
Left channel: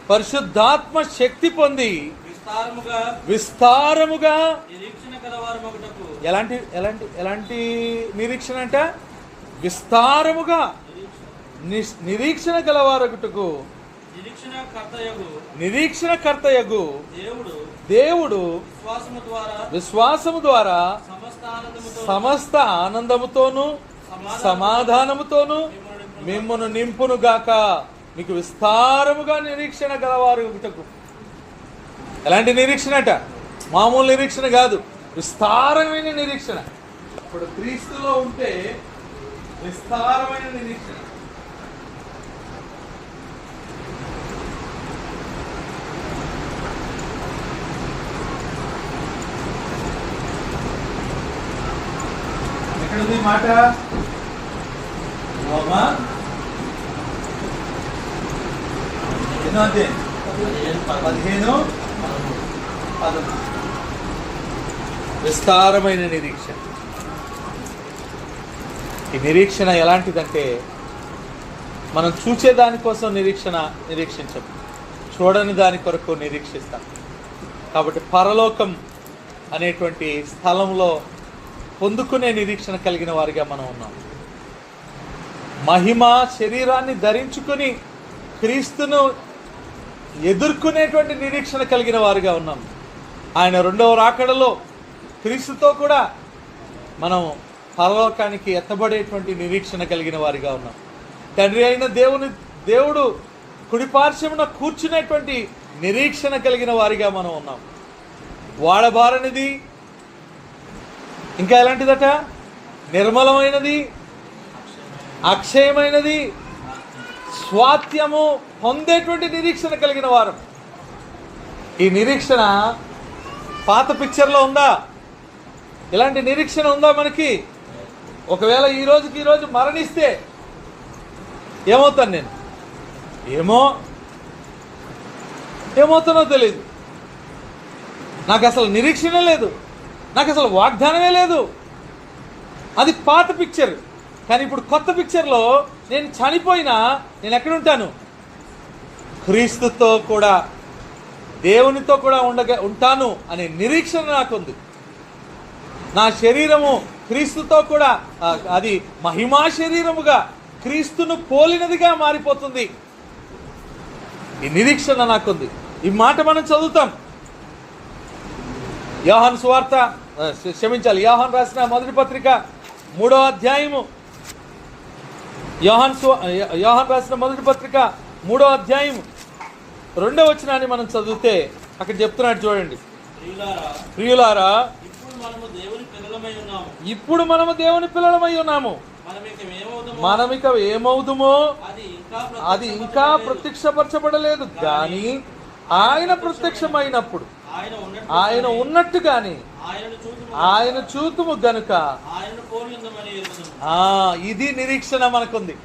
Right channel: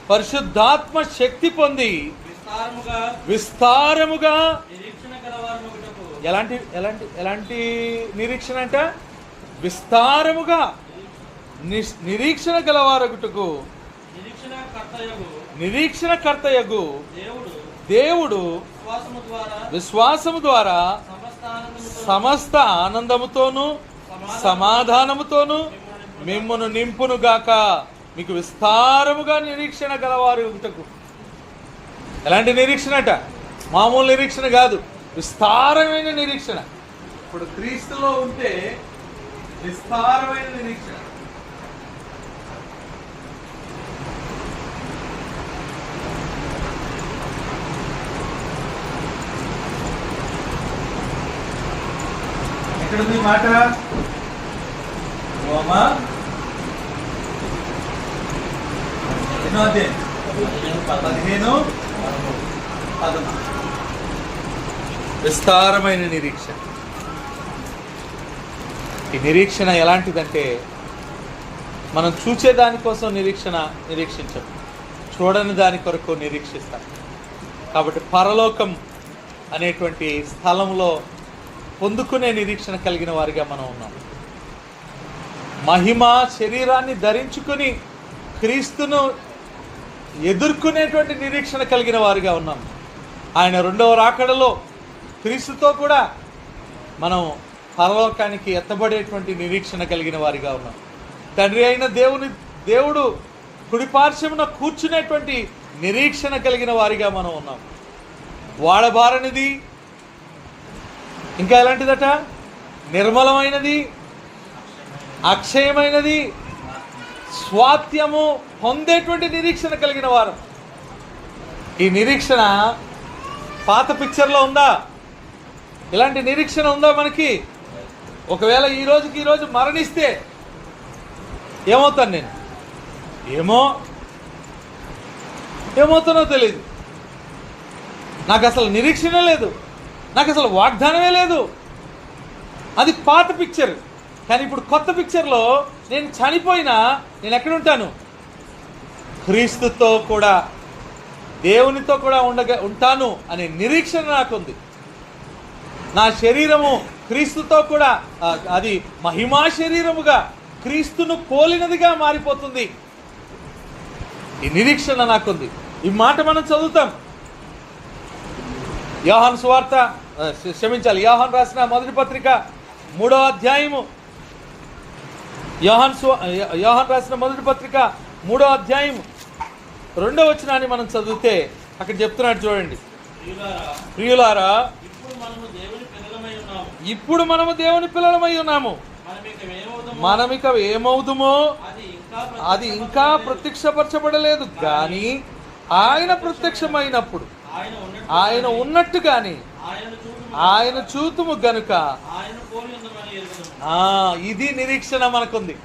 పరిశుద్ధాత్మ శక్తి పొంది విస్తారముగా ఎలాంటి నిరీక్షణ అంట? విస్తారముగా నిరీక్షణ గలవారగుటకు నిరీక్షణకర్తయగు దేవుడు విశ్వాసము ద్వారా సమస్త ఆనందముతోను సమాధానముతోను మిమ్మును నింపును గాక. మీకు విస్తారముగా నిరీక్షణ గలవారగుటకు. ఎలాంటి నిరీక్షణ అట? మామూలు నిరీక్షణ కాదు, విస్తారమైన నిరీక్షణ. ఇప్పుడు క్రీస్తులో ఉంటే విస్తారమైన నిరీక్షణ. ఎక్కడుంది మాట? రోమా 15:13. విస్తారమైన నిరీక్షణ. ఈ నిరీక్షణ ఎలాంటిదంటే మనం చూసే దానికోసం నిరీక్షించం, చూడని దాని కొరకు నిరీక్షిస్తాం. కాబట్టి పరలోకం అనేటువంటి స్థలంలో పొందుకునే నిరీక్షణ కలిగిన వారిగా మనం ఉన్నాం. మహిమ శరీరాన్ని ధరించుకుని క్రీస్తును ఎదుర్కొనేటువంటి నిరీక్షణ కలిగిన వారిగా ఉన్నాం. ఆయన రెండవ రాకడలో క్రీస్తుతో కూడా మనం పరలోకానికి ఎత్తబడేటువంటి నిరీక్షణ కలిగిన వారిగా ఉన్నాం. తండ్రి అయిన దేవుడు కుడిపార్శ్వమున కూర్చునేటువంటి నిరీక్షణ కలిగిన వారిగా మనం ఉన్నాం. వాడబారనిది, ఇంకా ఎలాంటిదట? నిర్మలమైనది, అక్షయమైనది, స్వాత్యము పొందేటువంటి నిరీక్షణ కలిగిన వారు. ఈ నిరీక్షణ పాత పిక్చర్లో ఉందా? ఇలాంటి నిరీక్షణ ఉందా మనకి? ఒకవేళ ఈ రోజు మరణిస్తే ఏమవుతాను నేను? ఏమవుతానో తెలియదు. నాకు అసలు నిరీక్షణ లేదు, నాకు అసలు వాగ్దానమే లేదు. అది పాత పిక్చర్. కానీ ఇప్పుడు కొత్త పిక్చర్లో నేను చనిపోయినా నేను ఎక్కడుంటాను? క్రీస్తుతో కూడా, దేవునితో కూడా ఉంటాను అనే నిరీక్షణ నాకుంది. నా శరీరము క్రీస్తుతో కూడా అది మహిమా శరీరముగా క్రీస్తును పోలినదిగా మారిపోతుంది. ఈ నిరీక్షణ నాకుంది. ఈ మాట మనం చదువుతాం. యోహాను రాసిన మొదటి పత్రిక 3వ అధ్యాయము. యోహాను రాసిన మొదటి పత్రిక 3వ అధ్యాయం 2వ వచనాన్ని మనం చదివితే అక్కడ చెప్తున్నాడు చూడండి. ప్రియులారా, ఇప్పుడు మనము దేవుని పిల్లలమై ఉన్నాము. మనమిక ఏమవుదుమో అది ఇంకా ప్రత్యక్షపరచబడలేదు, కానీ ఆయన ప్రత్యక్షమైనప్పుడు ఆయన ఉన్నట్టుగానే ఆయన చూతుము గనుక ఇది నిరీక్షణ మనకుంది.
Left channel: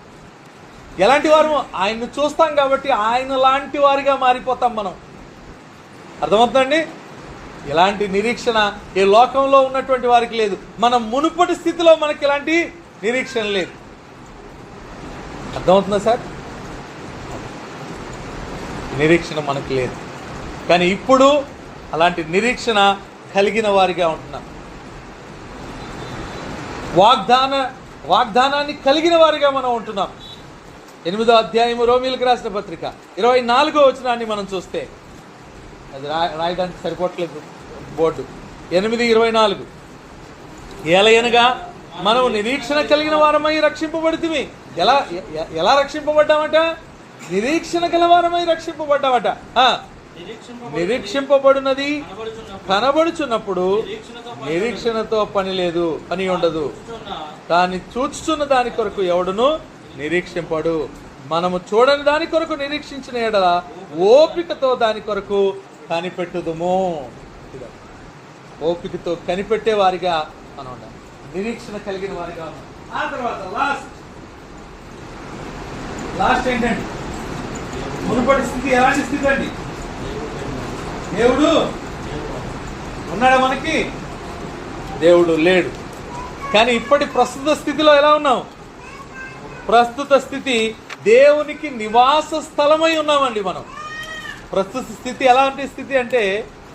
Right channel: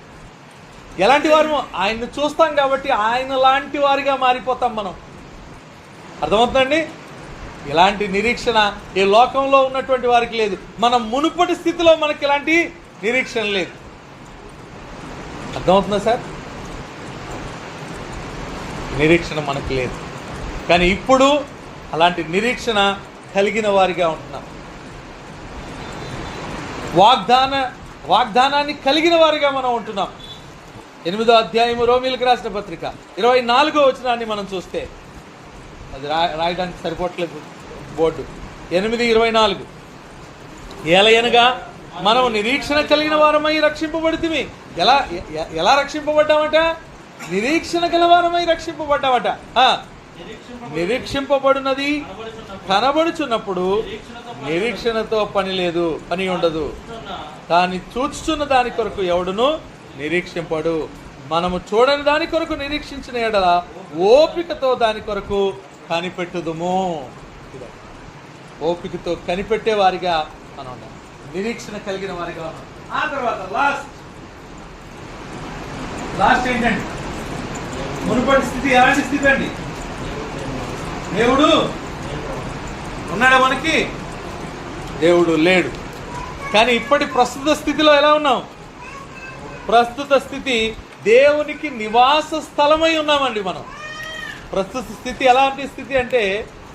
ఎలాంటి వారు? ఆయన్ని చూస్తాం కాబట్టి ఆయన లాంటి వారిగా మారిపోతాం మనం. అర్థమవుతుందండి? ఇలాంటి నిరీక్షణ ఈ లోకంలో ఉన్నటువంటి వారికి లేదు. మనం మునుపటి స్థితిలో మనకి ఇలాంటి నిరీక్షణ లేదు. అర్థమవుతుందా సార్? నిరీక్షణ మనకి లేదు, కానీ ఇప్పుడు అలాంటి నిరీక్షణ కలిగిన వారిగా ఉంటున్నాం. వాగ్దానాన్ని కలిగిన వారిగా మనం ఉంటున్నాం. 8వ అధ్యాయము రోమీలకు రాసిన పత్రిక 24వ వచనాన్ని మనం చూస్తే, అది రాయడానికి సరిపోవట్లేదు బోర్డు. 8:24 ఏలయనగా మనం నిరీక్షణ కలిగిన వారమై రక్షింపబడితిమి. ఎలా రక్షింపబడ్డామట? నిరీక్షణ గల వారమై రక్షింపబడ్డామట. నిరీక్షింపబడినది కనబడుచున్నప్పుడు నిరీక్షణతో పని లేదు, పని ఉండదు. కానీ చూచుచున్న దాని కొరకు ఎవడును నిరీక్షింపడు. మనము చూడని దాని కొరకు నిరీక్షించిన ఎడల ఓపికతో దాని కొరకు కనిపెట్టుదుము. ఓపికతో కనిపెట్టే వారిగా మనం ఉండాలి, నిరీక్షణ కలిగిన వారిగా ఉండాలి. ఆ తర్వాత లాస్ట్ ఏంటండి? మునుపటి స్థితి ఎలాంటి స్థితి అండి? దేవుడు ఉన్నాడా మనకి? దేవుడు లేడు. కానీ ఇప్పటి ప్రస్తుత స్థితిలో ఎలా ఉన్నాం? ప్రస్తుత స్థితి దేవునికి నివాస స్థలమై ఉన్నామండి మనం. ప్రస్తుత స్థితి ఎలాంటి స్థితి అంటే,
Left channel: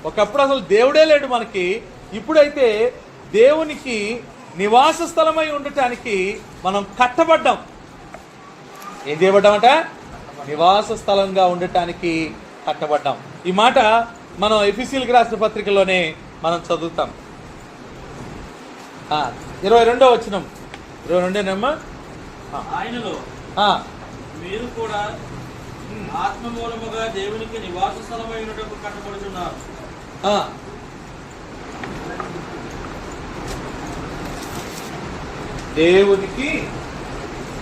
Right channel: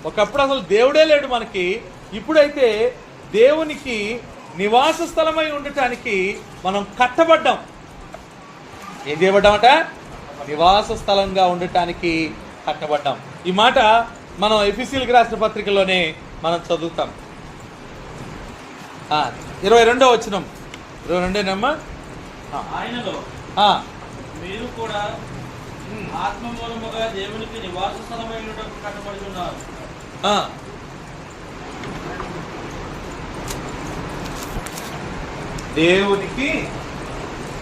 ఒకప్పుడు అసలు దేవుడే లేడు మనకి. ఇప్పుడైతే దేవునికి నివాస స్థలమై ఉండటానికి మనం కట్టబడ్డాం. ఏం చేయబడ్డామట? నివాస స్థలంగా ఉండటానికి కట్టబడ్డాం. ఈ మాట మనం ఎఫెసీయులకు రాసిన పత్రికలోనే మనం చదువుతాం. 22వ వచనం, 22 ఆయనలో మీరు కూడా ఆత్మ మూలముగా దేవునికి నివాస స్థలమైనటకు కట్టబడుతున్నారు. దేవునికి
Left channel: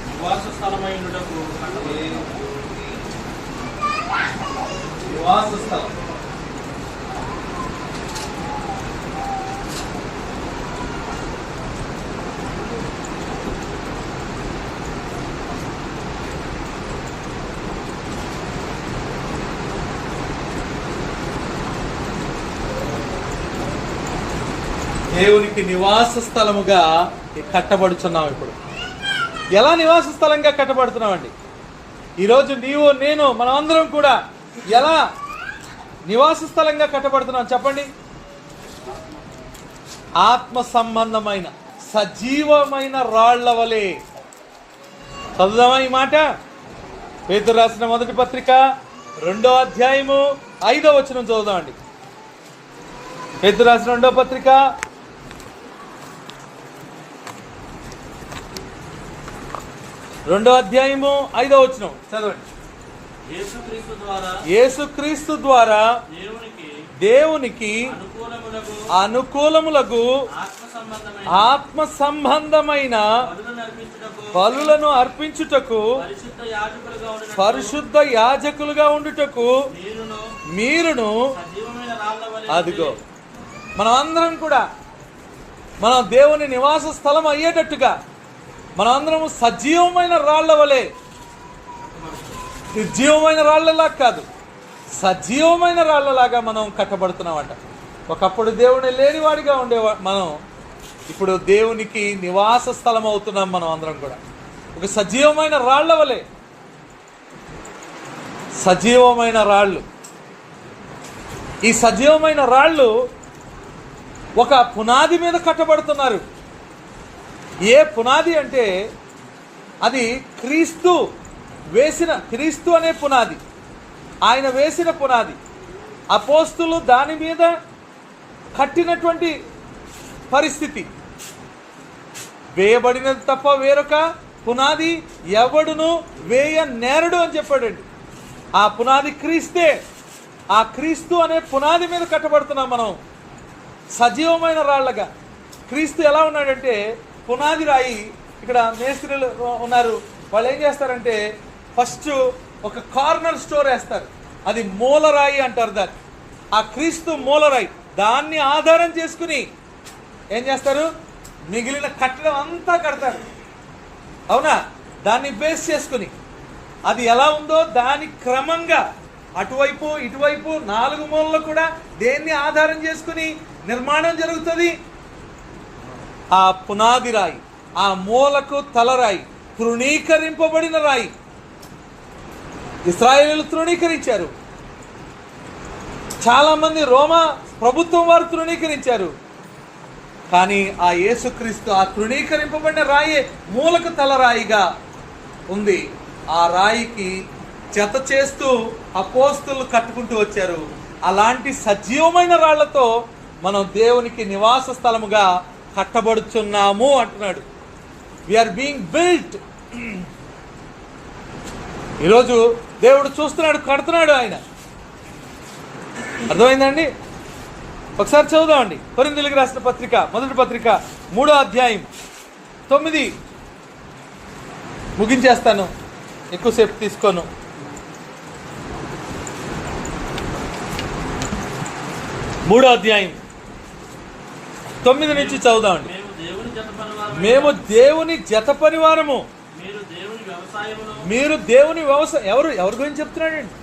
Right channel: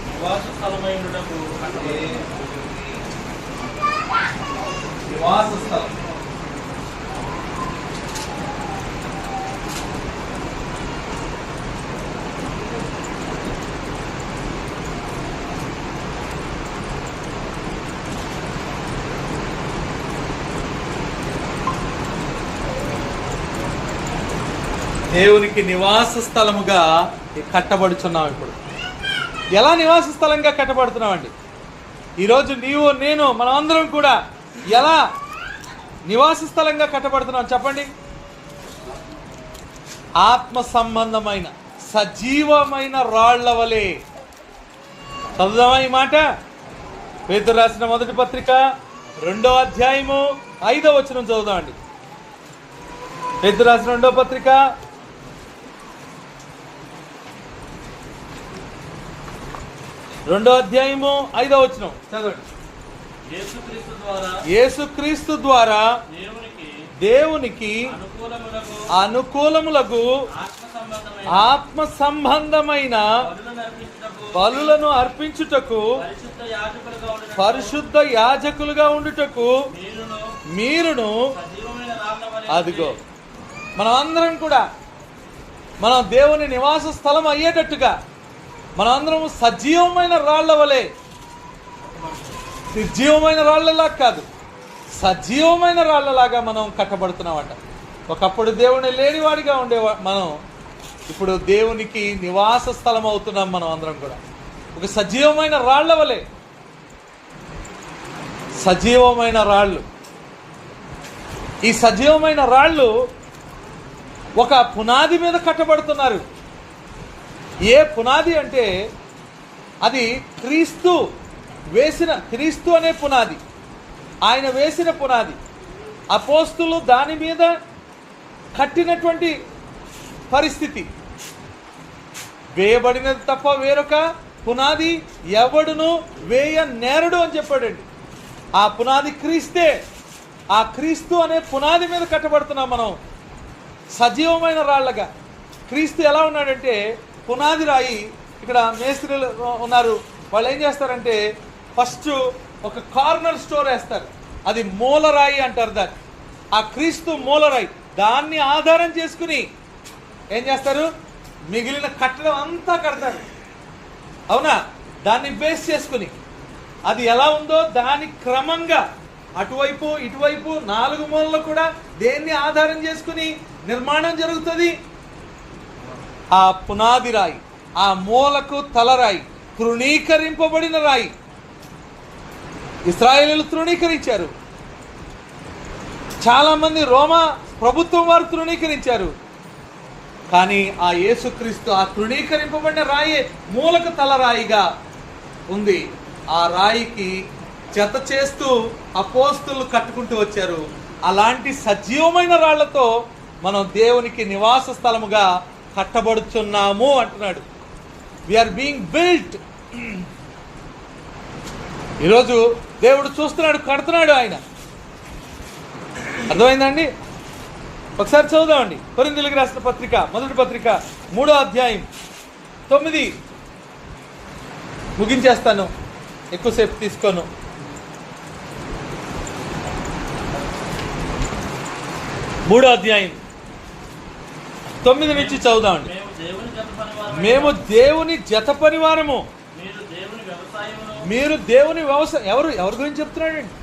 నివాస స్థలమైనటకు నివాస స్థలం. దేవునికి నివాస స్థలముగా కట్టబడుచున్నాం. ఇప్పుడు ఎలా నివాస స్థలంగా కట్టబడుతున్నామండి? ఈరోజు నీవు, నేను, మనం అందరం కూడా ఎలా నివాస స్థలంగా కట్టబడుతున్నాం చెప్పండి? ఆత్మ సంబంధమైన సజీవమైన రాళ్ల వలె. చదువుదామా ఈ మాట? పేతురు రాసిన మొదటి పత్రిక 2వ అధ్యాయము 5వ వచనం చదువుదామండి. పేతురు రాసిన 2వ పత్రిక 2వ అధ్యాయము 5వ వచనం చదవండి. యేసుక్రీస్తు ద్వారా దేవునికి అనుకూలములకు ఆత్మ సంబంధమైన బలులను అర్పించుటకు, పరిశుద్ధ యాజకులుగా ఉండుటకు మీరును. అదిగో మనం అందరం కూడా మనం దేవుని నివాస స్థలం అయ్యేటట్టుగా మనం అందరం సజీవమైన రాళ్ల వలె, నిర్జీవమైన రాళ్లలా కాదు, సజీవమైన రాళ్లలాగా మనం కట్టబడుతున్నామట. ఒకప్పుడు దేవుని లేనివాడిగా ఉండే మనం ఇప్పుడు దేవునికి నివాస స్థలం అవుతున్నాం. మనం అందరం కూడా ఒక సజీవమైన రాళ్ల వలె. సజీవమైన రాళ్ళు. ఈ సజీవమైన రాళ్ళు ఒక పునాది మీద కట్టబడుతున్నారు. ఏ పునాది అంటే అది క్రీస్తు అనే పునాది. ఆయన వేసిన పునాది. అపోస్తులు దాని మీద కట్టినటువంటి పరిస్థితి. వేయబడినది తప్ప వేరొక పునాది ఎవడును వేయ నేరడు అని చెప్పాడండి. ఆ పునాది క్రీస్తే. ఆ క్రీస్తు అనే పునాది మీద కట్టబడుతున్నాం మనం సజీవమైన రాళ్లగా. క్రీస్తు ఎలా ఉన్నాడంటే పునాది రాయి. ఇక్కడ మేస్త్రీలు ఉన్నారు, వాళ్ళు ఏం చేస్తారంటే ఫస్ట్ ఒక కార్నర్ స్టోర్ వేస్తారు, అది మూలరాయి అంటారు దాన్ని. ఆ క్రీస్తు మూలరాయి, దాన్ని ఆధారం చేసుకుని ఏం చేస్తారు? మిగిలిన కట్టడం అంతా కడతారు. అవునా? దాన్ని బేస్ చేసుకుని అది ఎలా ఉందో దాని క్రమంగా అటువైపు ఇటువైపు 4 మూలలు కూడా దేన్ని ఆధారం చేసుకుని నిర్మాణం జరుగుతుంది? ఆ పునాది రాయి, ఆ మూలకు తలరాయి, తృణీకరింపబడిన రాయి. ఇశ్రాయేలీయులు తృణీకరించారు, చాలా మంది రోమా ప్రభుత్వం వారు తృణీకరించారు. కానీ ఆ యేసుక్రీస్తు ఆ తృణీకరింపబడిన రాయే మూలకు తలరాయిగా ఉంది. ఆ రాయికి జత చేస్తూ అపోస్తులు కట్టుకుంటూ వచ్చారు. అలాంటి సజీవమైన రాళ్లతో మనం దేవునికి నివాస స్థలముగా కట్టబడుచున్నాము అంటున్నాడు. We are being built. ఈరోజు దేవుడు చూస్తున్నాడు, కడుతున్నాడు ఆయన. అర్థమైందండి? ఒకసారి చదువుదామండి. కొరింథీయులకు రాసిన పత్రిక, మొదటి పత్రిక 3వ అధ్యాయం 9. ముగించేస్తాను, ఎక్కువసేపు తీసుకోను. 3వ అధ్యాయం 9 నుంచి చదువుదామండి. మేము దేవుని జత పరివారము. మీరు దేవుని వ్యవసాయం. ఎవరి గురించి చెప్తున్నాడండి?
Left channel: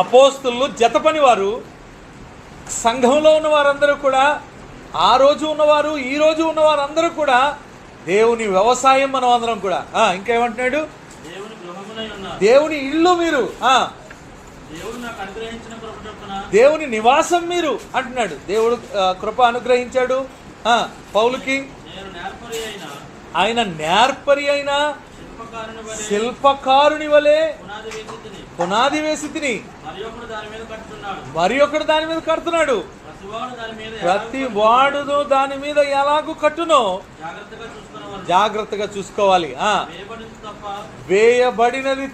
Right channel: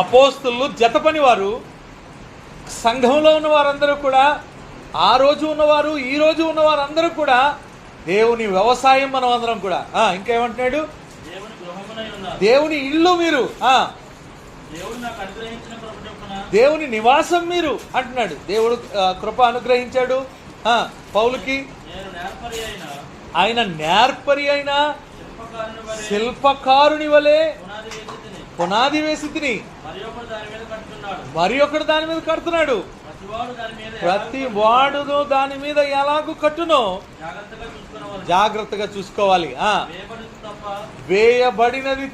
అపోస్తులు జత పనివారు. సంఘంలో ఉన్న వారందరూ కూడా, ఆ రోజు ఉన్నవారు, ఈ రోజు ఉన్నవారు అందరూ కూడా దేవుని వ్యవసాయం. మనం అందరం కూడా. ఇంకేమంటున్నాడు? దేవుని ఇల్లు మీరు, దేవుని నివాసం మీరు అంటున్నాడు. దేవుడు కృప అనుగ్రహించాడు పౌలుకి. ఆయన నేర్పరి అయిన శిల్పకారుని వలె పునాది వేసి తిని మరి ఒకడు దాని మీద కడుతున్నాడు. ప్రతి వాడు దాని మీద ఎలాగూ కట్టునో జాగ్రత్తగా చూసుకోవాలి. వేయబడినది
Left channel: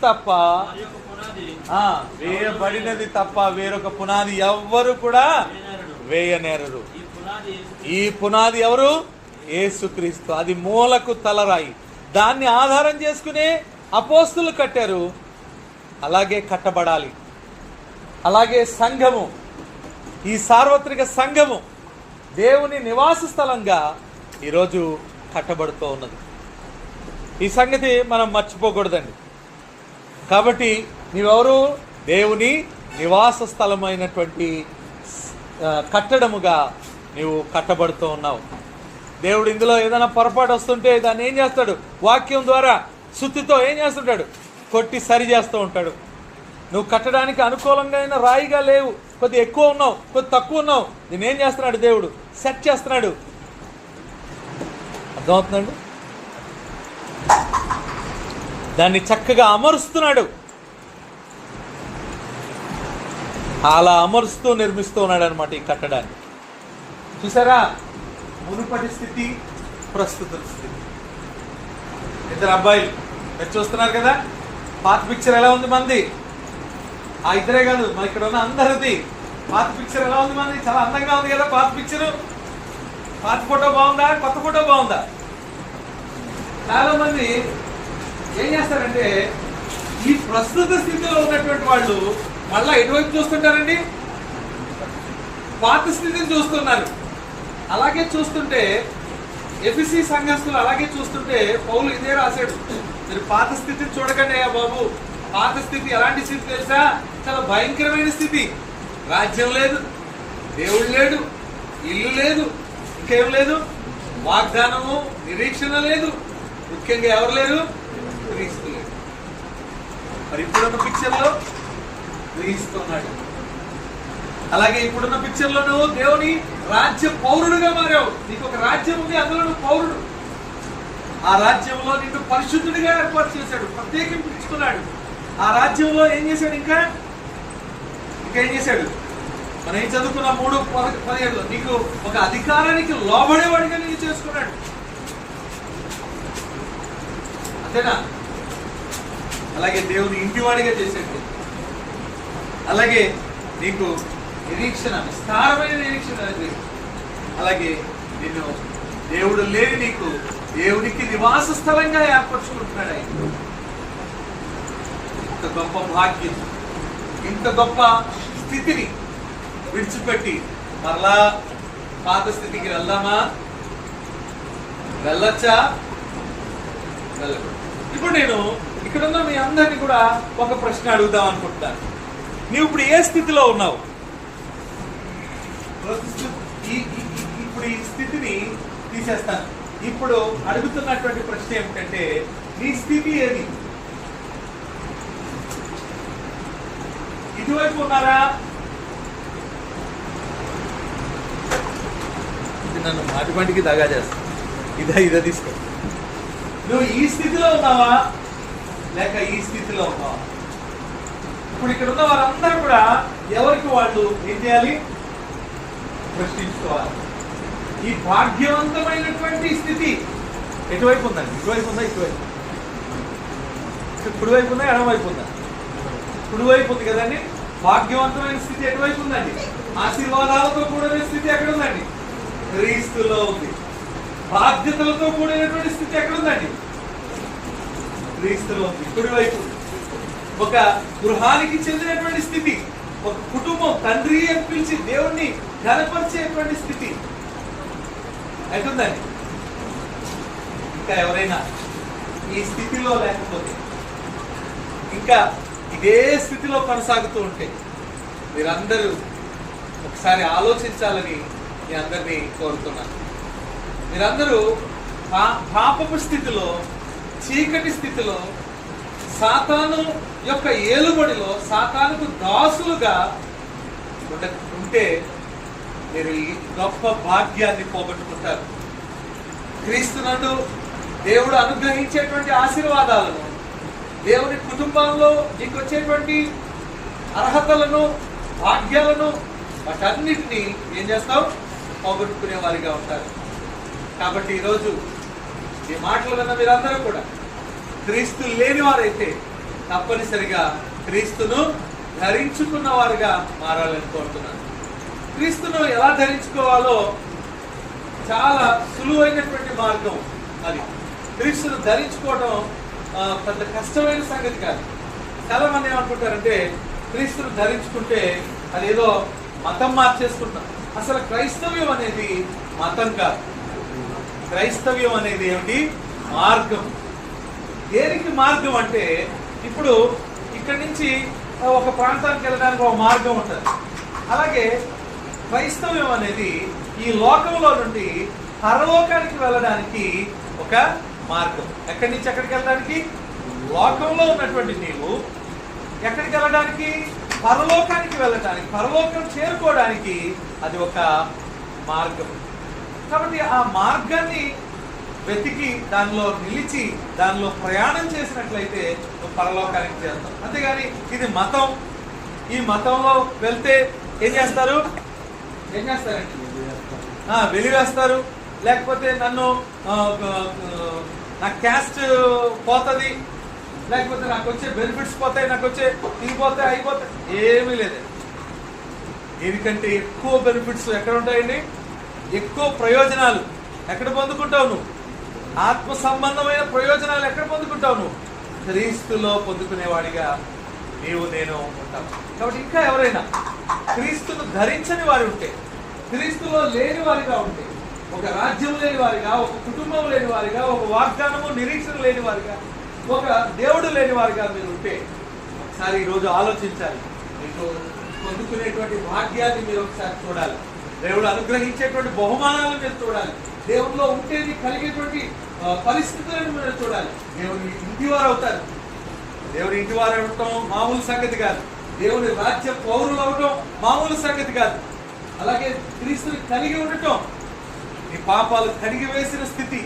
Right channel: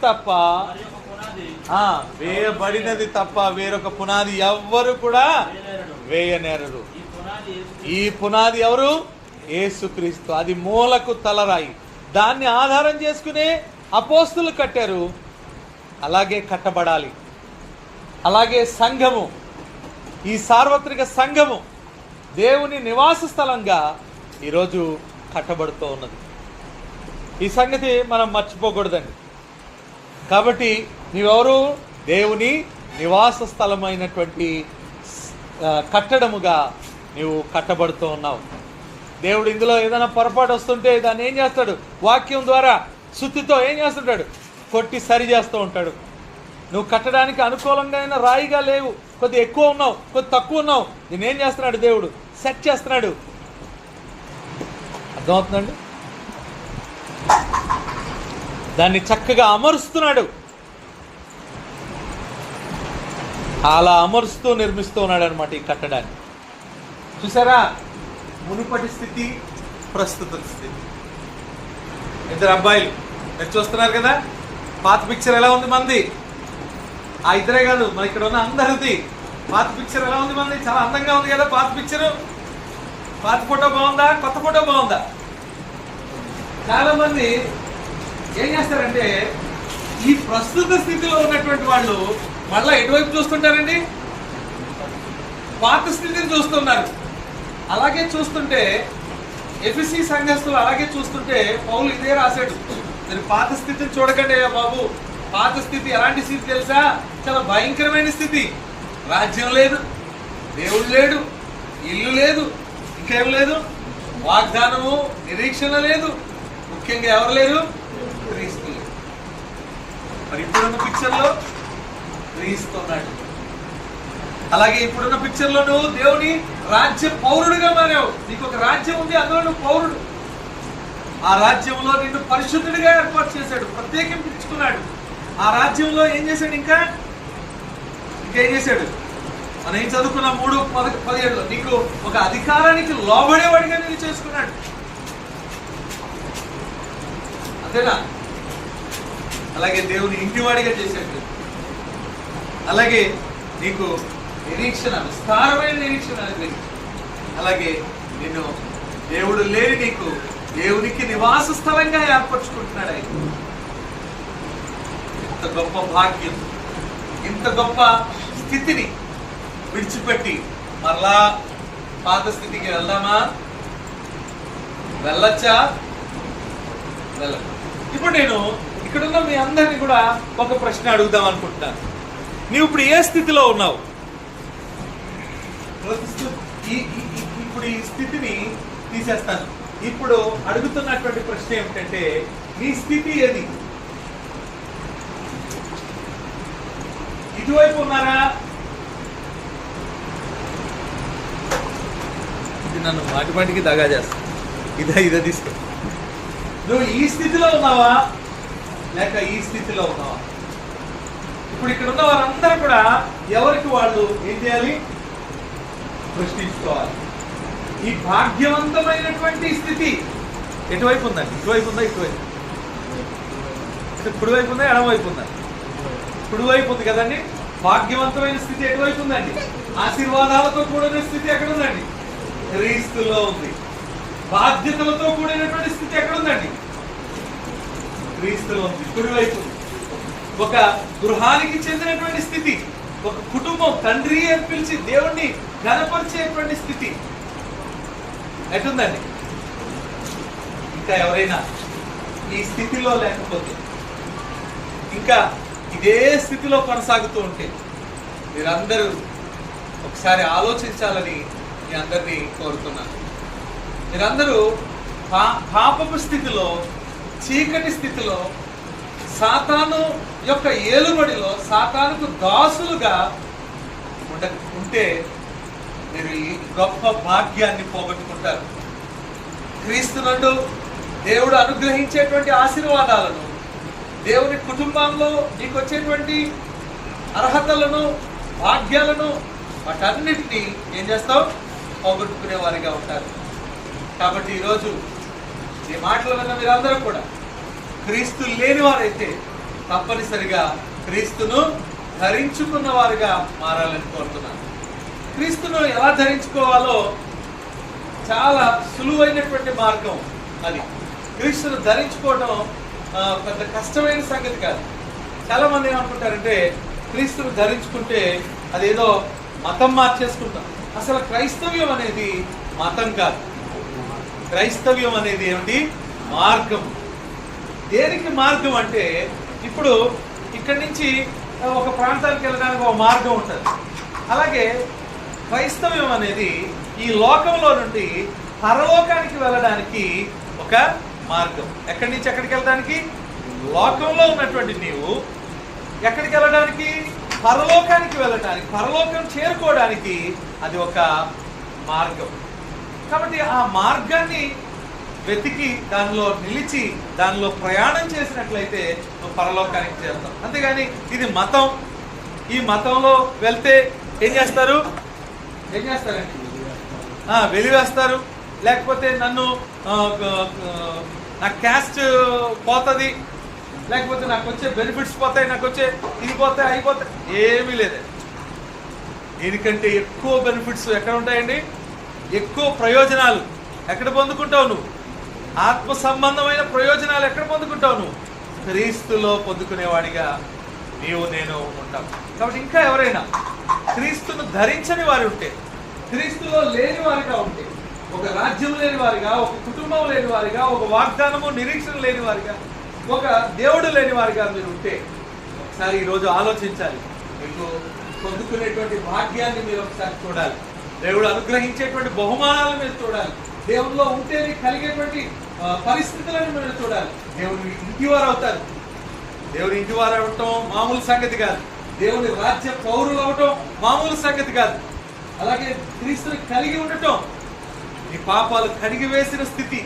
తప్ప వేరొక పునాది ఎవ్వరు కూడా వేయనేరరు. ఈ పునాది ఎవరు? యేసుక్రీస్తు. అది మూలకు తలరాయి. దాన్ని ఆధారం చేసుకునే అపోస్తులు కట్టారు. అలాగే కట్టబడాలి. అలాగే సంఘము, ఈ సార్వత్రిక సంఘము దేవుని నివాస స్థలంగా ఈరోజు కట్టబడుతూ ఉన్నది. ఈ సంగతి మనం మర్చిపోకూడదండి. కాబట్టి నీవెవరు? దేవుని నివాస స్థలమైనటువంటి కట్టడముగా నీవు కట్టబడుతూ ఉన్నావు. దేవుడు ఇందులో ఏదైనా పొరపాటు వస్తుంటే దాన్ని ఏం చేస్తాడు? వాక్యం ద్వారా శుద్ధితో ఏం చేస్తుంటాడు? కొట్టి సరి చేస్తూ ఉంటాడు. నువ్వు కట్టడానికి అనుకూలంగా అయిన రాయిగా లేవు, కొద్ది ఎక్కువ ఉన్నావు, కొద్ది తక్కువ ఉన్నావు. దీన్ని ఏం చేస్తున్నాడు? దేవుడు సెట్ చేస్తున్నాడు. అర్థమవుతుందండి? దాన్ని చక్కగా అమరుస్తున్నాడు. అలా అమరుస్తూ నిర్మిస్తూ ఉన్నాడు అనమాట ఈ కట్టడాన్ని. చూసారా? మునుపటి స్థితి, ప్రస్తుత స్థితి. ఇద్దరు అబ్బాయిలు మీరు చూస్తున్నారు కదా. పాత పిక్చర్ ఎలా ఉంది మంది? ఆ ఇద్దరే కాదు, మన ఇక్కడ ఉన్న అందరిది పాత పిక్చర్ ఎలా ఉంది మంది? చాలా అందంగా ఉంది కదా పాత పిక్చర్. పాత ఫోటో బాగుందా? కొత్త ఫోటో బాగుందా? చాలా మంది ఏం చేస్తారంటే ఈ ప్రస్తుత స్థితిలో ఉన్నటువంటి వాళ్ళు మళ్ళా ఎటువైపు చూస్తుంటారండి? పాత స్థితిని చూస్తున్నారు. అలాగే చూస్తుంటే ఎఫెసీ సంఘస్థులు అలాగే చూస్తుంటే పౌలు ఇదే రాశాడు. మీరు పాత స్థితిని చూడకండి బాబు. పాత స్థితి ఎలాంటి స్థితి తెలుసా? చాలా భయంకరమైన స్థితి. రాజ్యం లేదు, దేవుడు లేడు, ఇల్లు లేదు, ఇంకేం లేదు, వాగ్దానము, నిరీక్షణ లేదు, ముఖ్యంగా ఎవరు లేరు? క్రీస్తు లేరు. మరి ఇప్పుడున్న పిక్చర్లో క్రీస్తు ఉన్నాడు. అలాగే ఇప్పుడున్న పిక్చర్ లో నువ్వు దేవుని రాజ్య పౌరుడుగా మారావు. నీకు ఒక రాజ్యం ఉంది, అందులో నువ్వు పౌరుడు. ఆ రాజ్యంలో నిన్ను పరిశుద్ధుడిగా ఏర్పాటు చేశాడు, ప్రత్యేకించుకున్నాడు. ఆ రాజ్యంలో ఏం చేశాడు? ఇంకేం చేశాడు? మనం ఏం చదువుకున్నాం 3:17లో నీకు ఒక అధికారానికి లోబడేవాడిగా నేను చేసుకున్నాడు. అంతేనా? అలాగే దేవుని ఇంటివాడిగా చేశాడు. అలాగే నీకు నిరీక్షణ, విస్తారమైన నిరీక్షణ అనేది. అలాగే నిన్ను దేవుడు లేని నీకు దేవునికి నివాస స్థలంగా ఏర్పరచుకుంటున్నాడు ఆయన. ఇంత గొప్ప భాగ్యం, ఇంత గొప్ప స్థితిని విడిచిపెట్టి మరలా పాత స్థితికి వెళ్దామా? వెళ్ళొచ్చా? వెళ్ళదు. ఇప్పుడు నేను ఇక్కడున్న మీ అందరినీ కూడా ఒక ప్రశ్న అడుగుదాం అనుకుంటున్నాను. నీవు ఇప్పుడు ఏ స్థితిలో ఉన్నావు? ఇప్పుడు ఈ స్థితిని తీసేస్తాను. ఇప్పుడు అడుగుతున్నటువంటి ప్రశ్న ఏమిటంటే నీ స్థితి ఏది? ఇటువైపు ఉన్నారా? ఇది నన్ను మాటిమాటికి దగా చేస్తా. ఇదో తీసుకో. నువ్వు ఈ స్థితిలో ఉన్నావా? లేక ఈ స్థితిలో ఉన్నవారు. ఇప్పుడు ఇక్కడ ఉన్న వారందరూ కూడా ఎవరికి వాళ్ళు ఏం చేయాలి? ప్రశ్నించుకోవాలి. ఈ భాగ్యవంతమైనటువంటి స్థితి ఎటువైపు ఉందండి? ఇటువైపు ఉందా, ఇటువైపు? కుడివైపు ఉందా, ఎడమవైపు ఉందా? కుడివైపు ఉంది కదండి. భాగ్యవంతమైన స్థితి ఎటువైపు ఉందండి? ఆశీర్వాదాలతో కూడిన స్థితి ఎక్కడ ఉందండి? క్రీస్తులో ఉంది. బాధ్యతలతో కూడినటువంటి స్థితి ఎక్కడ ఉందండి? క్రీస్తులో ఉంది. కుడివైపు ఉంది. ఒక గృహానికి చెందినటువంటి స్థితి, ఒక కుటుంబం తండ్రి అని పిలిచి దేవుణ్ణి ఘనపరిచేటువంటి స్థితి ఎటుందండి? ఇంకా ఎవరైనా ఈ స్థితిలో లేకపోతే, ఇంకా ఇదే స్థితిలో కొనసాగుతూ ఉంటే మీరందరూ ఒకసారి ఆలోచించాలని మీ అందరినీ కోరుతున్నాను. మీరందరూ పాపపు స్థితిలో, చీకటి స్థితిలో, సాతాను యొక్క ఏలుబడిలో, సాతానుకు దాసులుగా ఉంటే మీరు ఈ గొప్ప భాగ్యాన్ని పోగొట్టుకుంటారు. క్రీస్తునందు దేవుడు అనుగ్రహించేటువంటి ఆశీర్వాదాలను, దేవుని కుటుంబంలో నీకు వచ్చేటువంటి అర్హతలను, భాగ్యాలను, వాటన్నిటినీ ఏం చేస్తావు? పోగొట్టుకునే వారిగా ఉంటారు. కాబట్టి ఈరోజు ఈ మాటలు విన్న మీరందరూ కూడా క్రీస్తు లేని వారైతే తప్పనిసరిగా క్రీస్తును ధరించుకున్న వారిగా మారాలని కోరుతున్నాను. క్రీస్తును ఎలా ధరించుకోవాలో చాలా సులువైనటువంటి మార్గం అది. క్రీస్తును ధరించుకోవడం పెద్ద కష్టమైన సంగతి కాదు. చాలా మంది ఏమనుకుంటారంటే క్రీస్తును ధరించుకుంటే అదేదో మతం మార్చేసుకుంటాం. అసలు క్రైస్తవ్యం అనేది మతం కాదు. క్రైస్తవ్యం అనేది ఏమిటి? మార్గం. దేనికి మార్గం అంటే, ఇప్పుడు ఇక్కడి నుంచి ఒక ప్రాంతానికి వెళ్ళడానికి ఒక మార్గం ఉంటుంది. అలాగే క్రైస్తవ్యం అనేది ఈ లోకంలో నుండి పరలోకానికి వెళ్ళడానికి ఒక మార్గం. ఎక్కడి నుంచి ఎక్కడికి వెళ్ళడానికి? లోకంలో ఉన్నటువంటి నీవు ఎక్కడికి వెళ్ళడానికి? పరలోకానికి వెళ్ళడానికి, పరలోకం చేరుకోవడానికి అది ఒక మార్గం. కాబట్టి ఆ మార్గాన్ని వెతికి దానిలో నిలిచి దానిలో ప్రయాణం చేసినట్లయితే పరలోకానికి చేరుతాం. అంతేగాని ఇది మతం, ఈ మతంలో వెళ్తే ఏం చేస్తారు? ఏం చేస్తారండి? వెలివేస్తారు. లేకపోతే నన్ను నా క్యాస్ట్ పోతుంది, లేకపోతే నాకు వచ్చే బెనిఫిట్స్ పోతాయి, నాకు వచ్చే ఇది పోతాయి, అయిపోతాయి. ఏమీ లేదు. దీనికంటే ఎక్కువ బెనిఫిట్స్ ఎక్కడ ఉంటాయండి? ఎక్కువ ప్రయోజనాలు ఎక్కడ పొందుకుంటావు నువ్వు? ఆత్మ సంబంధమైన ప్రయోజనాలు ఎక్కడ పొందుకుంటావు నువ్వు? క్రీస్తులో పొందుకునేవాడిగా నీవు నేను ఉంటావు. కాబట్టి ఇంకా ఎవరైనా క్రీస్తును ధరించని వారు ఉంటే, క్రీస్తులో లేని వారిగా ఉంటే, ఒక రాజ్యం లేని వారిగా, ఒక కుటుంబం లేని వారిగా, ఒక వాగ్దానము నిరీక్షణ లేని వారిగా, ఒక దేవుడు లేని వారిగా మీరు ఉంటే ఒకసారి ఈరోజు ఆలోచించాలి. మీకు పొందుకునేటువంటి భాగ్యాన్ని మీరు ఒకసారి చూడాలి. దేవుడు అనుగ్రహించేటువంటి బహుమానాలను మీరు చూడాలి. దేవుడిలో ఉంటే మీకు కలిగేటువంటి పరిస్థితులను మీరు చూడాలి. దేవుడి ఇంటివారు అవుతారు. దేవుడి ఇంటివారు అవటం మామూలు సంగతి కాదు. దేవుడి రాజ్య పౌరులు అవటం మామూలు సంగతి కాదు. అలాగే క్రీస్తుని కలిగి ఉండటం, నీ పాపాలు కడిగి వేసిన స్థితి,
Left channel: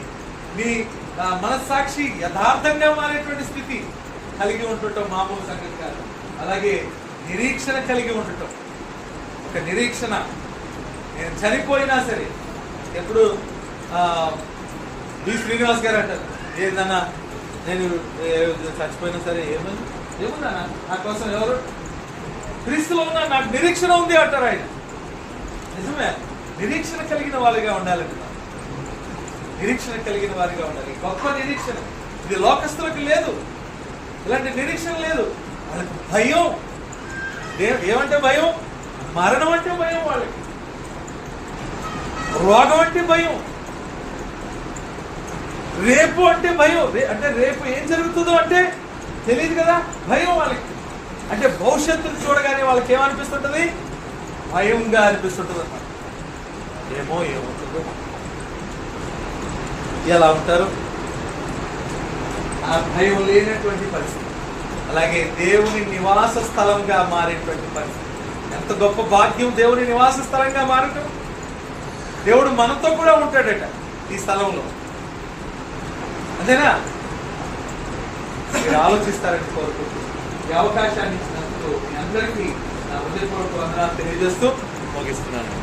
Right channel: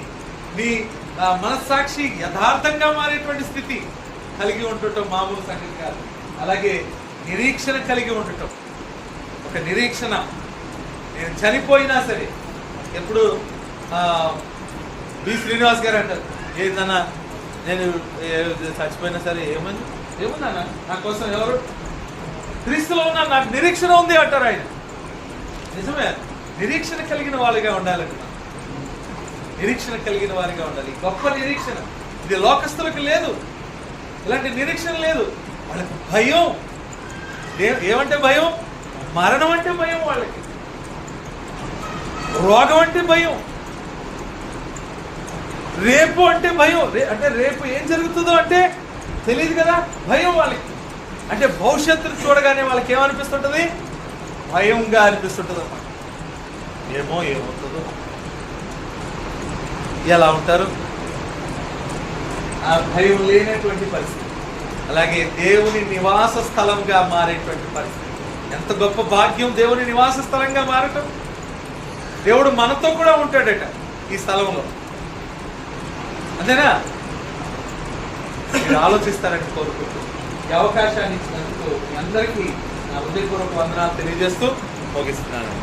నీ మనస్సాక్షి యథార్థంగా మారేటువంటి స్థితి కలిగి ఉండటం మామూలు సంగతి కాదు. అలాగే నిరీక్షణ కలిగి ఉండటం, ఒక నిరీక్షణ. నేను చనిపోయినా సరే, ఎప్పుడు బి శ్రీనివాస్ గారు అంటారు, ఏందన్నా నేను చచ్చిపోయినా సరే ఏముందన్నా నా కోసం ఎవరు క్రీస్తులో ఉన్నా, నాకు నిరీక్షణ ఉంది అంటారు ఆయన. నిజమే, నిరీక్షణ కలిగిన వారిగా ఉండాలండి. నిరీక్షణ కలిగిన వారిగా ఉండాలి. గొప్ప నిరీక్షణ ఇది లోకస్తులకు లేదు. ఇలాంటి నిరీక్షణ లేదు. వాళ్ళకి భయం. ఏమంటే భయం? మరణం అంటే భయం. వాళ్ళకి రోగం అంటే భయం. రేపు అంటే భయం. అంటే రేపు ఏం జరుగుతుందో అంటే తెలియదు కదా, భయం వాళ్ళకి. అంటే భవిష్యత్తును చూడగానే వాళ్ళకి ఏమనిపిస్తుంటది? భయంగా అనిపిస్తుంటది. ఏమో ఏమవుతుందో, ఎలా ఉంటారు? ఆ భయం లేనటువంటి పరిస్థితి. అలాగే దేవుని నివాస స్థలంగా మారేటువంటి పరిస్థితి. ఎంత గొప్ప భాగ్యం దేవుని నివాస స్థలంగా మారటం. దేవుడు మనతో కూడా ఉంటాడట ఈ స్థలంలో. అంతేనా? మీరు ఆలోచిస్తారని కోరుకుంటూ ఈ అవకాశాన్ని ఇచ్చినందుకు మీ అందరికీ నా హృదయపూర్వక వందనాలు తెలియజేస్తూ ముగిస్తున్నాను.